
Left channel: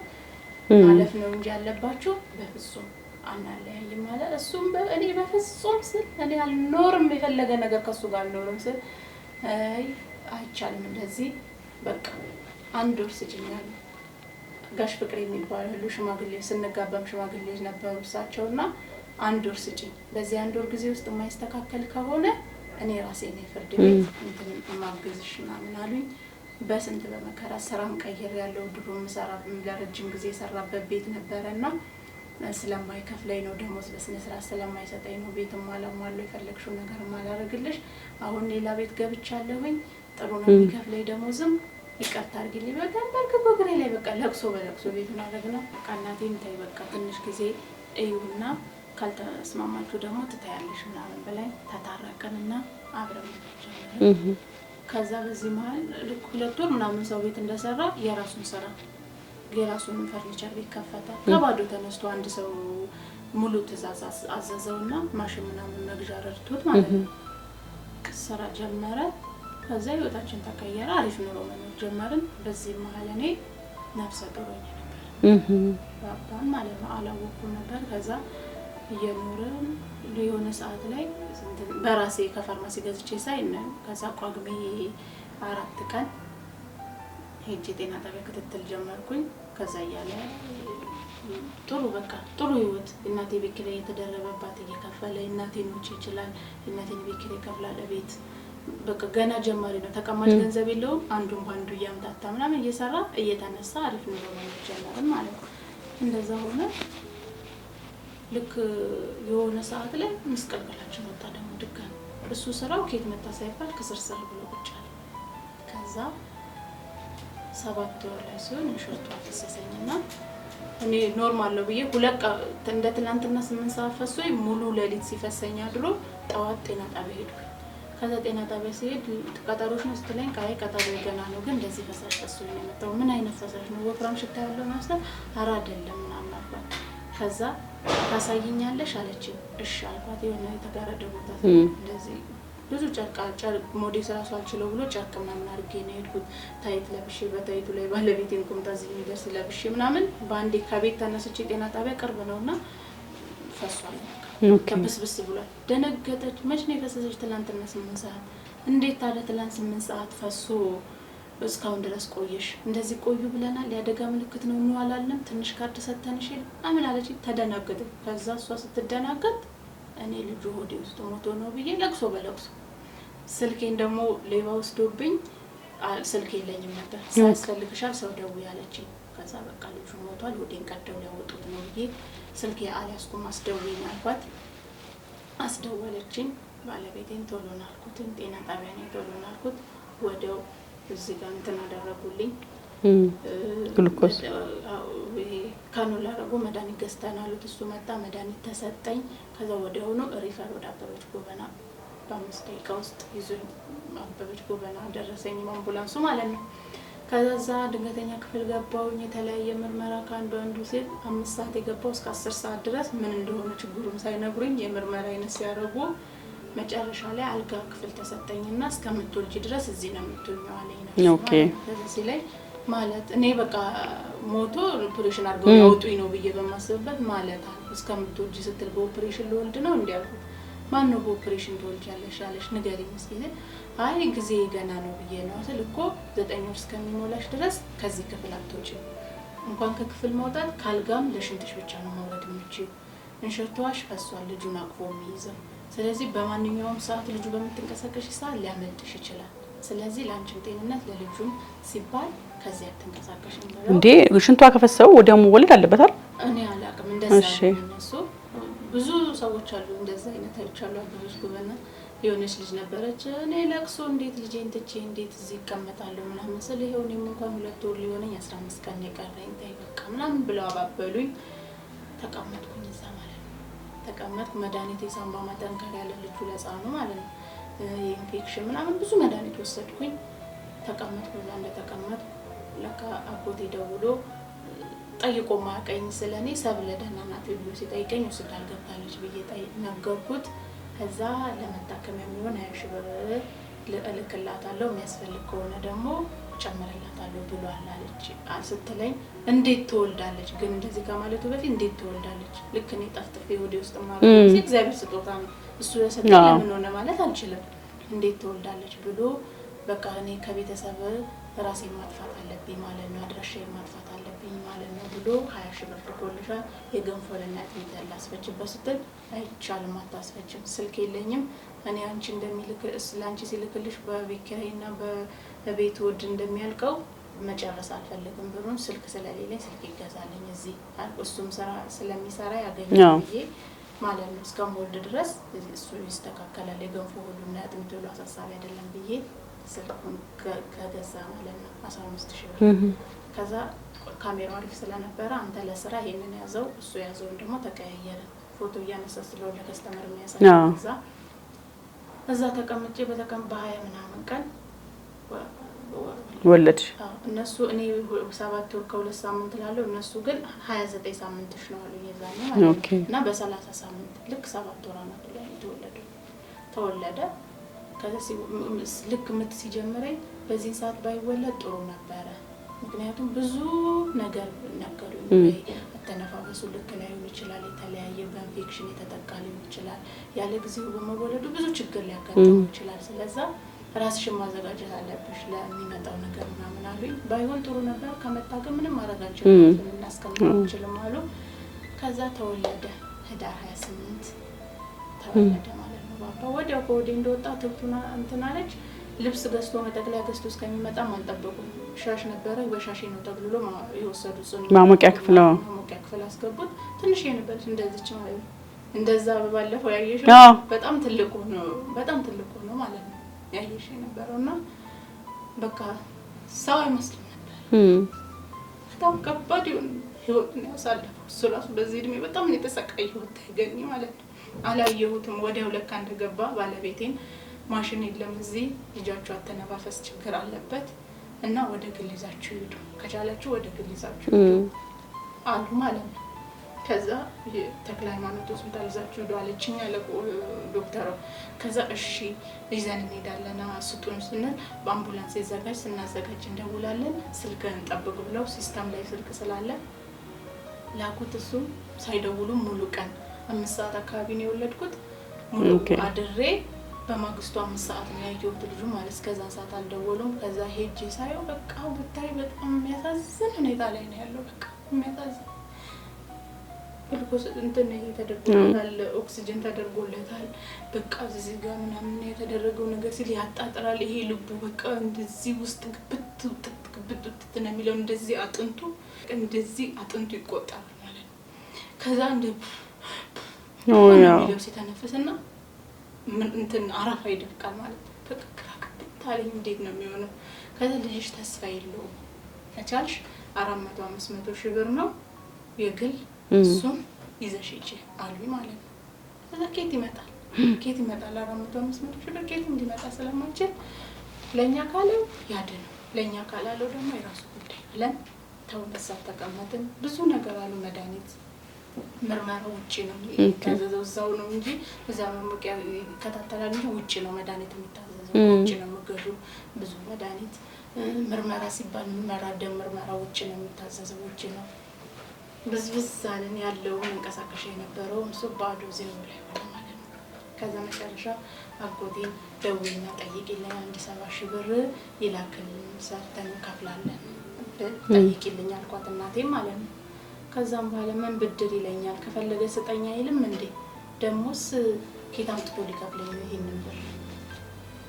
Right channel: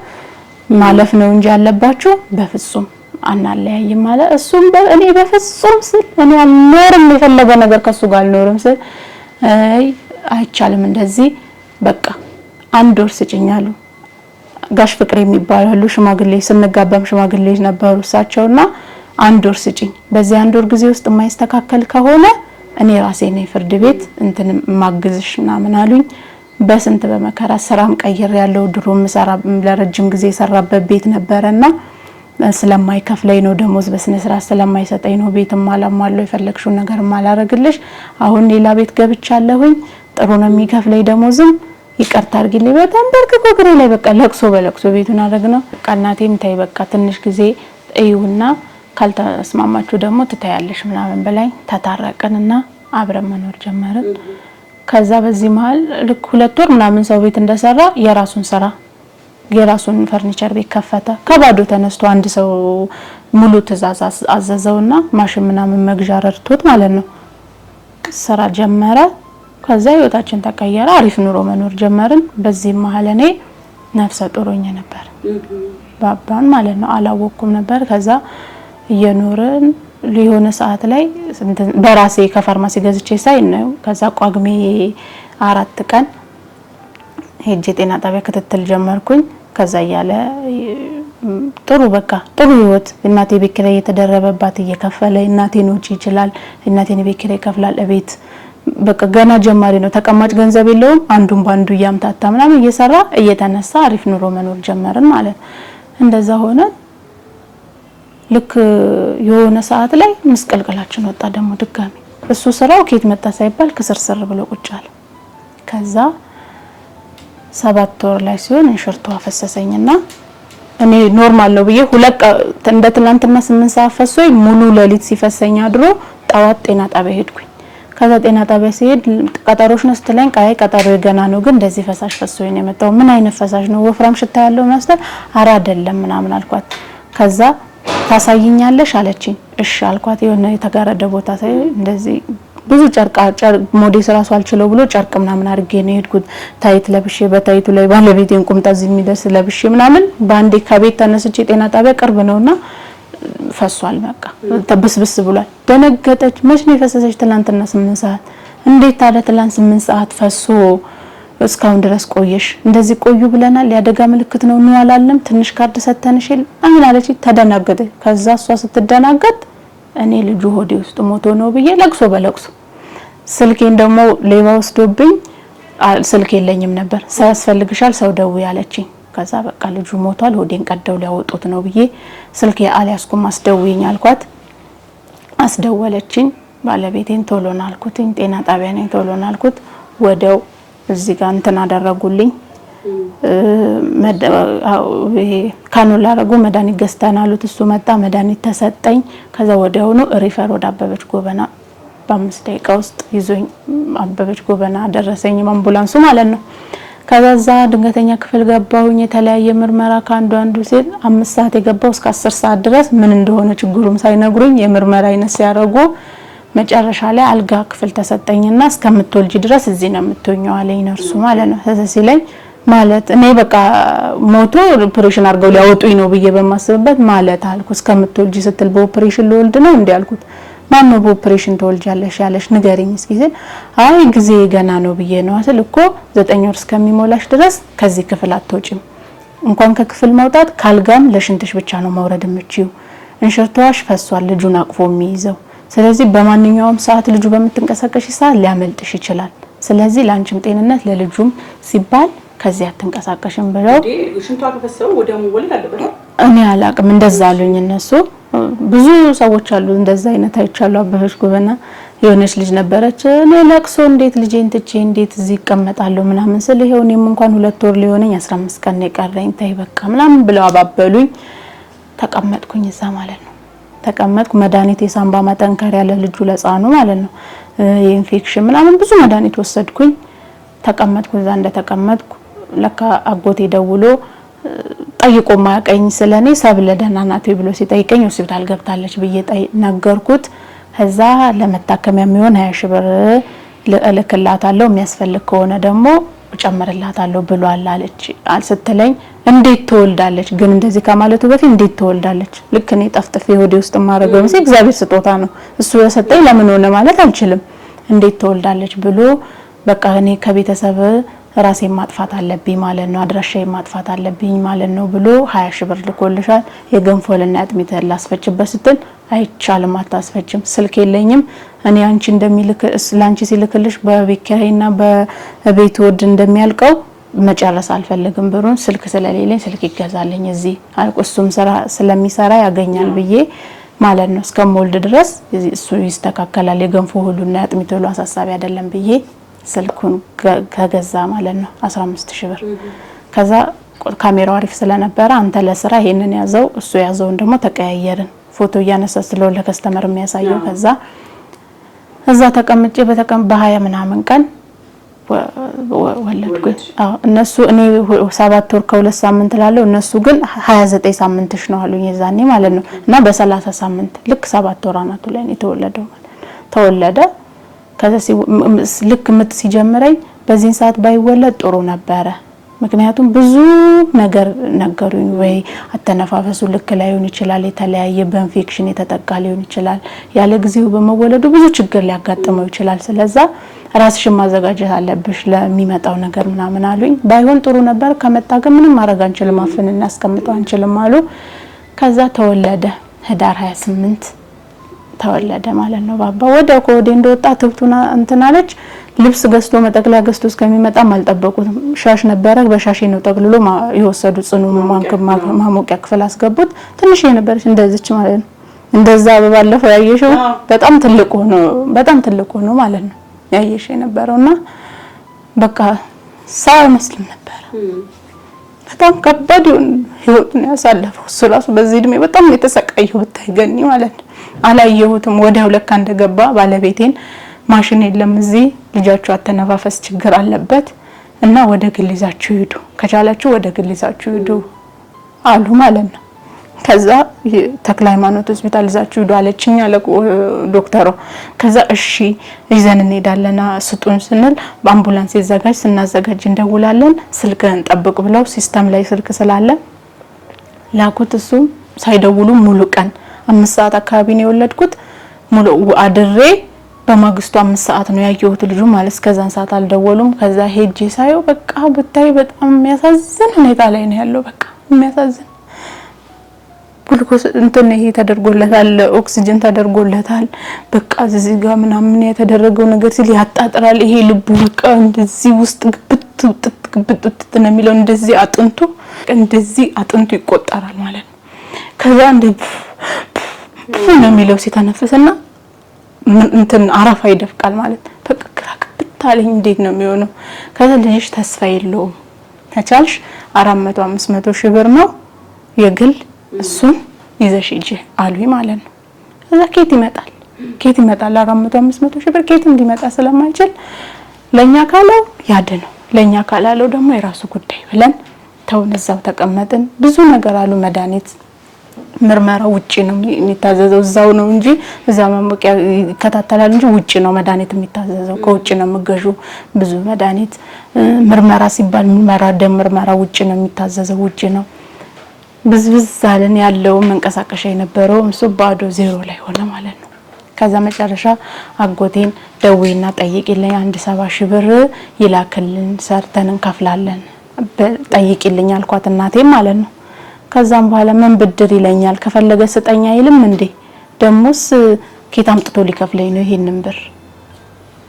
ማለፍ ነው እንጂ ያለባችሁ በፍጹም አናለያይም ማለት እሱም እኔ በፍጹም ስል እኔ አልኖርም የፈለገ ነገር ከሱ ጋር አልኖርም ስል አይቻልም እንደዚህ በቃ 1 ወር ስጭኛሉ። ጋሽ ፍቅር የሚባሉ ሽማግሌ ስንጋባም ሽማግሌ ነበሩ እሳቸውና 1 ወር ስጭኝ በዚህ 1 ወር ጊዜ ውስጥ የማይስተካከል ከሆነ እኔ ራሴ ነኝ ፍርድ ቤት እንትን ማግዝሽና ምን አሉኝ። በስንት በመከራ ስራም ቀይር ያለው ድሮም ሰራ ለረጅም ጊዜ ሰራበት ቤት ነበርና ስለማይከፍለኝ ነው ደሞዝ በስነ ስርዓት ስለማይሰጠኝ ነው ቤትም አላማለው የፈለግሽው ነገር ማላረግልሽ አሁን ሌላ ቤት ገብቻለሁኝ ጥሩ ነው የሚከፍለኝ ደሞዝም ይቅርታ አድርጊልኝ በጣም በርክኮ ግሬ ላይ በቃ ለቅሶ በለቅሶ ቤቱን አደረግነው። በቃ እናቴም ታይ በቃ ትንሽ ጊዜ እዩና ካልተስማማችሁ ደግሞ ትታያለሽ ምናምን በላይ ተታረቀንና አብረን መኖር ጀመርን። ከዛ በዚህ መሃል ልክ 2 ወር ምናምን ሰው ቤት እንደሰራ የራሱን ስራ የራሱን ፈርኒቸር ቤት ከፈተ። ከባዶ ተነስቶ አንድ ሰው ሙሉ ትእዛዝ አዘዘውና ማሽን ምናምን መግዣ ረድቶት ማለት ነው ስራ ጀመረ። ከዛ ህይወታችን ተቀየረ አሪፍ ኑሮ መኖር ጀመርን። በዚህ መሃል እኔ ነፍሰ ጡሮኝ ነበር ባባን ማለት ነው አላወኩም ነበር። ከዛ እየኖርን ሊሆነ ሰዓት ላይ በራሴ ከፋርማሲ ገዝቼ ሳይ ነው ከዛ ቋግሜ 4 ቀን ሄጄ ጤና ጣቢያ ክትትል ጀመርኩኝ። ከዛ ያለ ጥሩ በቃ ጥሩ ህይወት እናቴ ቤት ኪራይ እየተደረበባት እየከፈለ እናቴን ወጪ ይችላል እናቴን ቤት ኪራይ ይከፍላል እቤት በቃ ገና ጀማሪ ነው ተቀማጭ ገንዘብ የለውም አንዱን ባንዱ ያምታታ ምናምን እየሰራ እየተነሳ አሪፍ ኑሮ መኖር ጀመርን ማለት እንደዛ ሆነ። ልክ የሆነ ሰዓት ላይ መስቀልቀላችን ወጣ ደግሞ ድጋሚ እሱ ስራው ከየት መጣ ሳይባል ከስርስር ብሎ ቁጭ አለ። ከዛ 7 ወር ላይ ሲሆን እንሽርቱ አፈሰሰኝና እኔ ኖርማል ነው ብዬ እንደ ትናንትና 8 ሰዓት ፈሶኝ ሙሉ ሌሊት ሲፈሰኝ አድሮ ጣዋት ጤና ጣቢያ ሄድኩኝ። ከዛ ጤና ጣቢያ ሲሄድ ቀጠሮሽ ነው ስትለኝ ቀጠሮ ገና ነው ግን እንደዚህ ፈሳሽ ፈሶኝ ነው የመጣው። ምን አይነት ፈሳሽ ነው ወፍራም ሽታ ያለው መስጠት አራ አይደለም ምናምን አልኳት። ከዛ ታሳይኛለሽ አለችኝ። እሺ አልኳት። የሆነ የተጋረደ ቦታ ሳይ እንደዚህ ብዙ ጨርቅ ሞዴስ ራሱ አልችለው ብሎ ጨርቅ ምናምን አድርጌ ነው ሄድኩት። ታይት ለብሼ በታይቱ ላይ ባለቤቴን ቁምጣ እዚህ የሚደርስ ለብሼ ምናምን ባንዴ ከቤት ተነስቼ ጤና ጣቢያ ቅርብ ነውና ፈሷል በቃ ተብስብስ ብሏል። ደነገጠች። መች ነው የፈሰሰች? ትላንትና 8 ሰዓት። እንዴት ታዲያ ትላንት 8 ሰዓት ፈሶ እስካሁን ድረስ ቆየሽ? እንደዚህ ቆዩ ብለናል ያደጋ ምልክት ነው ነው አላለም ትንሽ ካርድ ሰተንሽ አምን አለች። ተደናገጠች። ከዛ እሷ ስትደናገጥ እኔ ልጁ ሆዴ ውስጥ ሞቶ ነው ብዬ ለቅሶ በለቅሶ ስልኬን ደግሞ ሌባ ወስዶብኝ ስልክ የለኝም ነበር ሳያስፈልግሻል ሰው ደውይ አለችኝ። ከዛ በቃ ልጁ ሞቷል ሆዴን ቀደው ሊያወጡት ነው ብዬ ስልኬ አልያዝኩም አስደውይኝ አልኳት። አስደወለችኝ። ባለቤቴን ቶሎና አልኩት ጤና ጣቢያ ነኝ ቶሎና አልኩት። ወደው እዚህ ጋር እንትን አደረጉልኝ ካኑላ አረጉ መድኃኒት ገዝተን አሉት። እሱ መጣ መድኃኒት ተሰጠኝ። ከዛ ወዲያው ነው ሪፈር ወደ አበበች ጎበና በ5 ደቂቃ ውስጥ ይዞኝ አበበች ጎበና ደረሰኝ አምቡላንሱ ማለት ነው። ከዛ ድንገተኛ ክፍል ገባሁኝ። የተለያየ ምርመራ ካንዱ ሲል 5 ሰዓት የገባው እስከ 10 ሰዓት ድረስ ምን እንደሆነ ችግሩም ሳይነግሩኝ የምርመራ አይነት ሲያረጉ መጨረሻ ላይ አልጋ ክፍል ተሰጠኝና እስከምትወልጂ ድረስ እዚህ ነው የምትሆኚው አለኝ ነርሱ ማለት ነው። ስለዚህ ላይ ማለት እኔ በቃ ሞቶ ኦፕሬሽን አድርገው ሊያወጡኝ ነው ብዬ በማስብበት ማለት አልኩ እስከምትወልጂ ስትል በኦፕሬሽን ልወልድ ነው እንዴ አልኩት። ማን ነው በኦፕሬሽን ትወልጃለሽ ያለሽ ንገሪኝ እስኪ ሲል አይ ጊዜ ገና ነው ብዬ ነው አስል እኮ 9 ወር እስከሚሞላሽ ድረስ ከዚህ ክፍል አትወጪም። እንኳን ከክፍል መውጣት ካልጋም ለሽንትሽ ብቻ ነው መውረድ የምትችይው። እንሽርቷሽ ፈሷል ልጁን አቅፎ የሚይዘው። ስለዚህ በማንኛውም ሰዓት ልጁ በምትንቀሳቀሽ ሰዓት ሊያመልጥሽ ይችላል። ስለዚህ ላንቺም ጤንነት ለልጁም ሲባል ከዚህ አትንቀሳቀሽም ብለው እንዴ ሽንቷ ከፈሰው ወዲያው መወለድ አለበት አይደል? እኔ አላቅም እንደዛ አሉኝ እነሱ። ብዙ ሰዎች አሉ እንደዛ አይነት አይቻሉ። አበበች ጎበና የሆነች ልጅ ነበረች እኔ ለቅሶ እንዴት ልጄን ትቼ እንዴት እዚህ እቀመጣለሁ ምናምን ስለ ይሄው እኔም እንኳን 2 ወር ሊሆነኝ 15 ቀን የቀረኝ ታይ በቃ ምናምን ብለው አባበሉኝ። ተቀመጥኩኝ እዛ ማለት ነው። ተቀመጥኩ መድኃኒት የሳምባ ማጠንከሪያ ለልጁ ለጻኑ ማለት ነው የኢንፌክሽን ምናምን ብዙ መድኃኒት ወሰድኩኝ። ተቀመጥኩ እዛ እንደተቀመጥኩ ለካ አጎቴ ደውሎ ጠይቆ ማያቀኝ ስለኔ ሰብለ ደህና ናት ብሎ ሲጠይቀኝ ሆስፒታል ገብታለች ብዬ ነገርኩት። ከዛ ለመታከሚያ የሚሆን 20 ሺህ ብር ልእልክላታለሁ የሚያስፈልግ ከሆነ ደግሞ ጨምርላታለሁ ብሏል አለች ስትለኝ እንዴት ትወልዳለች ግን እንደዚህ ከማለቱ በፊት እንዴት ትወልዳለች ልክ እኔ ጠፍጥፌ ሆዴ ውስጥ ማረገው እግዚአብሔር ስጦታ ነው እሱ የሰጠኝ ለምን ሆነ ማለት አልችልም። እንዴት ትወልዳለች ብሎ በቃ እኔ ከቤተሰብ ራሴን ማጥፋት አለብኝ ማለት ነው አድራሻዬን ማጥፋት አለብኝ ማለት ነው ብሎ 20 ሺህ ብር ልኮልሻል የገንፎልና አጥሚት ላስፈጭበት ስትል አይቻልም አታስፈጭም ስልክ የለኝም እኔ አንቺ እንደሚልክ ላንቺ ሲልክልሽ በቤት ኪራይና በቤት ወድ እንደሚያልቀው መጨረስ አልፈልግም ብሩን ስልክ ስለሌለኝ ስልክ ይገዛልኝ እዚህ እሱም ስራ ስለሚሰራ ያገኛል ብዬ ማለት ነው እስከምወልድ ድረስ እሱ ይስተካከላል የገንፎ ሁሉና አጥሚት ሁሉ አሳሳቢ አይደለም ብዬ ስልኩን ከገዛ ማለት ነው 15 ሺህ ብር። ከዛ ካሜራው አሪፍ ስለነበረ አንተ ለስራ ይሄንን ያዘው እሱ ያዘውን ደግሞ ተቀያየርን ፎቶ እያነሳ ስለሆነ ለከስተመር የሚያሳየው ከዛ እዛ ተቀምጬ በ20 ምናምን ቀን ወለድኩ። እነሱ እኔ 7 ወር ከ2 ሳምንት ላለው እነሱ ግን 29 ሳምንትሽ ነው አሉኝ የዛኔ ማለት ነው እና በ30 ሳምንት ልክ 7 ወር አናቱ ላይ የተወለደው ተወለደ። ከዛ ልክ ምጥ ሲጀምረኝ በዚህ ሰዓት ባይወለድ ጥሩ ነበረ ምክንያቱም ብዙ ነገር ነገሩኝ ወይ አተነፋፈሱ ልክ ላይሆን ይችላል የተለያየ በኢንፌክሽን የተጠቃ ሊሆን ይችላል ያለ ጊዜው በመወለዱ ብዙ ችግር ሊያጋጥመው ይችላል ስለዛ ራስሽን ማዘጋጀት አለብሽ ለሚመጣው ነገር ምናምን አሉኝ። ባይሆን ጥሩ ነበር ከመጣ ግን ምንም ማድረግ አንችልም አፍን እናስቀምጠው አንችልም አሉ። ከዛ ተወለደ ህዳር 28 ተወለደ ማለት ነው። ባባ ወደ ኮዴ እንደወጣ ትብቱና እንትናለች ልብስ ገዝቶ መጠቅለያ ገዝቶ እስከሚመጣ አልጠበቁትም። ሻሽ ነበረ በሻሽ ነው ጠቅልሎ ይወሰዱ ጽኑ ማሞቂያ ክፍል አስገቡት። ትንሽ የነበረች እንደዚች ማለት ነው እንደዛ በባለፈው ያየሽው በጣም ትልቅ ሆኖ ማለት ነው ያየሽ የነበረውና በቃ ሳው መስለም ነበር። በጣም ከባድ ህይወት ነው ያሳለፈው እሱ በዚህ እድሜ በጣም የተሰቃየው ታይገኝ ማለት ነው። አላየሁትም ወዲያው ለካ እንደገባ ባለቤቴን ማሽን የለም እዚህ ልጃችሁ አተነፋፈስ ችግር አለበት እና ወደ ግል ይዛችሁ ሂዱ ከቻላችሁ ወደ ግል ይዛችሁ ሂዱ አሉ ማለት ነው። ከዛ ተክለ ሃይማኖት ሆስፒታል ይዛችሁ ሂዱ አለችኝ አለ ዶክተሩ። ከዛ እሺ ይዘን እንሄዳለና ስጡን ስንል በአምቡላንስ ይዘጋጅ ስናዘጋጅ እንደውላለን ስልክን ጠብቅ ብለው ሲስተም ላይ ስልክ ስላለ ላኩት። እሱ ሳይደውሉ ሙሉ ቀን 5 ሰዓት አካባቢ ነው የወለድኩት ሙሉ አድሬ በማግስቱ 5 ሰዓት ነው ያየሁት ልጁ ማለት እስከዛን ሰዓት አልደወሉም። ከዛ ሄጄ ሳይው በቃ ብታይ በጣም የሚያሳዝን ሁኔታ ላይ ነው ያለው በቃ የሚያሳዝን ግሉኮስ እንትን ይሄ ተደርጎለታል ኦክሲጅን ተደርጎለታል በቃ እዚህ ጋር ምናምን የተደረገው ነገር ሲል ያጣጥራል ይሄ ልቡ በቃ እንደዚህ ውስጥ ግብት ነው የሚለው እንደዚህ አጥንቱ ይቆጠራል ማለት ነው። ከዛ እንደ ነው የሚለው ሲተነፍስና እንትን አራፋ ይደፍቃል ማለት በቃ ክራክብታለኝ እንዴት ነው የሚሆነው? ከዛ ልጅሽ ተስፋ የለውም ተቻልሽ 400-500 ሺህ ብር ነው የግል እሱን ይዘሽ ሂጂ አሉኝ ማለት ነው። ከዛ ኬት ይመጣል 400-500 ሺህ ብር ኬት እንዲመጣ ስለማይችል ለኛ ካለው ያድነው ለኛ ካላለው ደግሞ የራሱ ጉዳይ ብለን ተውን እዛው ተቀመጥን። ብዙ ነገር አሉ መድኃኒት ምርመራ ውጪ ነው የሚታዘዘው እዛው ነው እንጂ እዛ ማሞቂያ ይከታተላል እንጂ ውጪ ነው መድኃኒት የሚታዘዘው ከውጪ ነው የምገዡ ብዙ መድኃኒት ምርመራ ሲባል ደም ምርመራ ውጪ ነው የሚታዘዘው ውጪ ነው ብዝብዝ አለን ያለው መንቀሳቀሻ የነበረው እሱ ባዶ ዜሮ ላይ ሆነ ማለት ነው። ከዛ መጨረሻ አጎቴን ደውይና ጠይቂልኝ 170,000 ብር ይላክልን ሰርተን እንከፍላለን ጠይቂልኝ አልኳት እናቴም ማለት ነው። ከዛም በኋላ ምን ብድር ይለኛል ከፈለገ ስጠኛ አይልም እንዴ ደሞስ ኬት አምጥቶ ሊከፍለኝ ነው ይሄንን ብር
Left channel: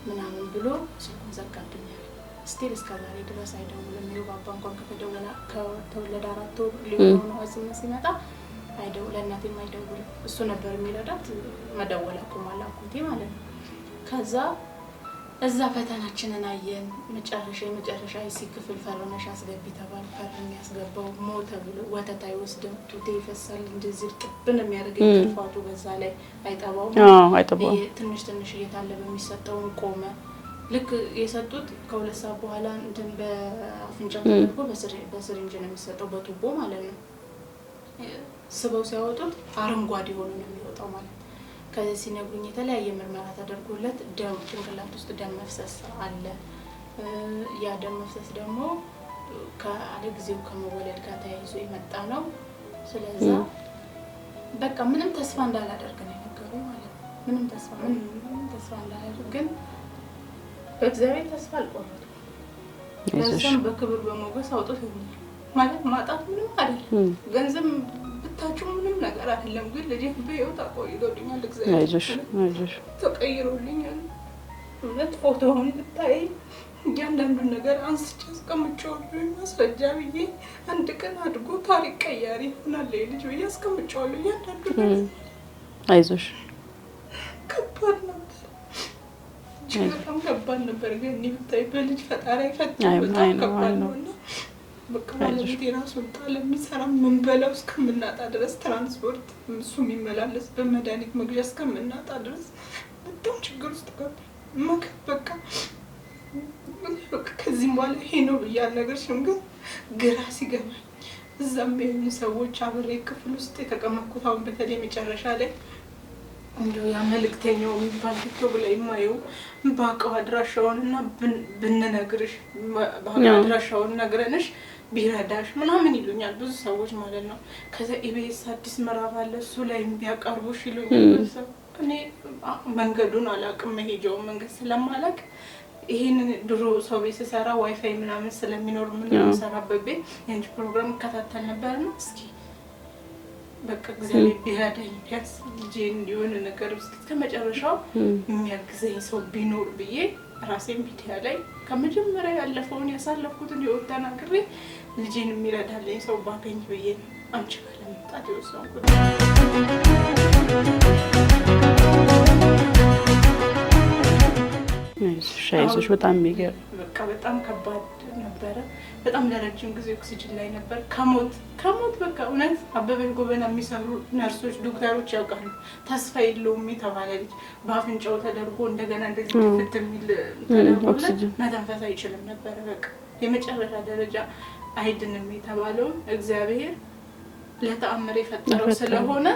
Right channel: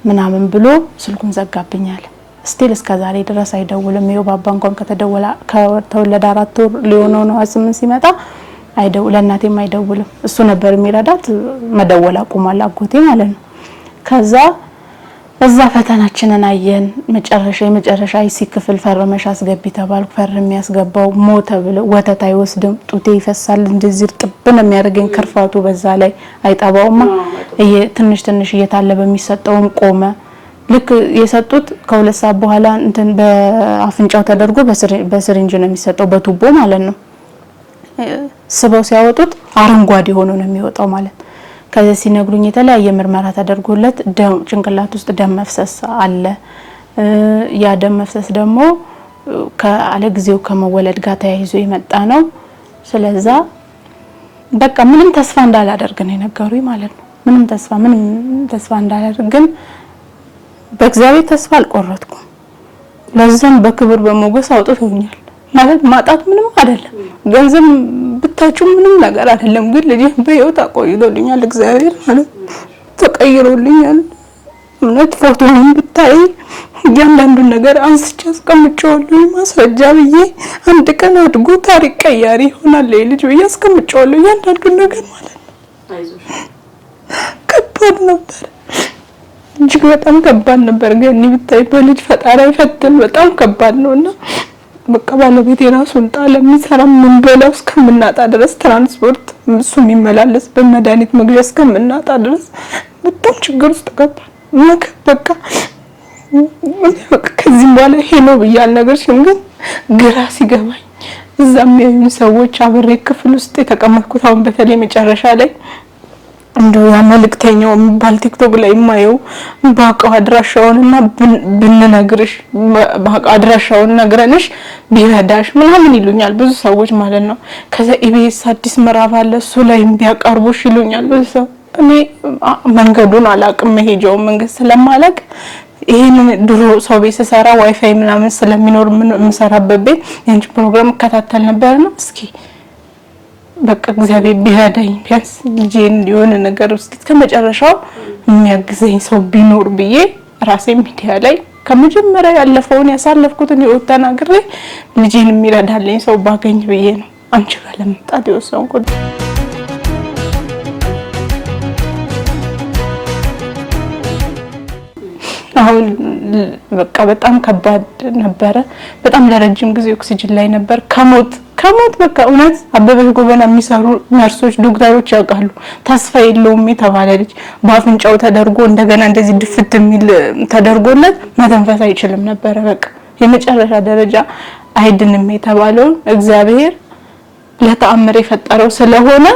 ምናምን ብሎ ስልኩን ዘጋብኛል። ስቲል እስከዛሬ ድረስ አይደውልም። ይኸው ባባ እንኳን ከተወለደ 4 ወር ሊሆነው ነው 8 ሲመጣ ለእናቴም አይደውልም። እሱ ነበር የሚረዳት መደወል አቁሟል አጎቴ ማለት ነው። ከዛ እዛ ፈተናችንን አየን። የመጨረሻ አይሲ ክፍል ፈርመሽ አስገቢ ተባልኩ። ፈርሜ ያስገባው ሞተ ብለው ወተት አይወስድም ጡቴ ይፈሳል እንደዚህ ጥብን የሚያደርገኝ ክርፋቱ በዛ ላይ አይጠባውማ ትንሽ እየታለበ የሚሰጠውም ቆመ። ልክ የሰጡት ከ2 ሰዓት በኋላ እንትን በአፍንጫው ተደርጎ በስሪንጅ ነው የሚሰጠው በቱቦ ማለት ነው። ስበው ሲያወጡት አረንጓዴ ሆኖ ነው የሚወጣው ማለት። ከዛ ሲነግሩኝ የተለያየ ምርመራ ተደርጎለት ጭንቅላት ውስጥ ደም መፍሰስ አለ። ያ ደም መፍሰስ ደግሞ ከአለ ጊዜው ከመወለድ ጋር ተያይዞ የመጣ ነው። ስለዛ በቃ ምንም ተስፋ እንዳላደርግ ነው የነገሩኝ ማለት ነው። ምንም ተስፋ እንዳላደርግ ግን በእግዚአብሔር ተስፋ አልቆረጥኩም። ለዛም በክብር በሞገስ አውጥቶኛል ማለት ማጣት ምንም አይደለም። ገንዘብ ብታጩ ምንም ነገር አይደለም። ግን ልጅ በህይወት አቆይቶልኛል እግዚአብሔር ማለት ተቀይሮልኛል። እውነት ፎቶውን ብታይ ያንዳንዱን ነገር አንስቼ አስቀምጬዋለሁ ማስረጃ ብዬ አንድ ቀን አድጎ ታሪክ ቀያሪ ይሆናል ልጅ ብዬ አስቀምጬዋለሁ ያንዳንዱን ነገር ማለት ነው። አይዞሽ ከባድ ነበር እጅግ በጣም ከባድ ነበር። ግን ብታይ በልጅ ፈጣሪ ፈተን በጣም ከባድ ነውና በቃ ባለቤቴ ራሱን ጣለ። የሚሰራ ምን በላው እስከምናጣ ድረስ ትራንስፖርት እሱ የሚመላለስ በመድኃኒት መግዣ እስከምናጣ ድረስ በጣም ችግር ውስጥ ገባን። በቃ ከዚህ በኋላ ይሄ ነው ብያል ነገር ግን ግራ ሲገባኝ እዛም የሚያዩን ሰዎች አብሬ ክፍል ውስጥ የተቀመጥኩት አሁን በተለይ መጨረሻ ላይ እንደው ያ መልእክተኛው የሚባል ቲክቶክ ላይ የማየው ባቀው አድራሻውንና ብንነግርሽ ባቀው አድራሻውን ነግረንሽ ቢረዳሽ ምናምን ይሉኛል ብዙ ሰዎች ማለት ነው። ከዛ ኢቢኤስ አዲስ ምዕራፍ አለ እሱ ላይ ቢያቀርቡሽ ይሉኛል ብዙ ሰው። እኔ መንገዱን አላቅም መሄጃው መንገድ ስለማላቅ ይሄንን ድሮ ሰው ቤት ሰራ ዋይፋይ ምናምን ስለሚኖር የምሰራበት ቤት ያንቺ ፕሮግራም እከታተል ነበርና እስኪ በቃ እግዚአብሔር ቢረዳኝ ቢያንስ ልጄን የሆነ ነገር ውስጥ ከመጨረሻው የሚያግዘኝ ሰው ቢኖር ብዬ ራሴ ሚዲያ ላይ ከመጀመሪያ ያለፈውን ያሳለፍኩትን ህይወት ተናግሬ ልጄን የሚረዳልኝ ሰው ባገኝ ብዬ ነው አንቺ ጋር ለመምጣት የወሰንኩት። አሁን በቃ በጣም ከባድ ነበረ። በጣም ለረጅም ጊዜ ኦክሲጅን ላይ ነበር። ከሞት በቃ እውነት አበበሽ ጎበና የሚሰሩ ነርሶች ዶክተሮች ያውቃሉ። ተስፋ የለውም የተባለ ልጅ በአፍንጫው ተደርጎ እንደገና እንደዚህ ድፍት የሚል ተደርጎለት መተንፈስ አይችልም ነበር። በቃ የመጨረሻ ደረጃ አይድንም የተባለው እግዚአብሔር ለተአምር የፈጠረው ስለሆነ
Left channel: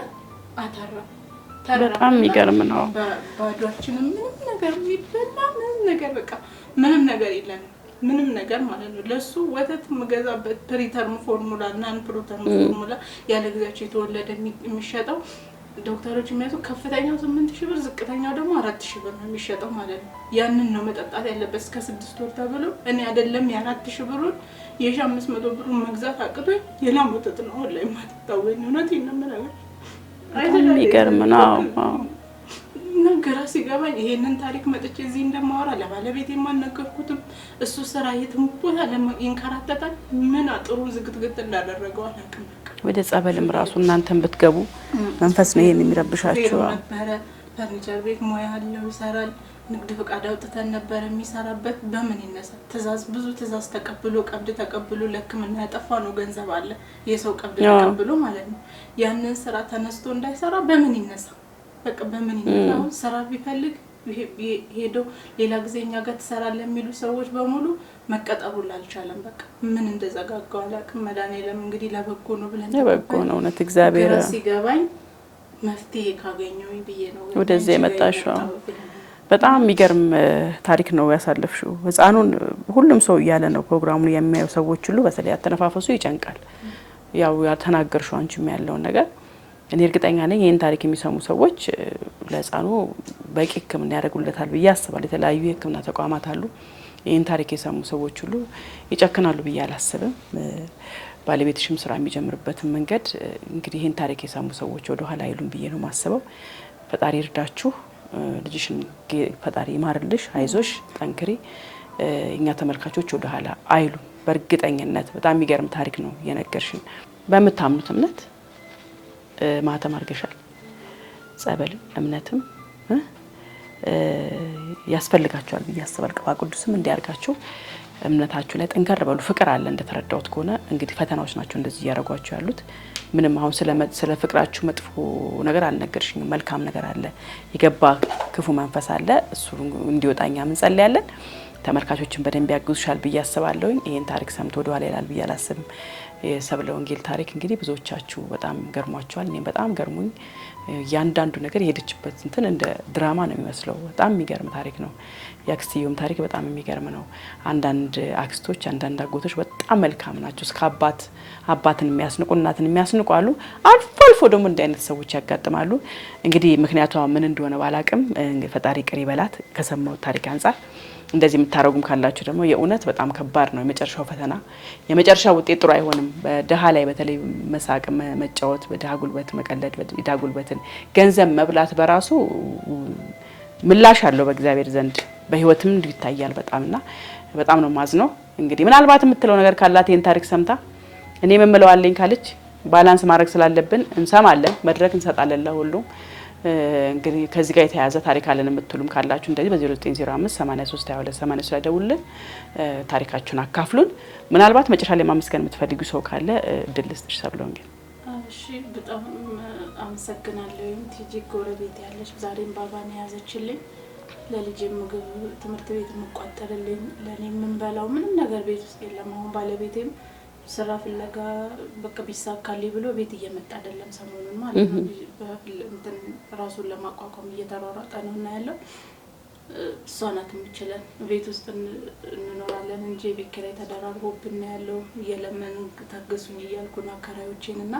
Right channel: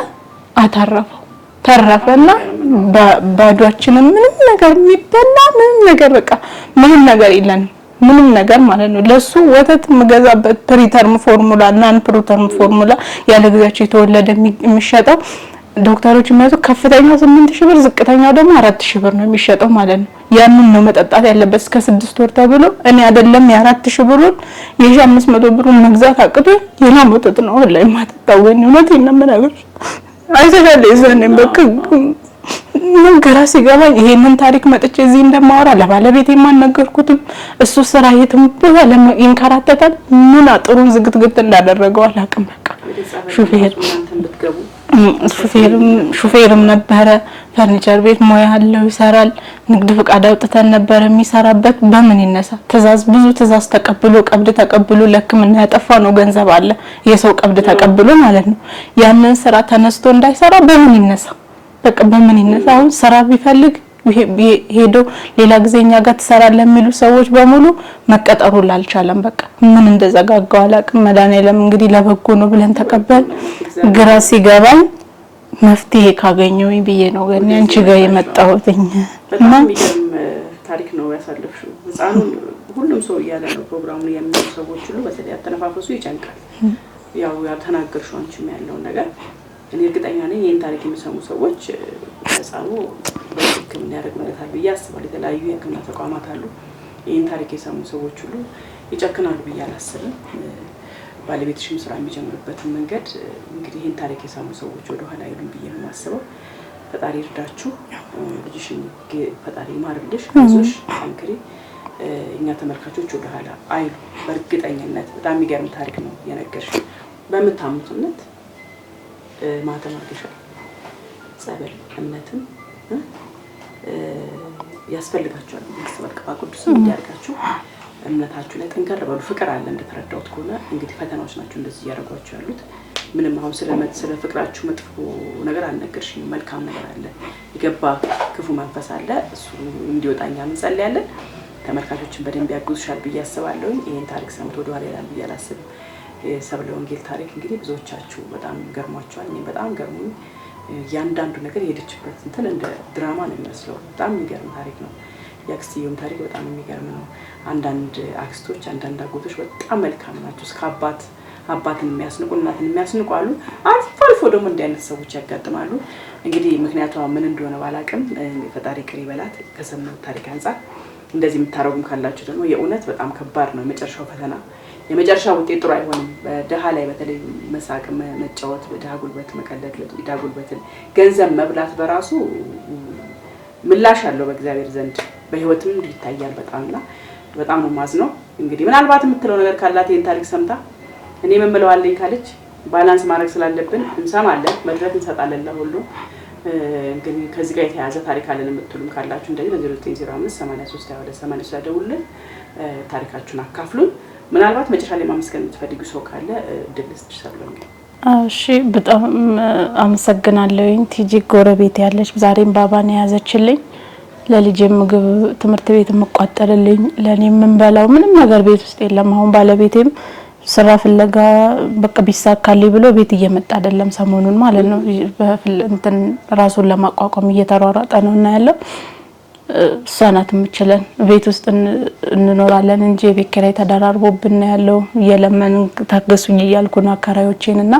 አታረፈው ተረፈና ባዷችንን ምንም ነገር የሚበላ ምንም ነገር በቃ ምንም ነገር የለን ምንም ነገር ማለት ነው። ለሱ ወተት መገዛበት ፕሪተርም ፎርሙላ እና ፕሮተርም ፎርሙላ ያለ ጊዜያቸው የተወለደ የሚሸጠው ዶክተሮች የሚያዙ ከፍተኛው 8,000 ብር ዝቅተኛው ደግሞ 4,000 ብር ነው የሚሸጠው ማለት ነው። ያንን ነው መጠጣት ያለበት እስከ 6 ወር ተብሎ እኔ አይደለም የ4,000 ብሩን የ500 ብሩን መግዛት አቅቶ የላም ወተት ነው ላይ ማጠጣው ወይ ነው ነገር አይተዳለ ይዘነም በቃ ነገራ ሲገባኝ ይሄንን ታሪክ መጥቼ እዚህ እንደማወራ ለባለቤቴ ማንነገርኩትም እሱ ስራ የትም ቦታ ለኢንካራተታል ምን አጥሩን ዝግትግት እንዳደረገው አላውቅም። በቃ ወደ ጸበል እናንተም ብትገቡ ሹፌርም ነበረ ፈርኒቸር ቤት ሞያ አለው ይሰራል። ንግድ ፍቃድ አውጥተን ነበር የሚሰራበት በምን ይነሳ ትዛዝ ብዙ ትዛዝ ተቀብሎ ቀብድ ተቀብሎ ለሕክምና ያጠፋ ነው ገንዘብ አለ የሰው ቀብድ ተቀብሎ ማለት ነው። ያንን ስራ ተነስቶ እንዳይሰራ በምን ይነሳ በቃ በምን ይነሳ? አሁን ስራ ቢፈልግ ሄዶ ሌላ ጊዜ እኛ ጋር ትሰራለህ የሚሉ ሰዎች በሙሉ መቀጠሩ ላልቻለም በቃ ምን እንደዘጋጋው አላውቅም። መድኃኒዓለም እንግዲህ ለበጎ ነው ብለን ተቀበል። ግራ ሲገባኝ መፍትሄ ካገኘው ብዬ ነው ግን አንቺ ጋር የመጣሁት። በጣም የሚገርም ታሪክ ነው ያሳለፍሽው። ህፃኑን ሁሉም ሰው እያለ ነው ፕሮግራሙን የሚያዩ ሰዎች ሁሉ በተለይ አተነፋፈሱ ይጨንቃል። ያው ያልተናገርሽው አንቺም ያለውን ነገር እኔ እርግጠኛ ነኝ ይሄን ታሪክ የሚሰሙ ሰዎች ህፃኑ በሕክምና ያደርጉለታል ብዬ አስባለሁ። የተለያዩ የሕክምና ተቋማት አሉ። ይሄን ታሪክ የሰሙ ሰዎች ሁሉ ይጨክናሉ ብዬ አላስብም። ባለቤትሽም ስራ የሚጀምርበትን መንገድ እንግዲህ ይሄን ታሪክ የሰሙ ሰዎች ወደ ኋላ አይሉም ብዬ ነው የማስበው። ፈጣሪ ይርዳችሁ፣ ልጅሽን ፈጣሪ ይማርልሽ፣ አይዞሽ፣ ጠንክሪ። እኛ ተመልካቾች ወደ ኋላ አይሉ በእርግጠኝነት በጣም የሚገርም ታሪክ ነው የነገርሽ። በምታምኑት እምነት ማህተም አድርገሻል። ጸበል እምነትም ያስፈልጋችኋል ብዬ አስባለሁ። ቅባ ቅዱስም እንዲያርጋችሁ እምነታችሁ ላይ ጠንከር በሉ። ፍቅር አለ እንደተረዳሁት ከሆነ እንግዲህ ፈተናዎች ናቸው እንደዚህ እያደረጓችሁ ያሉት። ምንም አሁን ስለ ፍቅራችሁ መጥፎ ነገር አልነገርሽኝም። መልካም ነገር አለ፣ የገባ ክፉ መንፈስ አለ። እሱ እንዲወጣኛ እንጸልያለን። ተመልካቾችን በደንብ ያግዙሻል ብዬ አስባለሁ። ይሄን ታሪክ ሰምቶ ወደ ኋላ ይላል ብዬ አላስብም። የሰብለ ወንጌል ታሪክ እንግዲህ ብዙዎቻችሁ በጣም ገርሟቸዋል። እኔም በጣም ገርሞኝ ያንዳንዱ ነገር የሄደችበት እንትን እንደ ድራማ ነው የሚመስለው። በጣም የሚገርም ታሪክ ነው። የአክስቲዩም ታሪክ በጣም የሚገርም ነው። አንዳንድ አክስቶች፣ አንዳንድ አጎቶች በጣም መልካም ናቸው። እስከ አባትን የሚያስንቁ እናትን የሚያስንቁ አሉ። አልፎ አልፎ ደግሞ እንዲህ አይነት ሰዎች ያጋጥማሉ። እንግዲህ ምክንያቷ ምን እንደሆነ ባላቅም ፈጣሪ ቅር ይበላት። ከሰማው ታሪክ አንፃር እንደዚህ የምታረጉም ካላችሁ ደግሞ የእውነት በጣም ከባድ ነው። የመጨረሻው ፈተና የመጨረሻው ውጤት ጥሩ አይሆንም። በደሃ ላይ በተለይ መሳቅ፣ መጫወት፣ በደሃ ጉልበት መቀለድ፣ በድሃ ጉልበትን ገንዘብ መብላት በራሱ ምላሽ አለው በእግዚአብሔር ዘንድ። በህይወትም እንዲህ ይታያል በጣምና በጣም ነው ማዝነው። እንግዲህ ምናልባት የምትለው ነገር ካላት ይሄን ታሪክ ሰምታ እኔ የምለው አለኝ ካለች ባላንስ ማድረግ ስላለብን እንሰማለን፣ መድረክ እንሰጣለን ለሁሉ። እንግዲህ ከዚህ ጋር የተያያዘ ታሪክ አለን የምትሉም ካላችሁ እንደዚህ በ0905 83 22 83 ላይ ደውሉልን፣ ታሪካችሁን አካፍሉን። ምናልባት መጨረሻ ላይ ማመስገን የምትፈልጉ ሰው ካለ እድል ልስጥሽ ሰብለ ወንጌል። እሺ፣ በጣም አመሰግናለሁኝ። ቲጂ ጎረቤት ያለች ዛሬም ባባን ያዘችልኝ፣ ለልጄ ምግብ ትምህርት ቤት የምቋጠርልኝ፣ ለኔ የምንበላው ምንም ነገር ቤት ውስጥ የለም። አሁን ባለቤቴም ስራ ፍለጋ በቃ ቢሳካልኝ ብሎ ቤት እየመጣ አይደለም ሰሞኑን ማለት ነው። እንትን ራሱን ለማቋቋም እየተሯሯጠ ነው እና ያለው እሷ ናት የምችለን። ቤት ውስጥ እንኖራለን እንጂ የቤት ኪራይ ተደራርቦብን ያለው እየለመን ታገሱኝ እያልኩ ነው አካራዮቼንና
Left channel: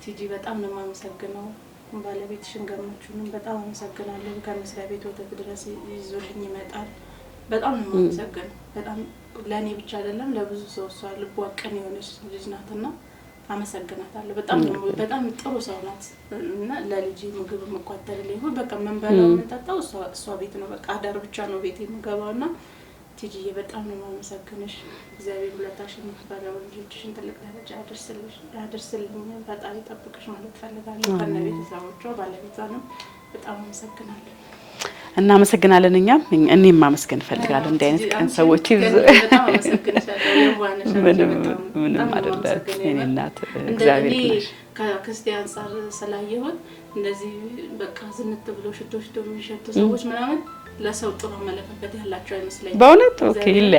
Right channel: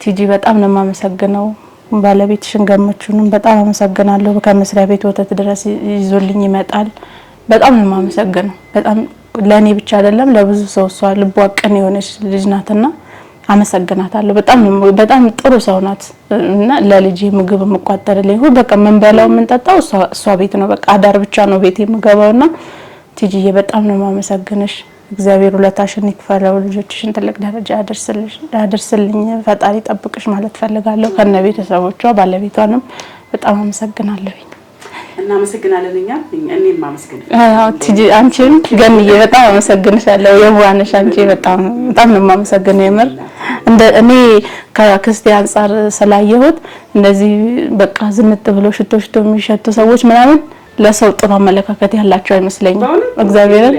ቲጂ በጣም ነው የማመሰግነው። ባለቤትሽን ገመቹንም በጣም አመሰግናለሁ። ከመስሪያ ቤት ወተት ድረስ ይዞልኝ ይመጣል። በጣም ነው የማመሰግነው። በጣም ለኔ ብቻ አይደለም ለብዙ ሰው እሷ ልቧ ቅን የሆነች ልጅ ናትና አመሰግናታለሁ። በጣም ጥሩ ሰው ናት እና ለልጄ ምግብ መቋጠርልኝ ሁሉ በቃ መንበላው መንጠጣው እሷ ቤት ነው። በቃ አዳር ብቻ ነው ቤት የምገባውና ቲጂዬ በጣም ነው ማመሰግነሽ። እግዚአብሔር ሁለታሽን ይክፈለው፣ ልጆችሽን ትልቅ ደረጃ ያደርስልኝ፣ ፈጣሪ ጠብቅሽ ማለት ፈልጋለሁ። ከነ ቤተሰቦቿ ባለቤቷንም በጣም አመሰግናለሁ። እናመሰግናለን። እኔም ማመስገን ቲጂ አንቺን ገንዬ በጣም አመሰግንሻለሁ። የዋነሽ አንቺ በጣም ነው የማመሰግነው። የምር እኔ ከክስቴ አንፃር ስላየሁት እንደዚህ በቃ ዝንጥ ብሎ ሽቶ የሚሸቱ ሰዎች ምናምን ለሰው ጥሩ አመለካከት ያላቸው አይመስለኝም። እግዚአብሔር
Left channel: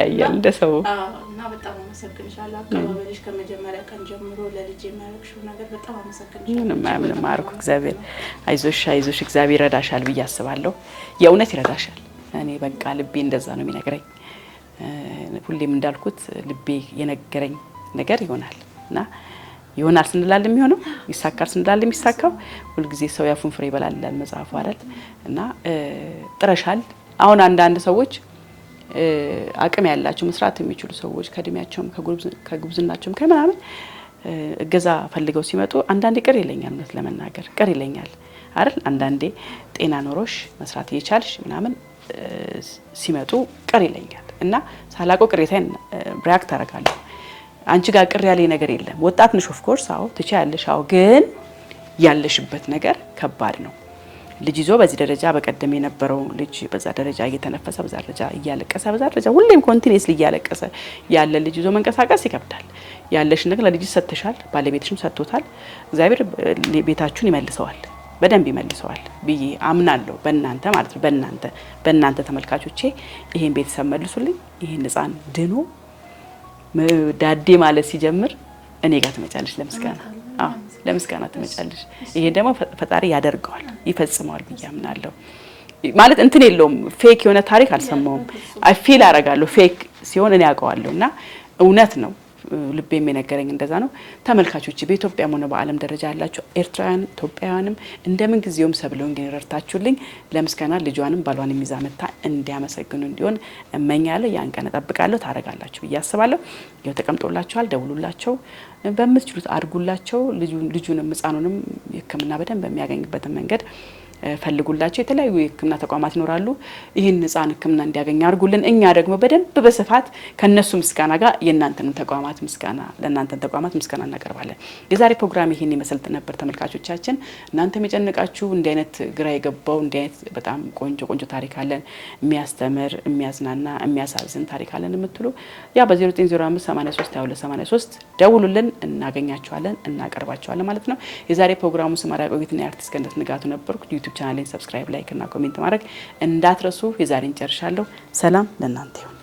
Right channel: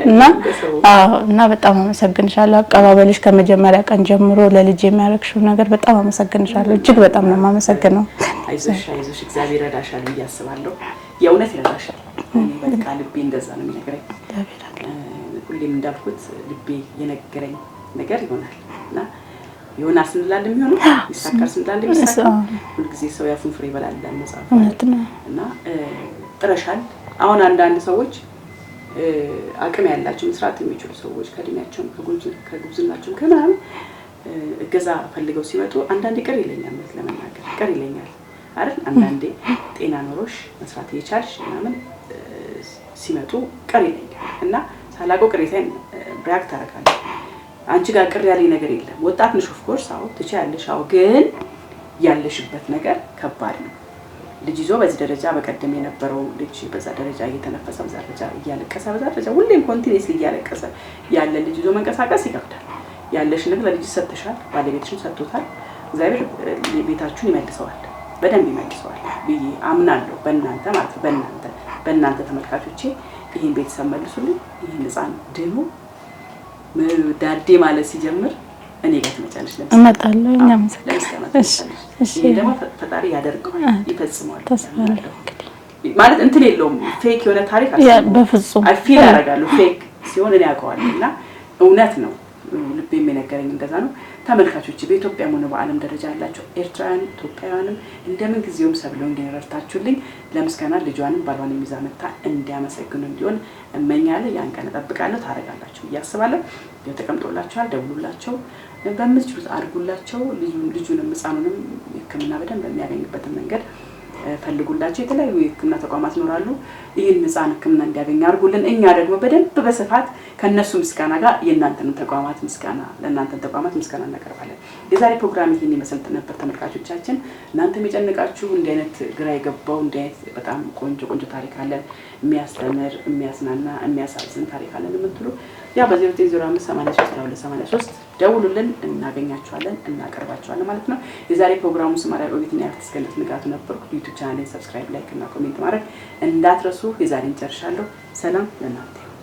እና በጣም አመሰግንሻለሁ። አቀባበልሽ ከመጀመሪያ ቀን ጀምሮ ለልጅ የሚያረክሽው ነገር በጣም አመሰግንሻለሁ። እጅግ በጣም ነው የማመሰግነው። አይዞሽ እግዚአብሔር ይረዳሻል ብዬ አስባለሁ። የእውነት ይረዳሻል። እኔ በቃ ልቤ እንደዛ ነው የሚነግረኝ። ሁሌም እንዳልኩት ልቤ የነገረኝ ነገር ይሆናልና ይሆናል ስንላል የሚሆነው ይሳካል ስንላል የሚሳካው ሁልጊዜ ሰው ያፉን ፍሬ ይበላል መጽሐፍ እና ጥረሻል። አሁን አንዳንድ ሰዎች አቅም ያላቸው መስራት የሚችሉ ሰዎች ከእድሜያቸውም ከጉብዝናቸውም ከምናምን እገዛ ፈልገው ሲመጡ አንዳንዴ ቅር ይለኛል ማለት ለመናገር ቅር ይለኛል አይደል። አንዳንዴ ጤና ኖሮሽ መስራት እየቻልሽ ምናምን ሲመጡ ቅር ይለኛል እና ሳላውቀው ቅሬታዬን ሪአክት አደርጋለሁ። አንቺ ጋር ቅር ያለኝ ነገር የለም። ወጣት ነሽ ኦፍ ኮርስ አዎ ትችያለሽ። አዎ ግን ያለሽበት ነገር ከባድ ነው። ልጅ ይዞ በዚህ ደረጃ በቀደም የነበረው ልጅ በዛ ደረጃ እየተነፈሰ በዛ ደረጃ እያለቀሰ በዛ ደረጃ ሁሌም ኮንቲኒየስሊ እያለቀሰ ያለ ልጅ ይዞ መንቀሳቀስ ይከብዳል። ያለሽ ነገር ለልጅ ሰጥተሻል፣ ባለቤትሽም ሰጥቶታል። እግዚአብሔር ቤታችሁን ይመልሰዋል። በደንብ ይመልሰዋል ብዬ አምናለሁ። በእናንተ ማለት ነው በእናንተ ተመልካቾቼ ይሄን ቤተሰብ መልሱልኝ። ይሄን ህፃን ድኖ ዳዴ ማለት ሲጀምር እኔ ጋር ትመጫለሽ ለምስጋና ትመጫለሽ። ይሄን ደግሞ ፈጣሪ ያደርገዋል ይፈጽመዋል ያምናለሁ። ማለት እንትን የለውም ፌክ የሆነ ታሪክ አልሰማሁም። ፊል አደርጋለሁ ፌክ ሲሆን እኔ አውቀዋለሁ እና እውነት ነው። ልቤም የነገረኝ እንደዛ ነው። ተመልካቾች በኢትዮጵያም ሆነ በዓለም ደረጃ ያላችሁ ኤርትራውያን ኢትዮጵያውያንም እንደምን ጊዜውም ሰብለው እንዲረርታችሁልኝ ለምስጋና ልጇንም ባሏንም ይዛ መታ እንዲያመሰግኑ እንዲሆን እመኛለሁ። ያን ቀን እጠብቃለሁ። ታረጋላችሁ ብዬ አስባለሁ። ተቀምጦላችኋል። ደውሉላቸው፣ በምትችሉት አድርጉላቸው። ልጁንም ህፃኑንም ሕክምና በደንብ የሚያገኝበትን መንገድ ፈልጉላቸው። የተለያዩ የሕክምና ተቋማት ይኖራሉ። ይህን ህፃን ሕክምና እንዲያገኝ አድርጉልን። እኛ ደግሞ በደንብ በስፋት ከነሱ ምስጋና ጋር የእናንተን ተቋማት ምስጋና ለእናንተን ተቋማት ምስጋና እናቀርባለን። የዛሬ ፕሮግራም ይህን ይመስል ነበር ተመልካቾቻችን። እናንተም የጨነቃችሁ እንዲህ አይነት ግራ የገባው እንዲህ አይነት በጣም ቆንጆ ታሪክ አለን፣ የሚያስተምር የሚያዝናና የሚያሳዝን ታሪክ አለን የምትሉ ያ በ0905832283 ደውሉልን፣ እናገኛችኋለን፣ እናቀርባችኋለን ማለት ነው። የዛሬ ፕሮግራሙ ስማራ ቆይትና አርቲስት ገነት ንጋቱ ነበርኩ። ዩቲዩብ ቻናሌን ሰብስክራይብ፣ ላይክ እና ኮሜንት ማድረግ እንዳትረሱ። የዛሬን ጨርሻለሁ። ሰላም ለእናንተ ይሁን።